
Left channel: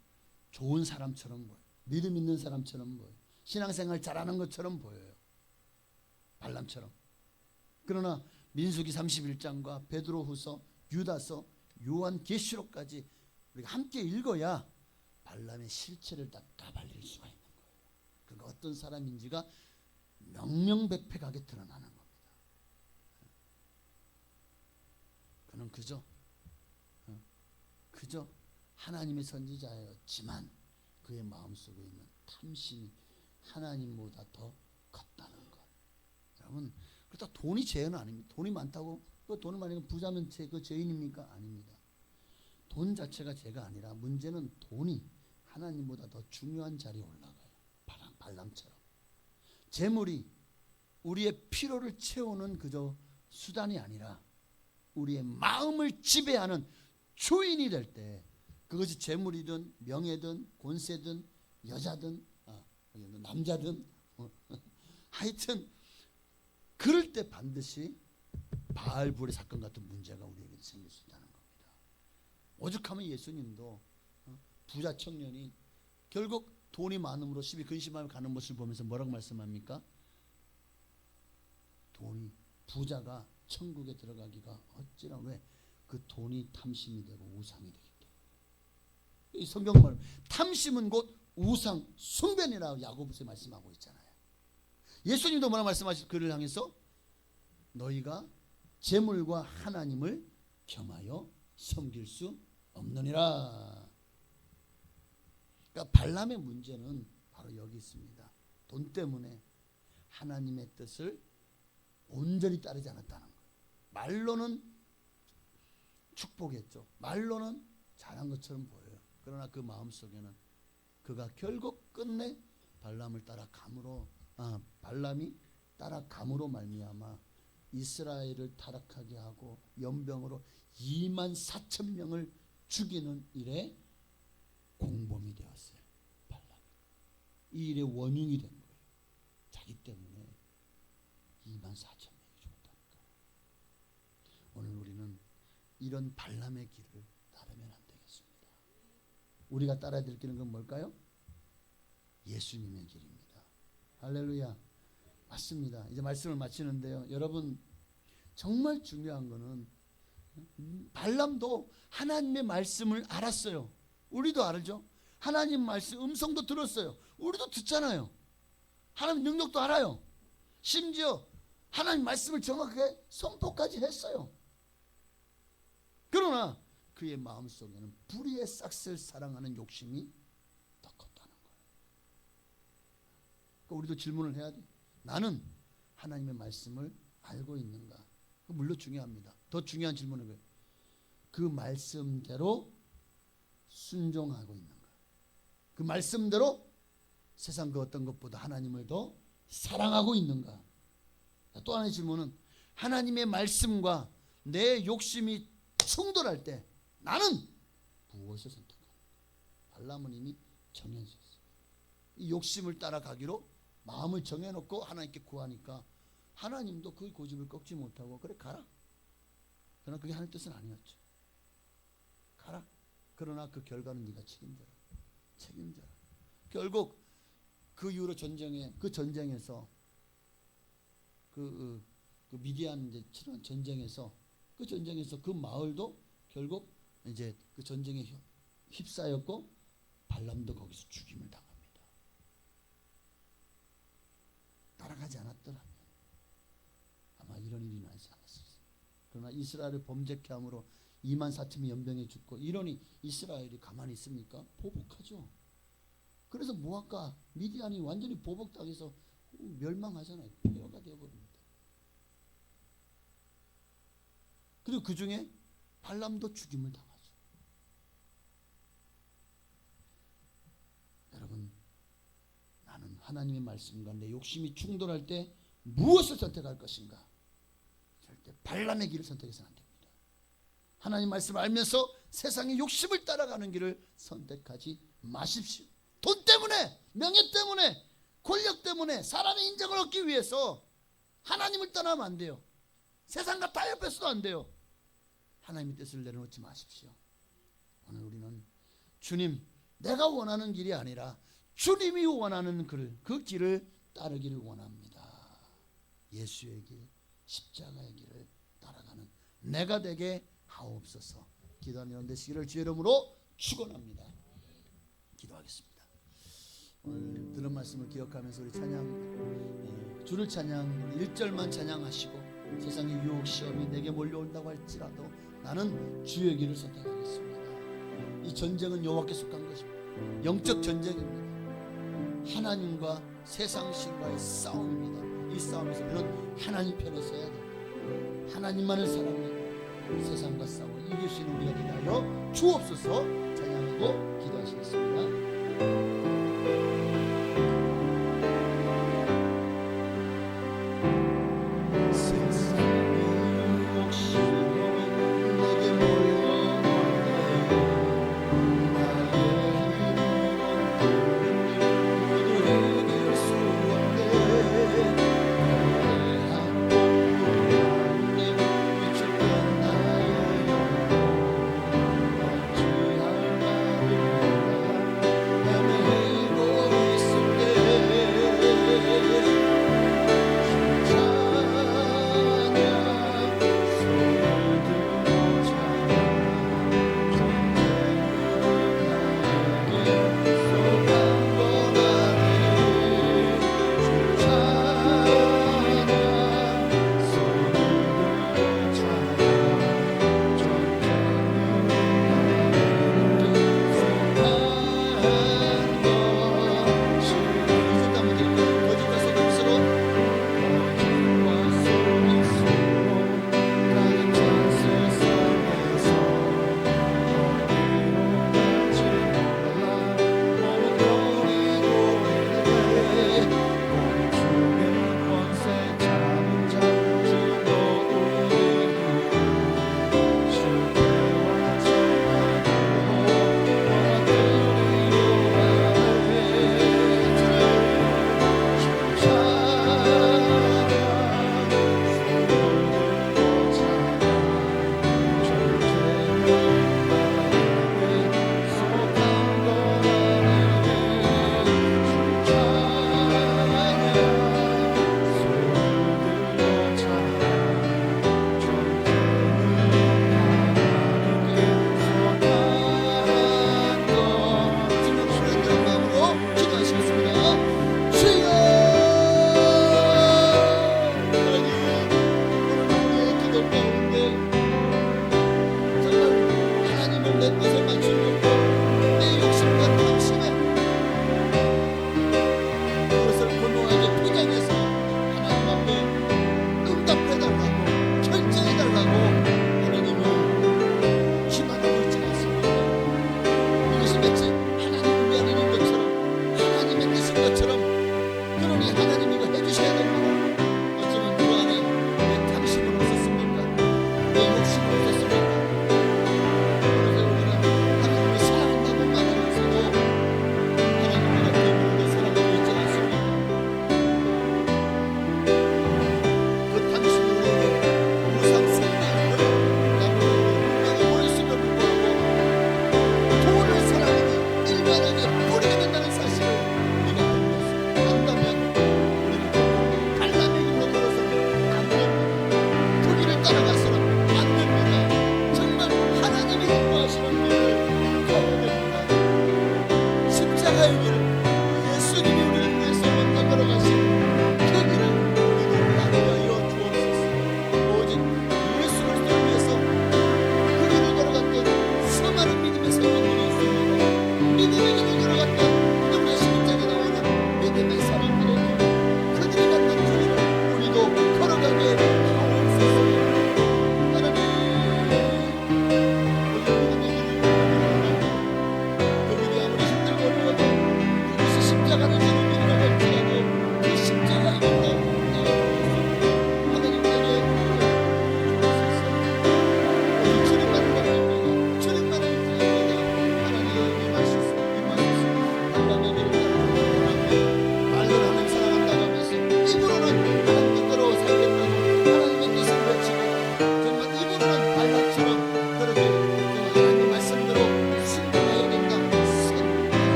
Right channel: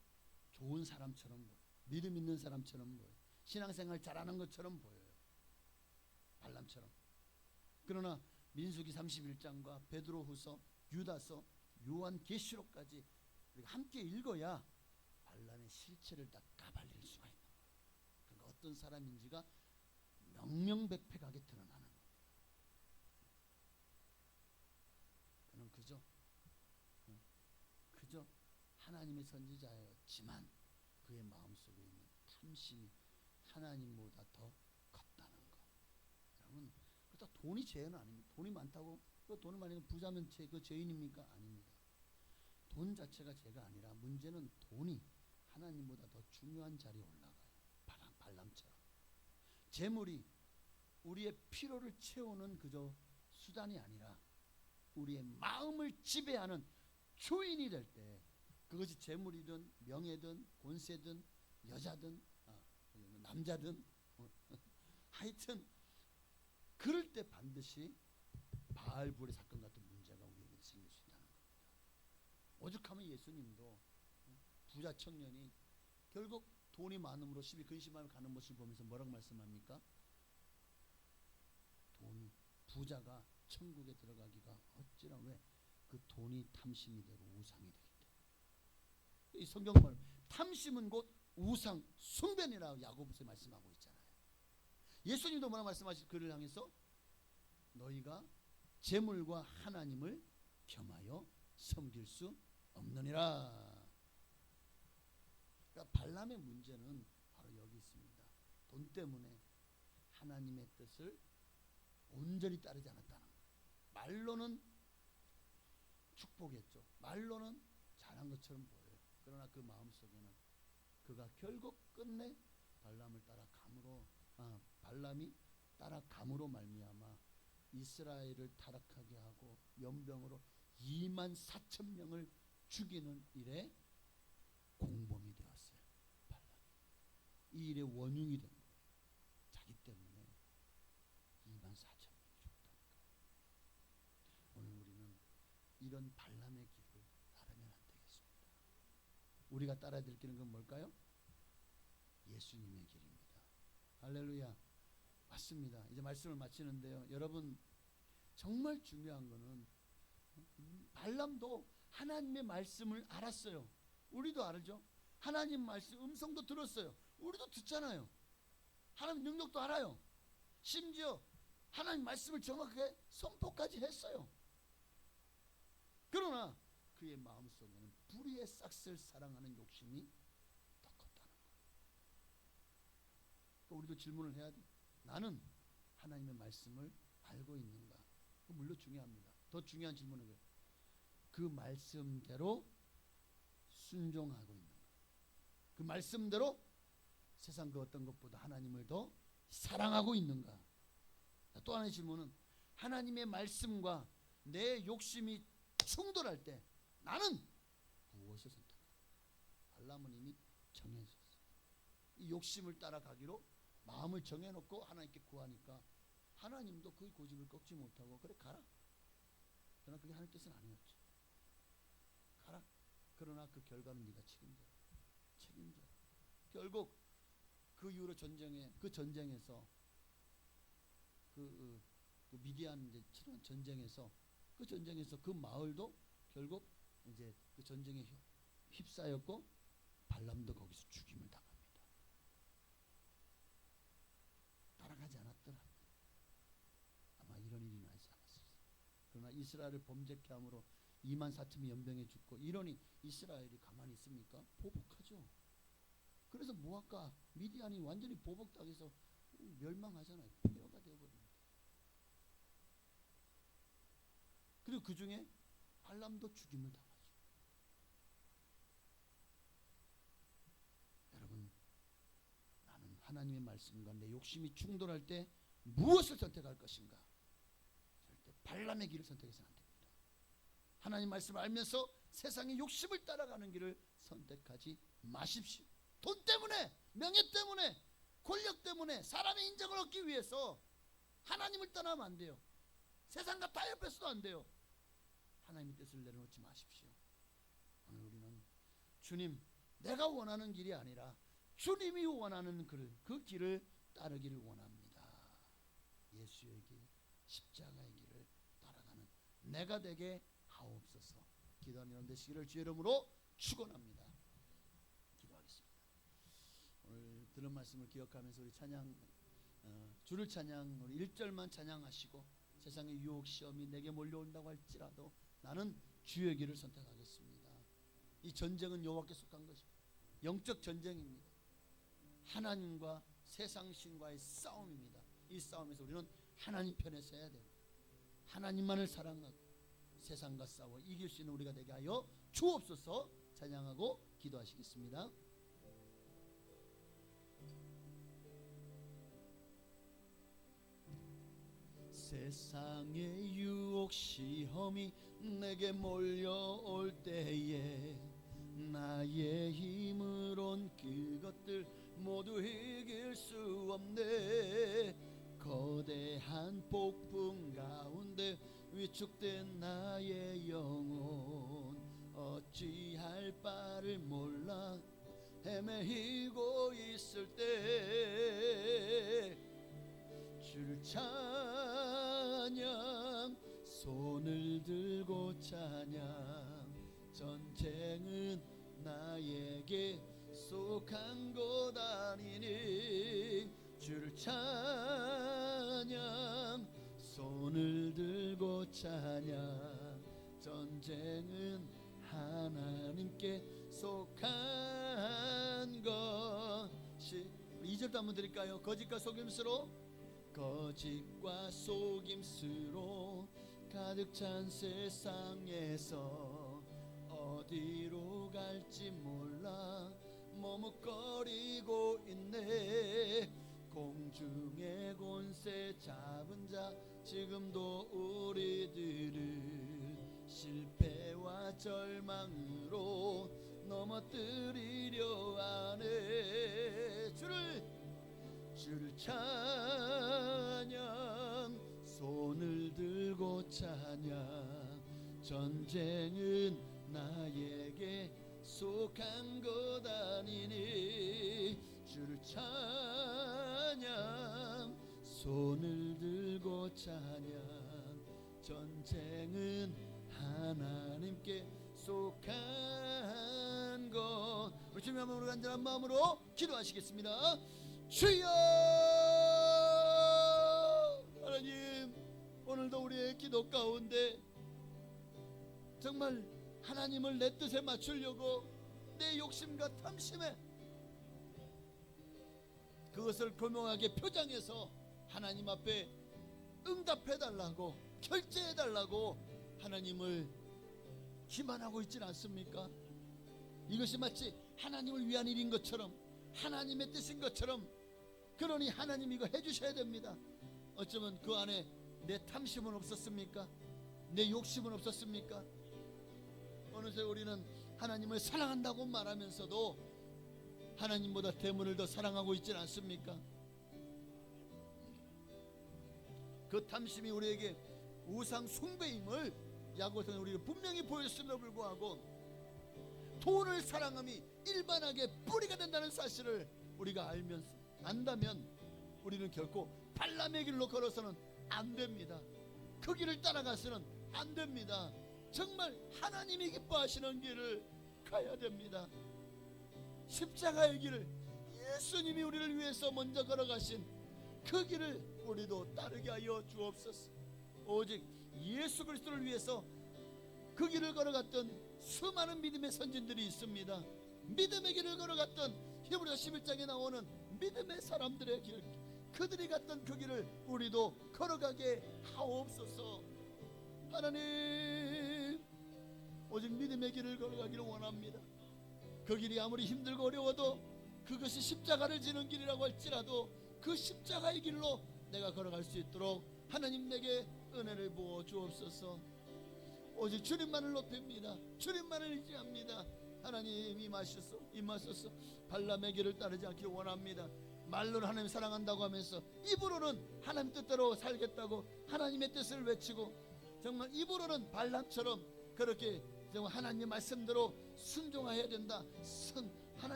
좋은 사람처럼 보여요. 믿음 있는 사람처럼 보여요. 신앙생활 잘하는 것처럼 보여요. 발람처럼. 그러나 민수기 31장과 베드로후서, 유다서, 요한계시록까지 우리가 함께 읽어야 발람의 실체를 다 까발릴 수가 있는 거예요. 그러니까 어떤 사람인지가 명명백백하게 드러나는 겁니다. 그는 그저 하나님의 선지자였지만 그의 마음속에 있는 탐심이 하나님보다 더 컸다는 것. 여러분, 그렇다 돈이 죄는 아닙니다. 돈이 많다고 그 돈을 많이 부자면 그 죄인입니까? 아닙니다. 돈 자체가 죄가 아니라 문제는 돈이 하나님보다 더 중요한 자리에 올라가요. 발람처럼. 재물이 우리의 필요를 채우는 그저 수단이 아니라 우리의 마음을 지배하는 주인이 될 때, 그것이 재물이든 명예든 권세든 여자든 남자든 하여튼 그럴 때 반드시 바알불의 사건 같은 문제가 우리에게 생길 수 있다는 겁니다. 오죽하면 예수님도 부자 청년이 결국 돈이 많음으로 시비 근심하며 가는 모습을 보면서 뭐라고 말씀합니까? 돈이, 부자가 천국에 들어가기가 어찌나, 왜? 그 돈이 탐심이 되고 우상이 되기 때문에. 이 성경말 탐심은 곧 우상 숭배니라고 야고보서에 말씀하고 있잖아요. 예수님도 뭐라 말씀하실, 그를 향해서 너희가 재물과 하나님을 겸하여 섬길 수 없느니라. 그러니까 발람의 문제는 바로 여기 있습니다. 돈 때문에 하나님의 뜻을 온전히 따르지 않았다는 거예요. 말로는 축복했죠. 말로는 잘한 것처럼 보여요. 그러나 그 마음속에는 그가 결국 끝내 발람이 따라감으로 말미암아 이스라엘을 타락하게 하고 연병으로 24,000명을 죽이는 일에 공범이 되었어요. 발람이. 이 일의 원흉이 된 거예요. 자기 때문에 24,000명이 죽었다니까요. 오늘 우리는 이런 발람의 길을 따르면 안 되겠습니다. 우리가 따라야 될 길은 그건 뭘까요? 예수님의 길입니다. 할렐루야. 맞습니다. 이제 말씀을 마치는데요. 여러분, 정말 중요한 거는 발람도 하나님의 말씀을 알았어요. 우리도 알죠. 하나님 말씀 음성도 들었어요. 우리도 듣잖아요. 하나님 능력도 알아요. 심지어 하나님 말씀을 정확하게 선포까지 했어요. 그러나 그의 마음속에는 불의의 싹을 사랑하는 욕심이 더 컸다는 거예요. 그러니까 우리도 질문을 해야 돼. 나는 하나님의 말씀을 알고 있는가? 물론 중요합니다. 더 중요한 질문은 뭐예요? 그 말씀대로 순종하고 있는가? 그 말씀대로 세상 그 어떤 것보다 하나님을 더 사랑하고 있는가? 또 하나의 질문은 하나님의 말씀과 내 욕심이 충돌할 때 나는 무엇을 선택하는가? 발람은 이미 정해졌어요. 이 욕심을 따라가기로 마음을 정해놓고 하나님께 구하니까 하나님도 그 고집을 꺾지 못하고 그래 가라. 그러나 그게 하나님 뜻은 아니었죠. 가라. 그러나 그 결과는 네가 책임져라. 책임져라. 결국 그 이후로 전쟁에서 그 미디안 이제 치른 전쟁에서 그 마을도 결국 이제 그 전쟁에 휩싸였고 발람도 거기서 죽임을 당합니다. 따라가지 않았더라면 아마 이런 일이 나지 않았을 거예요. 그러나 이스라엘을 범죄케 함으로 2만 4천이 연병에 죽고 이러니 이스라엘이 가만히 있습니까? 보복하죠. 그래서 모압과 미디안이 완전히 보복당해서 멸망하잖아요. 폐허가 되어버립니다. 그리고 그 중에 발람도 죽임을 당하죠. 여러분, 나는 하나님의 말씀과 내 욕심이 충돌할 때 무엇을 선택할 것인가? 절대 발람의 길을 선택해서는 안 됩니다. 하나님 말씀을 알면서 세상의 욕심을 따라가는 길을 선택하지 마십시오. 돈 때문에, 명예 때문에, 권력 때문에 사람의 인정을 얻기 위해서 하나님을 떠나면 안 돼요. 세상과 타협해서도 안 돼요. 하나님의 뜻을 내려놓지 마십시오. 오늘 우리는 주님, 내가 원하는 길이 아니라 주님이 원하는 그 길을 따르기를 원합니다. 예수의 길, 십자가의 길을 따라가는 내가 되게 하옵소서. 기도하는 여러분 되시기를 주의 이름으로 축원합니다. 기도하겠습니다. 오늘 들은 말씀을 기억하면서 우리 주를 찬양 1절만 찬양하시고 세상의 유혹 시험이 내게 몰려온다고 할지라도 나는 주의 길을 선택하겠습니다. 이 전쟁은 여호와께 속한 것입니다. 영적 전쟁입니다. 하나님과 세상 신과의 싸움입니다. 이 싸움에서 우리는 하나님 편에 서야 됩니다. 하나님만을 사랑하고 세상과 싸워 이길 수 있는 우리가 되게 하여 주옵소서. 찬양하고 기도하시겠습니다.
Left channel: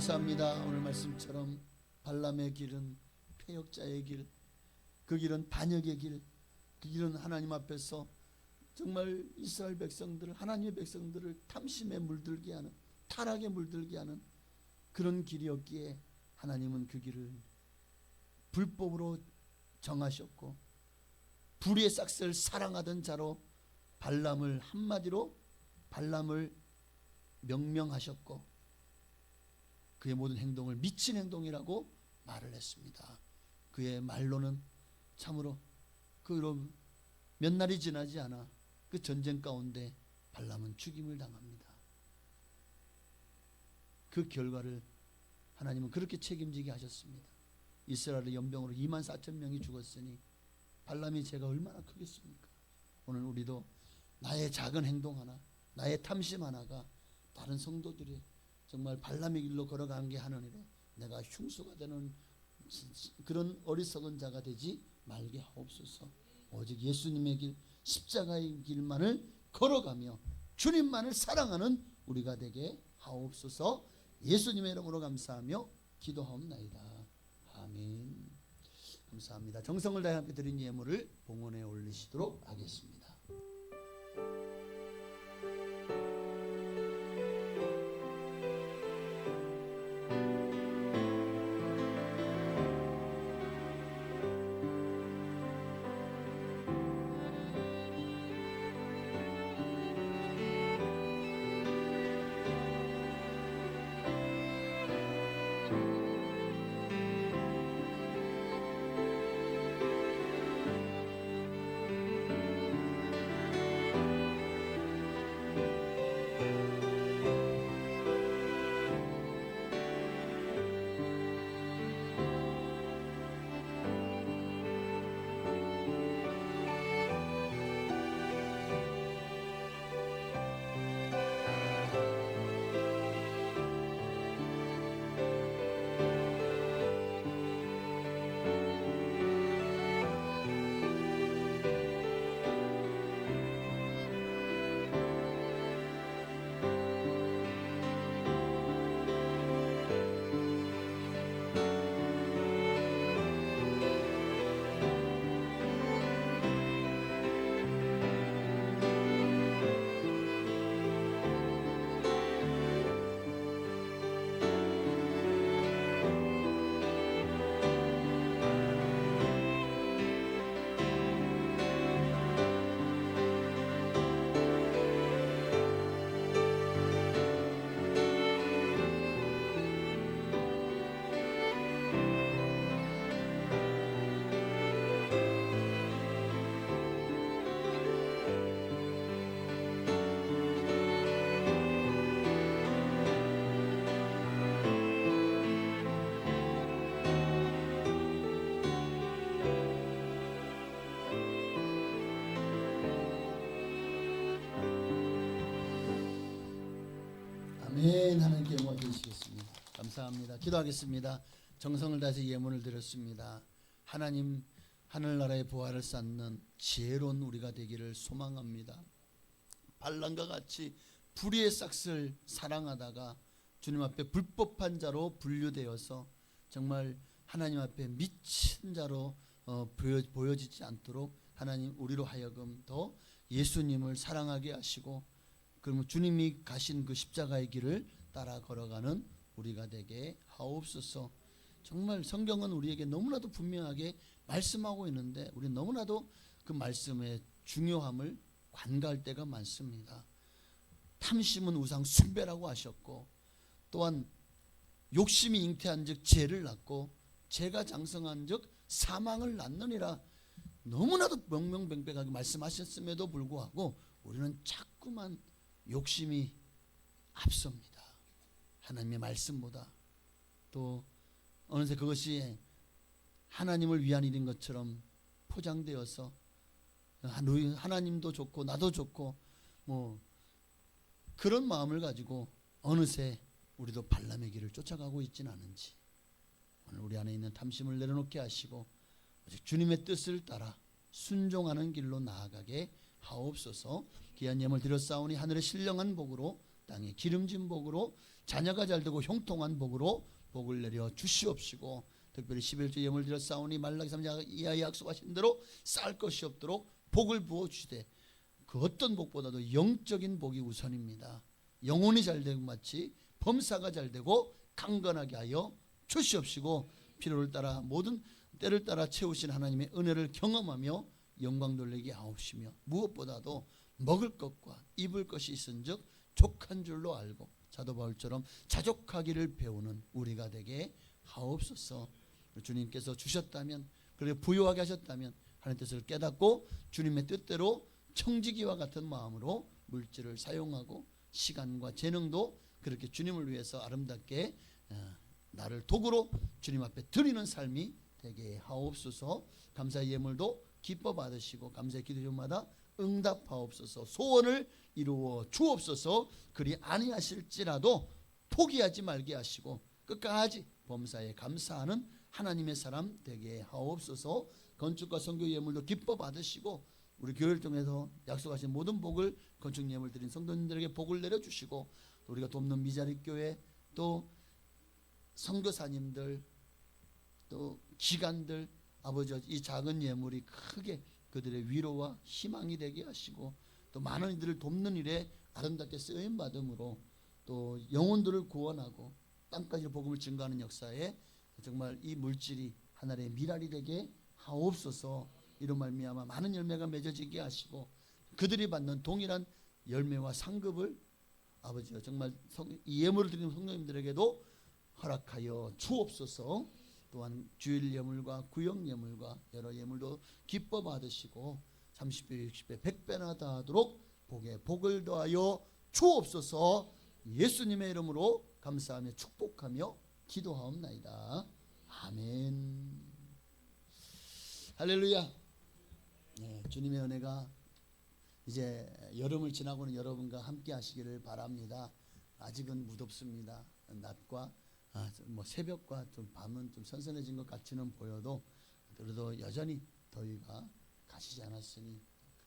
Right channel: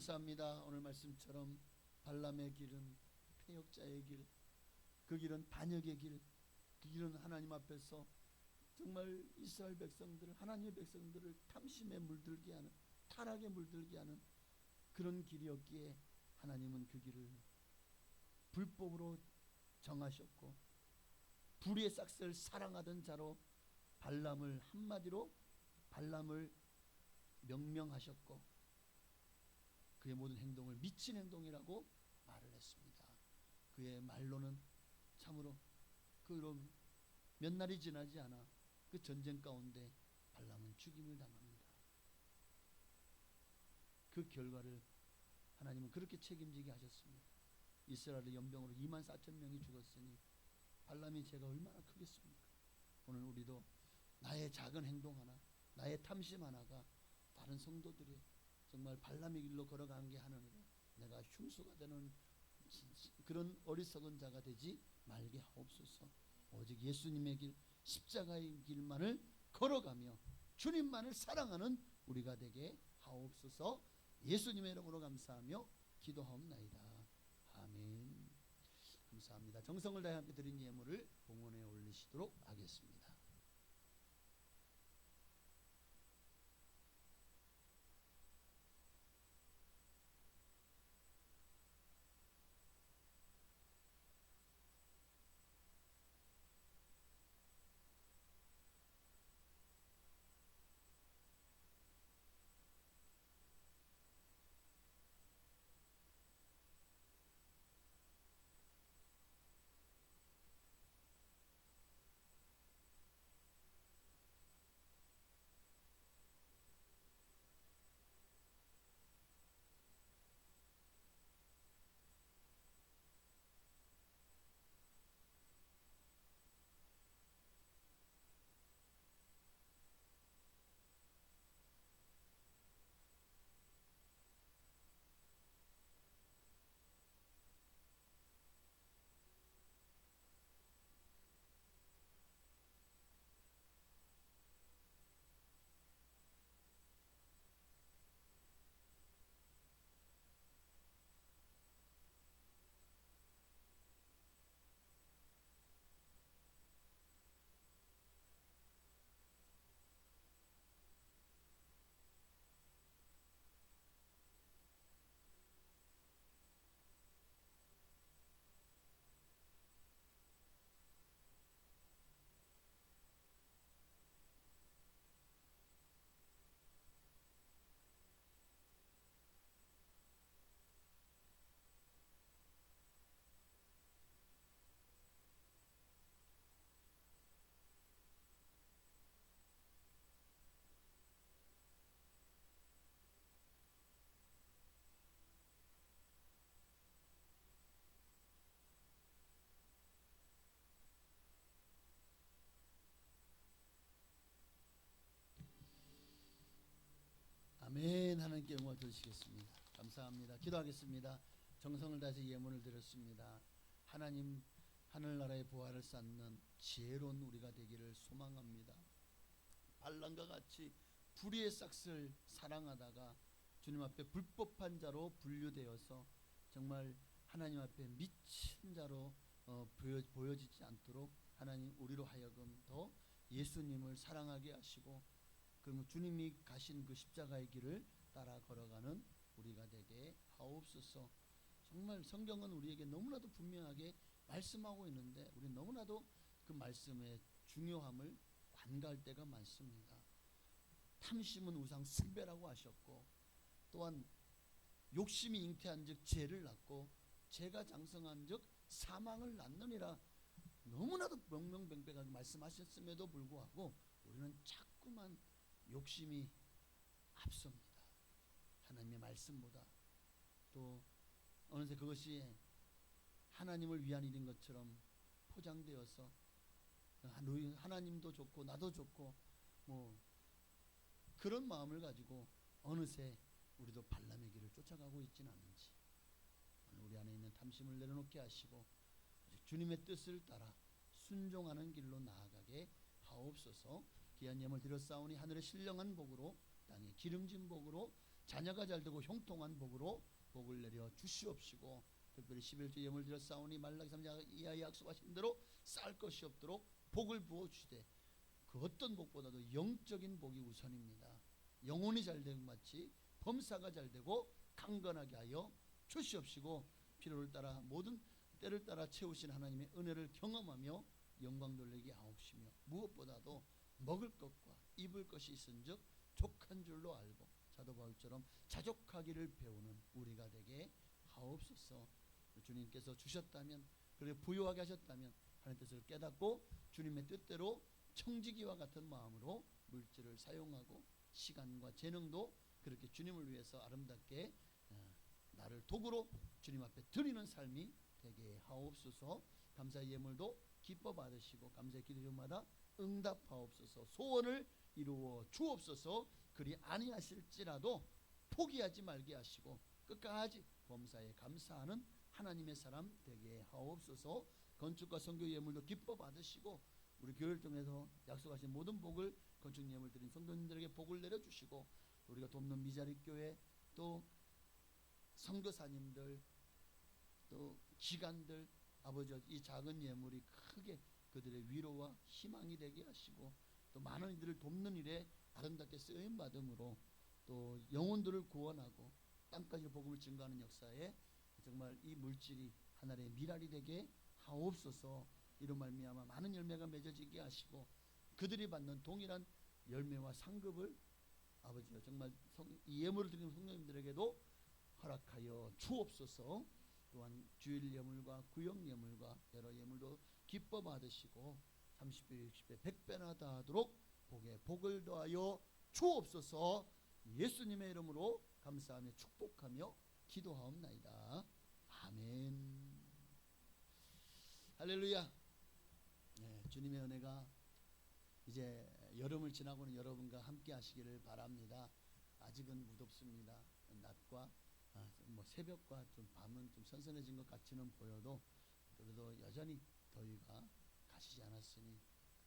감사합니다. 오늘 말씀처럼 발람의 길은 패역자의 길, 그 길은 반역의 길, 그 길은 하나님 앞에서 정말 이스라엘 백성들을, 하나님의 백성들을 탐심에 물들게 하는, 타락에 물들게 하는 그런 길이었기에 하나님은 그 길을 불법으로 정하셨고 불의의 싹을 사랑하던 자로 발람을, 한마디로 발람을 명명하셨고 그의 모든 행동을 미친 행동이라고 말을 했습니다. 그의 말로는 참으로 그로 몇 날이 지나지 않아 그 전쟁 가운데 발람은 죽임을 당합니다. 그 결과를 하나님은 그렇게 책임지게 하셨습니다. 이스라엘의 연병으로 24,000명이 죽었으니 발람의 죄가 얼마나 크겠습니까? 오늘 우리도 나의 작은 행동 하나, 나의 탐심 하나가 다른 성도들이 정말 발람의 길로 걸어간 게 하느니라 내가 흉수가 되는 그런 어리석은 자가 되지 말게 하옵소서. 오직 예수님의 길, 십자가의 길만을 걸어가며 주님만을 사랑하는 우리가 되게 하옵소서. 예수님의 이름으로 감사하며 기도하옵나이다. 아멘. 감사합니다. 정성을 다해 함께 드린 예물을 봉헌에 올리시도록 하겠습니다. 아멘. 하나님께 영광 드리시겠습니다. 감사합니다. 기도하겠습니다. 정성을 다해서 예물을 드렸습니다. 하나님, 하늘나라의 부활을 쌓는 지혜로운 우리가 되기를 소망합니다. 발람과 같이 불의의 싹을 사랑하다가 주님 앞에 불법한 자로 분류되어서 정말 하나님 앞에 미친 자로 보여지지 않도록 하나님 우리로 하여금 더 예수님을 사랑하게 하시고 그러면 주님이 가신 그 십자가의 길을 따라 걸어가는 우리가 되게 하옵소서. 정말 성경은 우리에게 너무나도 분명하게 말씀하고 있는데 우리 너무나도 그 말씀의 중요함을 관가할 때가 많습니다. 탐심은 우상 숭배라고 하셨고 또한 욕심이 잉태한 즉 죄를 낳고 죄가 장성한 즉 사망을 낳느니라 너무나도 명명백백하게 말씀하셨음에도 불구하고 우리는 자꾸만 욕심이 앞섭니다. 하나님의 말씀보다 또 어느새 그것이 하나님을 위한 일인 것처럼 포장되어서 하나님도 좋고 나도 좋고 뭐 그런 마음을 가지고 어느새 우리도 발람의 길을 쫓아가고 있지는 않은지 오늘 우리 안에 있는 탐심을 내려놓게 하시고 오직 주님의 뜻을 따라 순종하는 길로 나아가게 하옵소서. 귀한 예물 드렸사오니 하늘의 신령한 복으로 땅에 기름진 복으로 자녀가 잘되고 형통한 복으로 복을 내려 주시옵시고, 특별히 11조 예물 드려 싸우니 말라기 3장 이하에 약속하신 대로 쌀 것이 없도록 복을 부어 주시되, 그 어떤 복보다도 영적인 복이 우선입니다. 영혼이 잘되고 마치 범사가 잘되고 강건하게 하여 주시옵시고, 필요를 따라 모든 때를 따라 채우신 하나님의 은혜를 경험하며 영광 돌리게 하옵시며, 무엇보다도 먹을 것과 입을 것이 있은즉 족한 줄로 알고 사도 바울처럼 자족하기를 배우는 우리가 되게 하옵소서. 주님께서 주셨다면, 그리고 부요하게 하셨다면 하나님 뜻을 깨닫고 주님의 뜻대로 청지기와 같은 마음으로 물질을 사용하고 시간과 재능도 그렇게 주님을 위해서 아름답게 나를 도구로 주님 앞에 드리는 삶이 되게 하옵소서. 감사의 예물도 기뻐 받으시고 감사의 기도마다 응답하옵소서. 소원을 이루어 주옵소서. 그리 아니하실지라도 포기하지 말게 하시고 끝까지 범사에 감사하는 하나님의 사람 되게 하옵소서. 건축과 선교 예물도 기뻐 받으시고 우리 교회를 통해서 약속하신 모든 복을 건축 예물 드린 성도님들에게 복을 내려주시고, 또 우리가 돕는 미자립 교회, 또 선교사님들, 또 기관들, 아버지 이 작은 예물이 크게 그들의 위로와 희망이 되게 하시고, 또 많은 이들을 돕는 일에 아름답게 쓰임 받음으로 또 영혼들을 구원하고 땅까지 복음을 증거하는 역사에 정말 이 물질이 하나의 미랄이 되게 하옵소서. 이런 말미암아 많은 열매가 맺어지게 하시고 그들이 받는 동일한 열매와 상급을 아버지가 정말 이 예물을 드리는 성도님들에게도 허락하여 주옵소서. 또한 주일 예물과 구역 예물과 여러 예물도 기뻐 받으시고 30배 60배 100배나 다하도록 복에 복을 더하여 주옵소서. 예수님의 이름으로 감사하며 축복하며 기도하옵나이다. 아멘. 할렐루야. 네, 주님의 은혜가 이제 여름을 지나고는 여러분과 함께 하시기를 바랍니다. 아직은 무덥습니다. 낮과 새벽과 좀 밤은 좀 선선해진 것 같이는 보여도 그래도 여전히 더위가 가시지 않았으니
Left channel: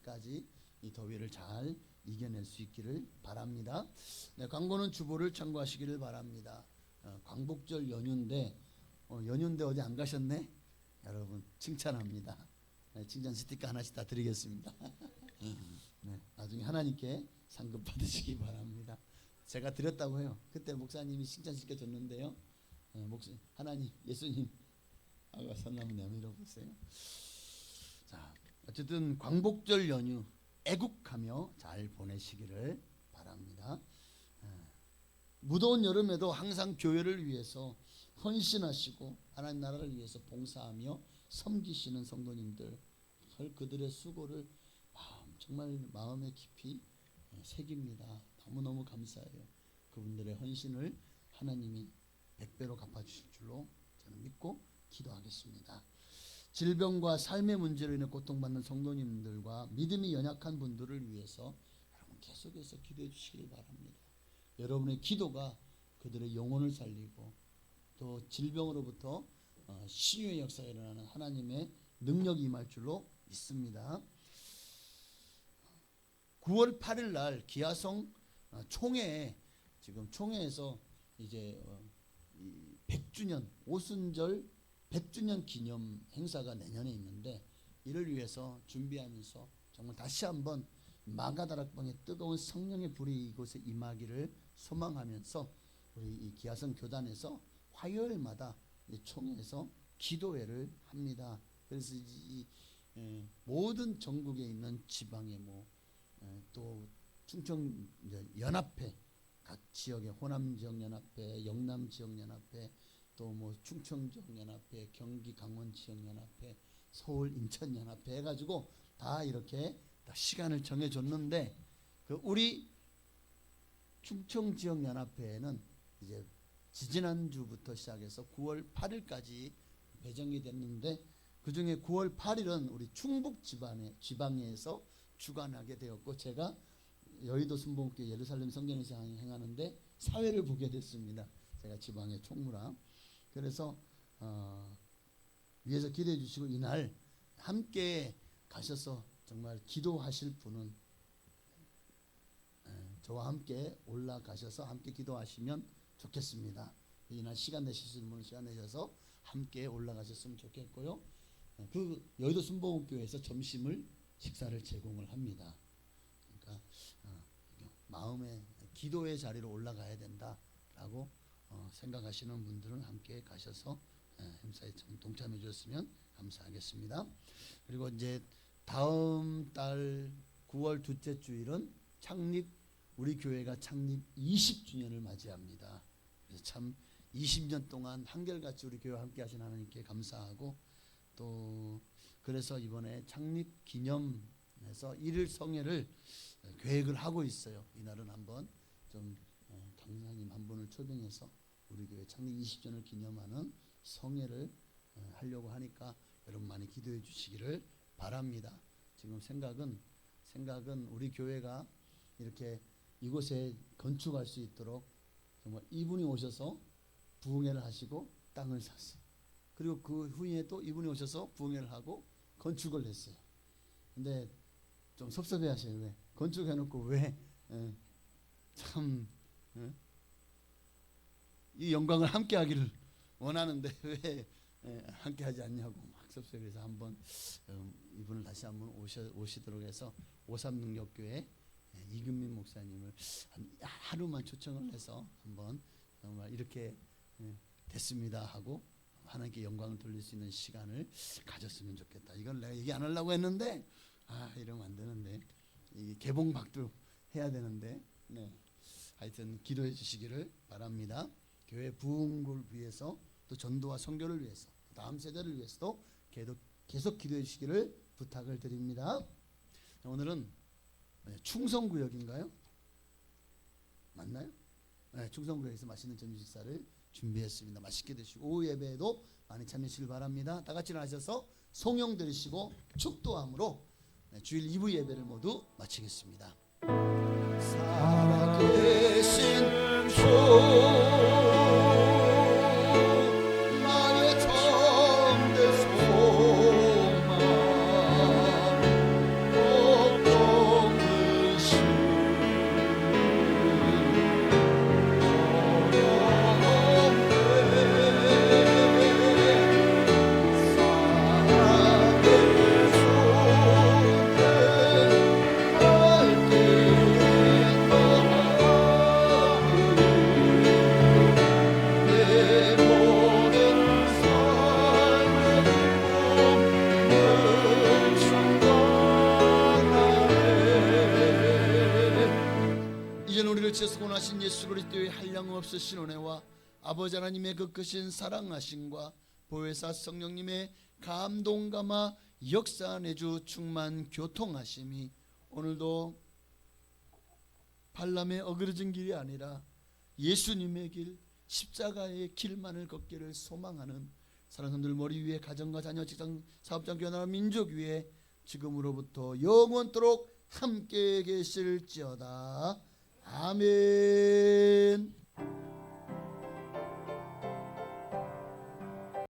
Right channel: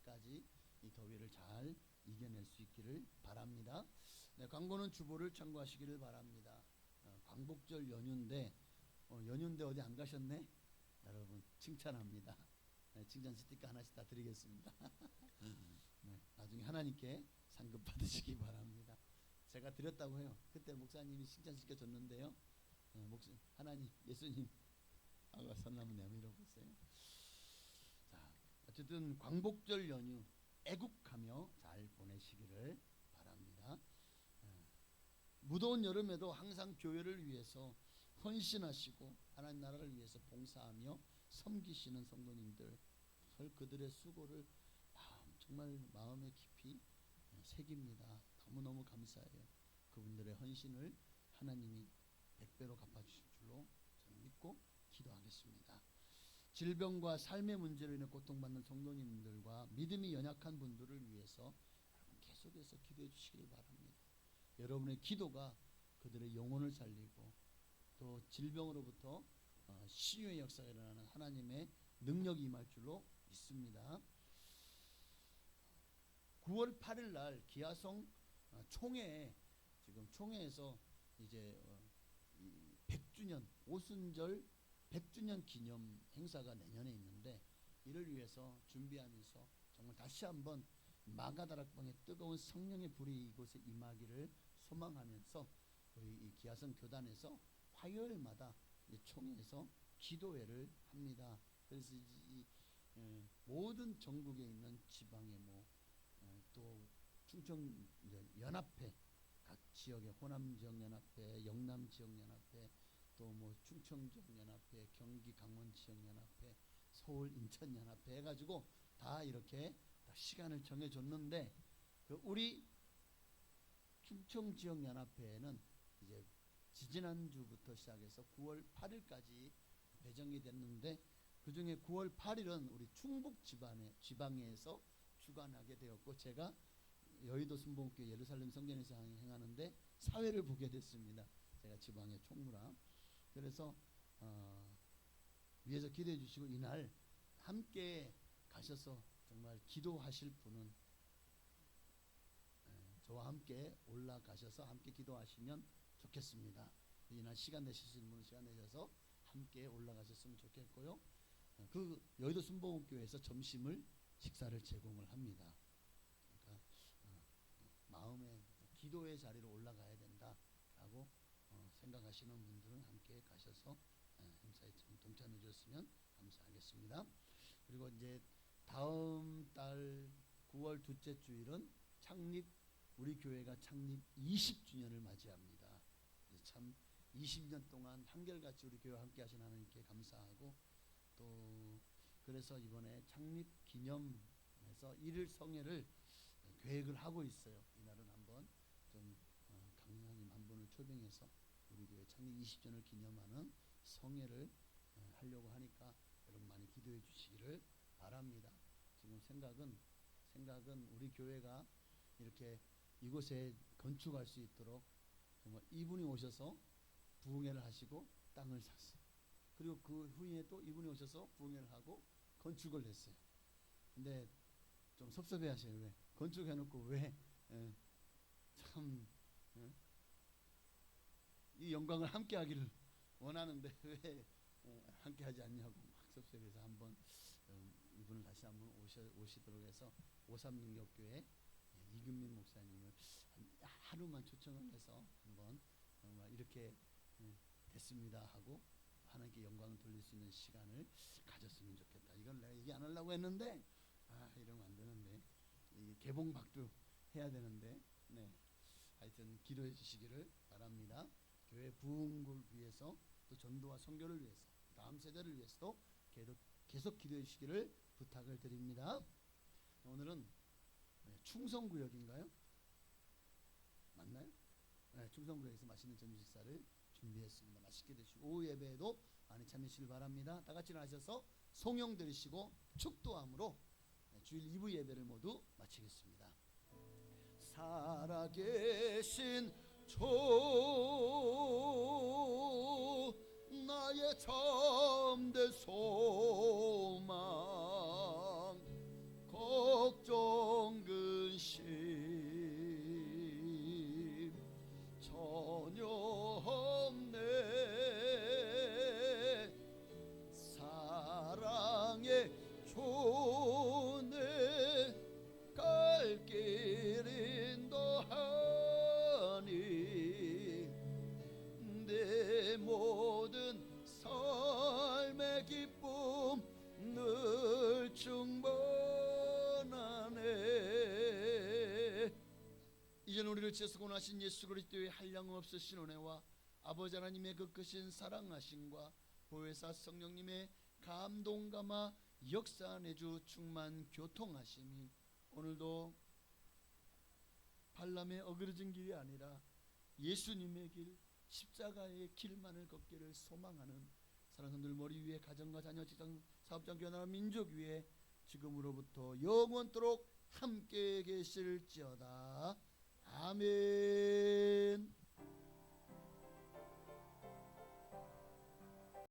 끝까지 이 더위를 잘 이겨낼 수 있기를 바랍니다. 네, 광고는 주보를 참고하시기를 바랍니다. 광복절 연휴인데 연휴인데 어디 안 가셨네? 여러분 칭찬합니다. 네, 칭찬 스티커 하나씩 다 드리겠습니다. 네, 나중에 하나님께 상급 받으시기 바랍니다. 제가 드렸다고 해요. 그때 목사님이 칭찬 스티커 줬는데요. 하나님, 예수님, 아가 선나무 내밀어 보세요. 자, 어쨌든 광복절 연휴 애국하며 잘 보내시기를 바랍니다. 무더운 여름에도 항상 교회를 위해서 헌신하시고 하나님 나라를 위해서 봉사하며 섬기시는 성도님들, 그들의 수고를 정말 마음에 깊이 새깁니다. 너무너무 감사해요. 그분들의 헌신을 하나님이 100배로 갚아주실 줄로 저는 믿고 기도하겠습니다. 질병과 삶의 문제로 인해 고통받는 성도님들과 믿음이 연약한 분들을 위해서 여러분 계속해서 기도해 주시길 바랍니다. 여러분의 기도가 그들의 영혼을 살리고 또 질병으로부터 치유의 역사가 일어나는 하나님의 능력이 임할 줄로 믿습니다. 9월 8일 날 기아성 총회, 지금 총회에서 이제 100주년 오순절 100주년 기념 행사가 내년에 있는데, 이를 위해서 준비하면서 정말 다시 한번 마가다락방의 뜨거운 성령의 불이 이곳에 임하기를 소망하면서 우리 이 기아성 교단에서 화요일마다 총회에서 기도회를 합니다. 그래서 이 모든 전국에 있는 지방에 또 충청 연합회, 각 지역의 호남 지역 연합회, 영남 지역 연합회, 또 충청 지역 연합회, 경기 강원 지역 연합회, 서울 인천 연합회 해가지고 다 이렇게 다 시간을 정해줬는데, 그 우리 충청 지역 연합회에는 이제 지지난주부터 시작해서 9월 8일까지 배정이 됐는데, 그 중에 9월 8일은 우리 충북 지방에서 주관하게 되었고, 제가 여의도 순복음교회 예루살렘 성전에서 행하는데 사회를 보게 됐습니다. 제가 지방의 총무라. 그래서 위에서 기도해 주시고 이날 함께 가셔서 정말 기도하실 분은 저와 함께 올라가셔서 함께 기도하시면 좋겠습니다. 이날 시간 내실 수 있는 분은 시간 내셔서 함께 올라가셨으면 좋겠고요. 그 여의도 순복음교회에서 점심을 식사를 제공을 합니다. 그러니까 마음의 기도의 자리로 올라가야 된다라고 생각하시는 분들은 함께 가셔서 행사에 동참해 주셨으면 감사하겠습니다. 그리고 이제 다음 달 9월 둘째 주일은 우리 교회가 창립 20주년을 맞이합니다. 그래서 참 20년 동안 한결같이 우리 교회와 함께 하신 하나님께 감사하고, 또 그래서 이번에 창립 기념해서 1일 성회를 계획을 하고 있어요. 이날은 한번 좀 강사님 한 분을 초빙해서 우리 교회 창립 20주년을 기념하는 성회를 하려고 하니까 여러분 많이 기도해 주시기를 바랍니다. 지금 생각은 우리 교회가 이렇게 이곳에 건축할 수 있도록 정말 이분이 오셔서 부흥회를 하시고 땅을 샀어요. 그리고 그 후에 또 이분이 오셔서 부흥회를 하고 건축을 했어요. 근데 좀 섭섭해 하셔요. 왜? 건축해놓고 왜 참 이 영광을 함께 하기를 원하는데 왜 함께 하지 않냐고 막 섭섭해서 한번 이분을 다시 한번 오시도록 해서 오삼능력교회 이금민 목사님을 하루만 초청을 해서 한번 정말 이렇게 됐습니다 하고 하나님께 영광을 돌릴 수 있는 시간을 가졌으면 좋겠다. 이건 내가 얘기 안 하려고 했는데 이러면 안 되는데, 이 개봉박도 해야 되는데, 하여튼 기도해 주시기를 바랍니다. 교회 부흥을 위해서, 또 전도와 선교를 위해서, 다음 세대를 위해서도 계속 기도해 주시기를 부탁을 드립니다. 오늘은 충성구역인가요? 맞나요? 충성구역에서 맛있는 점심 식사를 준비했습니다. 맛있게 드시고 오후 예배에도 많이 참여하시길 바랍니다. 다 같이 나셔서 송영 드리시고 축도함으로 주일 2부 예배를 모두 마치겠습니다. 살아계신 주 나의 참된 소망 걱정이신 우리를 지어서 구원하신 예수 그리스도의 한량없으신 은혜와 아버지 하나님의 그 크신 사랑하심과 보혜사 성령님의 감동감화 역사 내주 충만 교통하심이 오늘도 발람의 어그러진 길이 아니라 예수님의 길, 십자가의 길만을 걷기를 소망하는 사랑꾼들 머리 위에 가정과 자녀, 직장, 사업장, 교회, 나라, 민족 위에 지금으로부터 영원토록 함께 계실지어다. 아멘.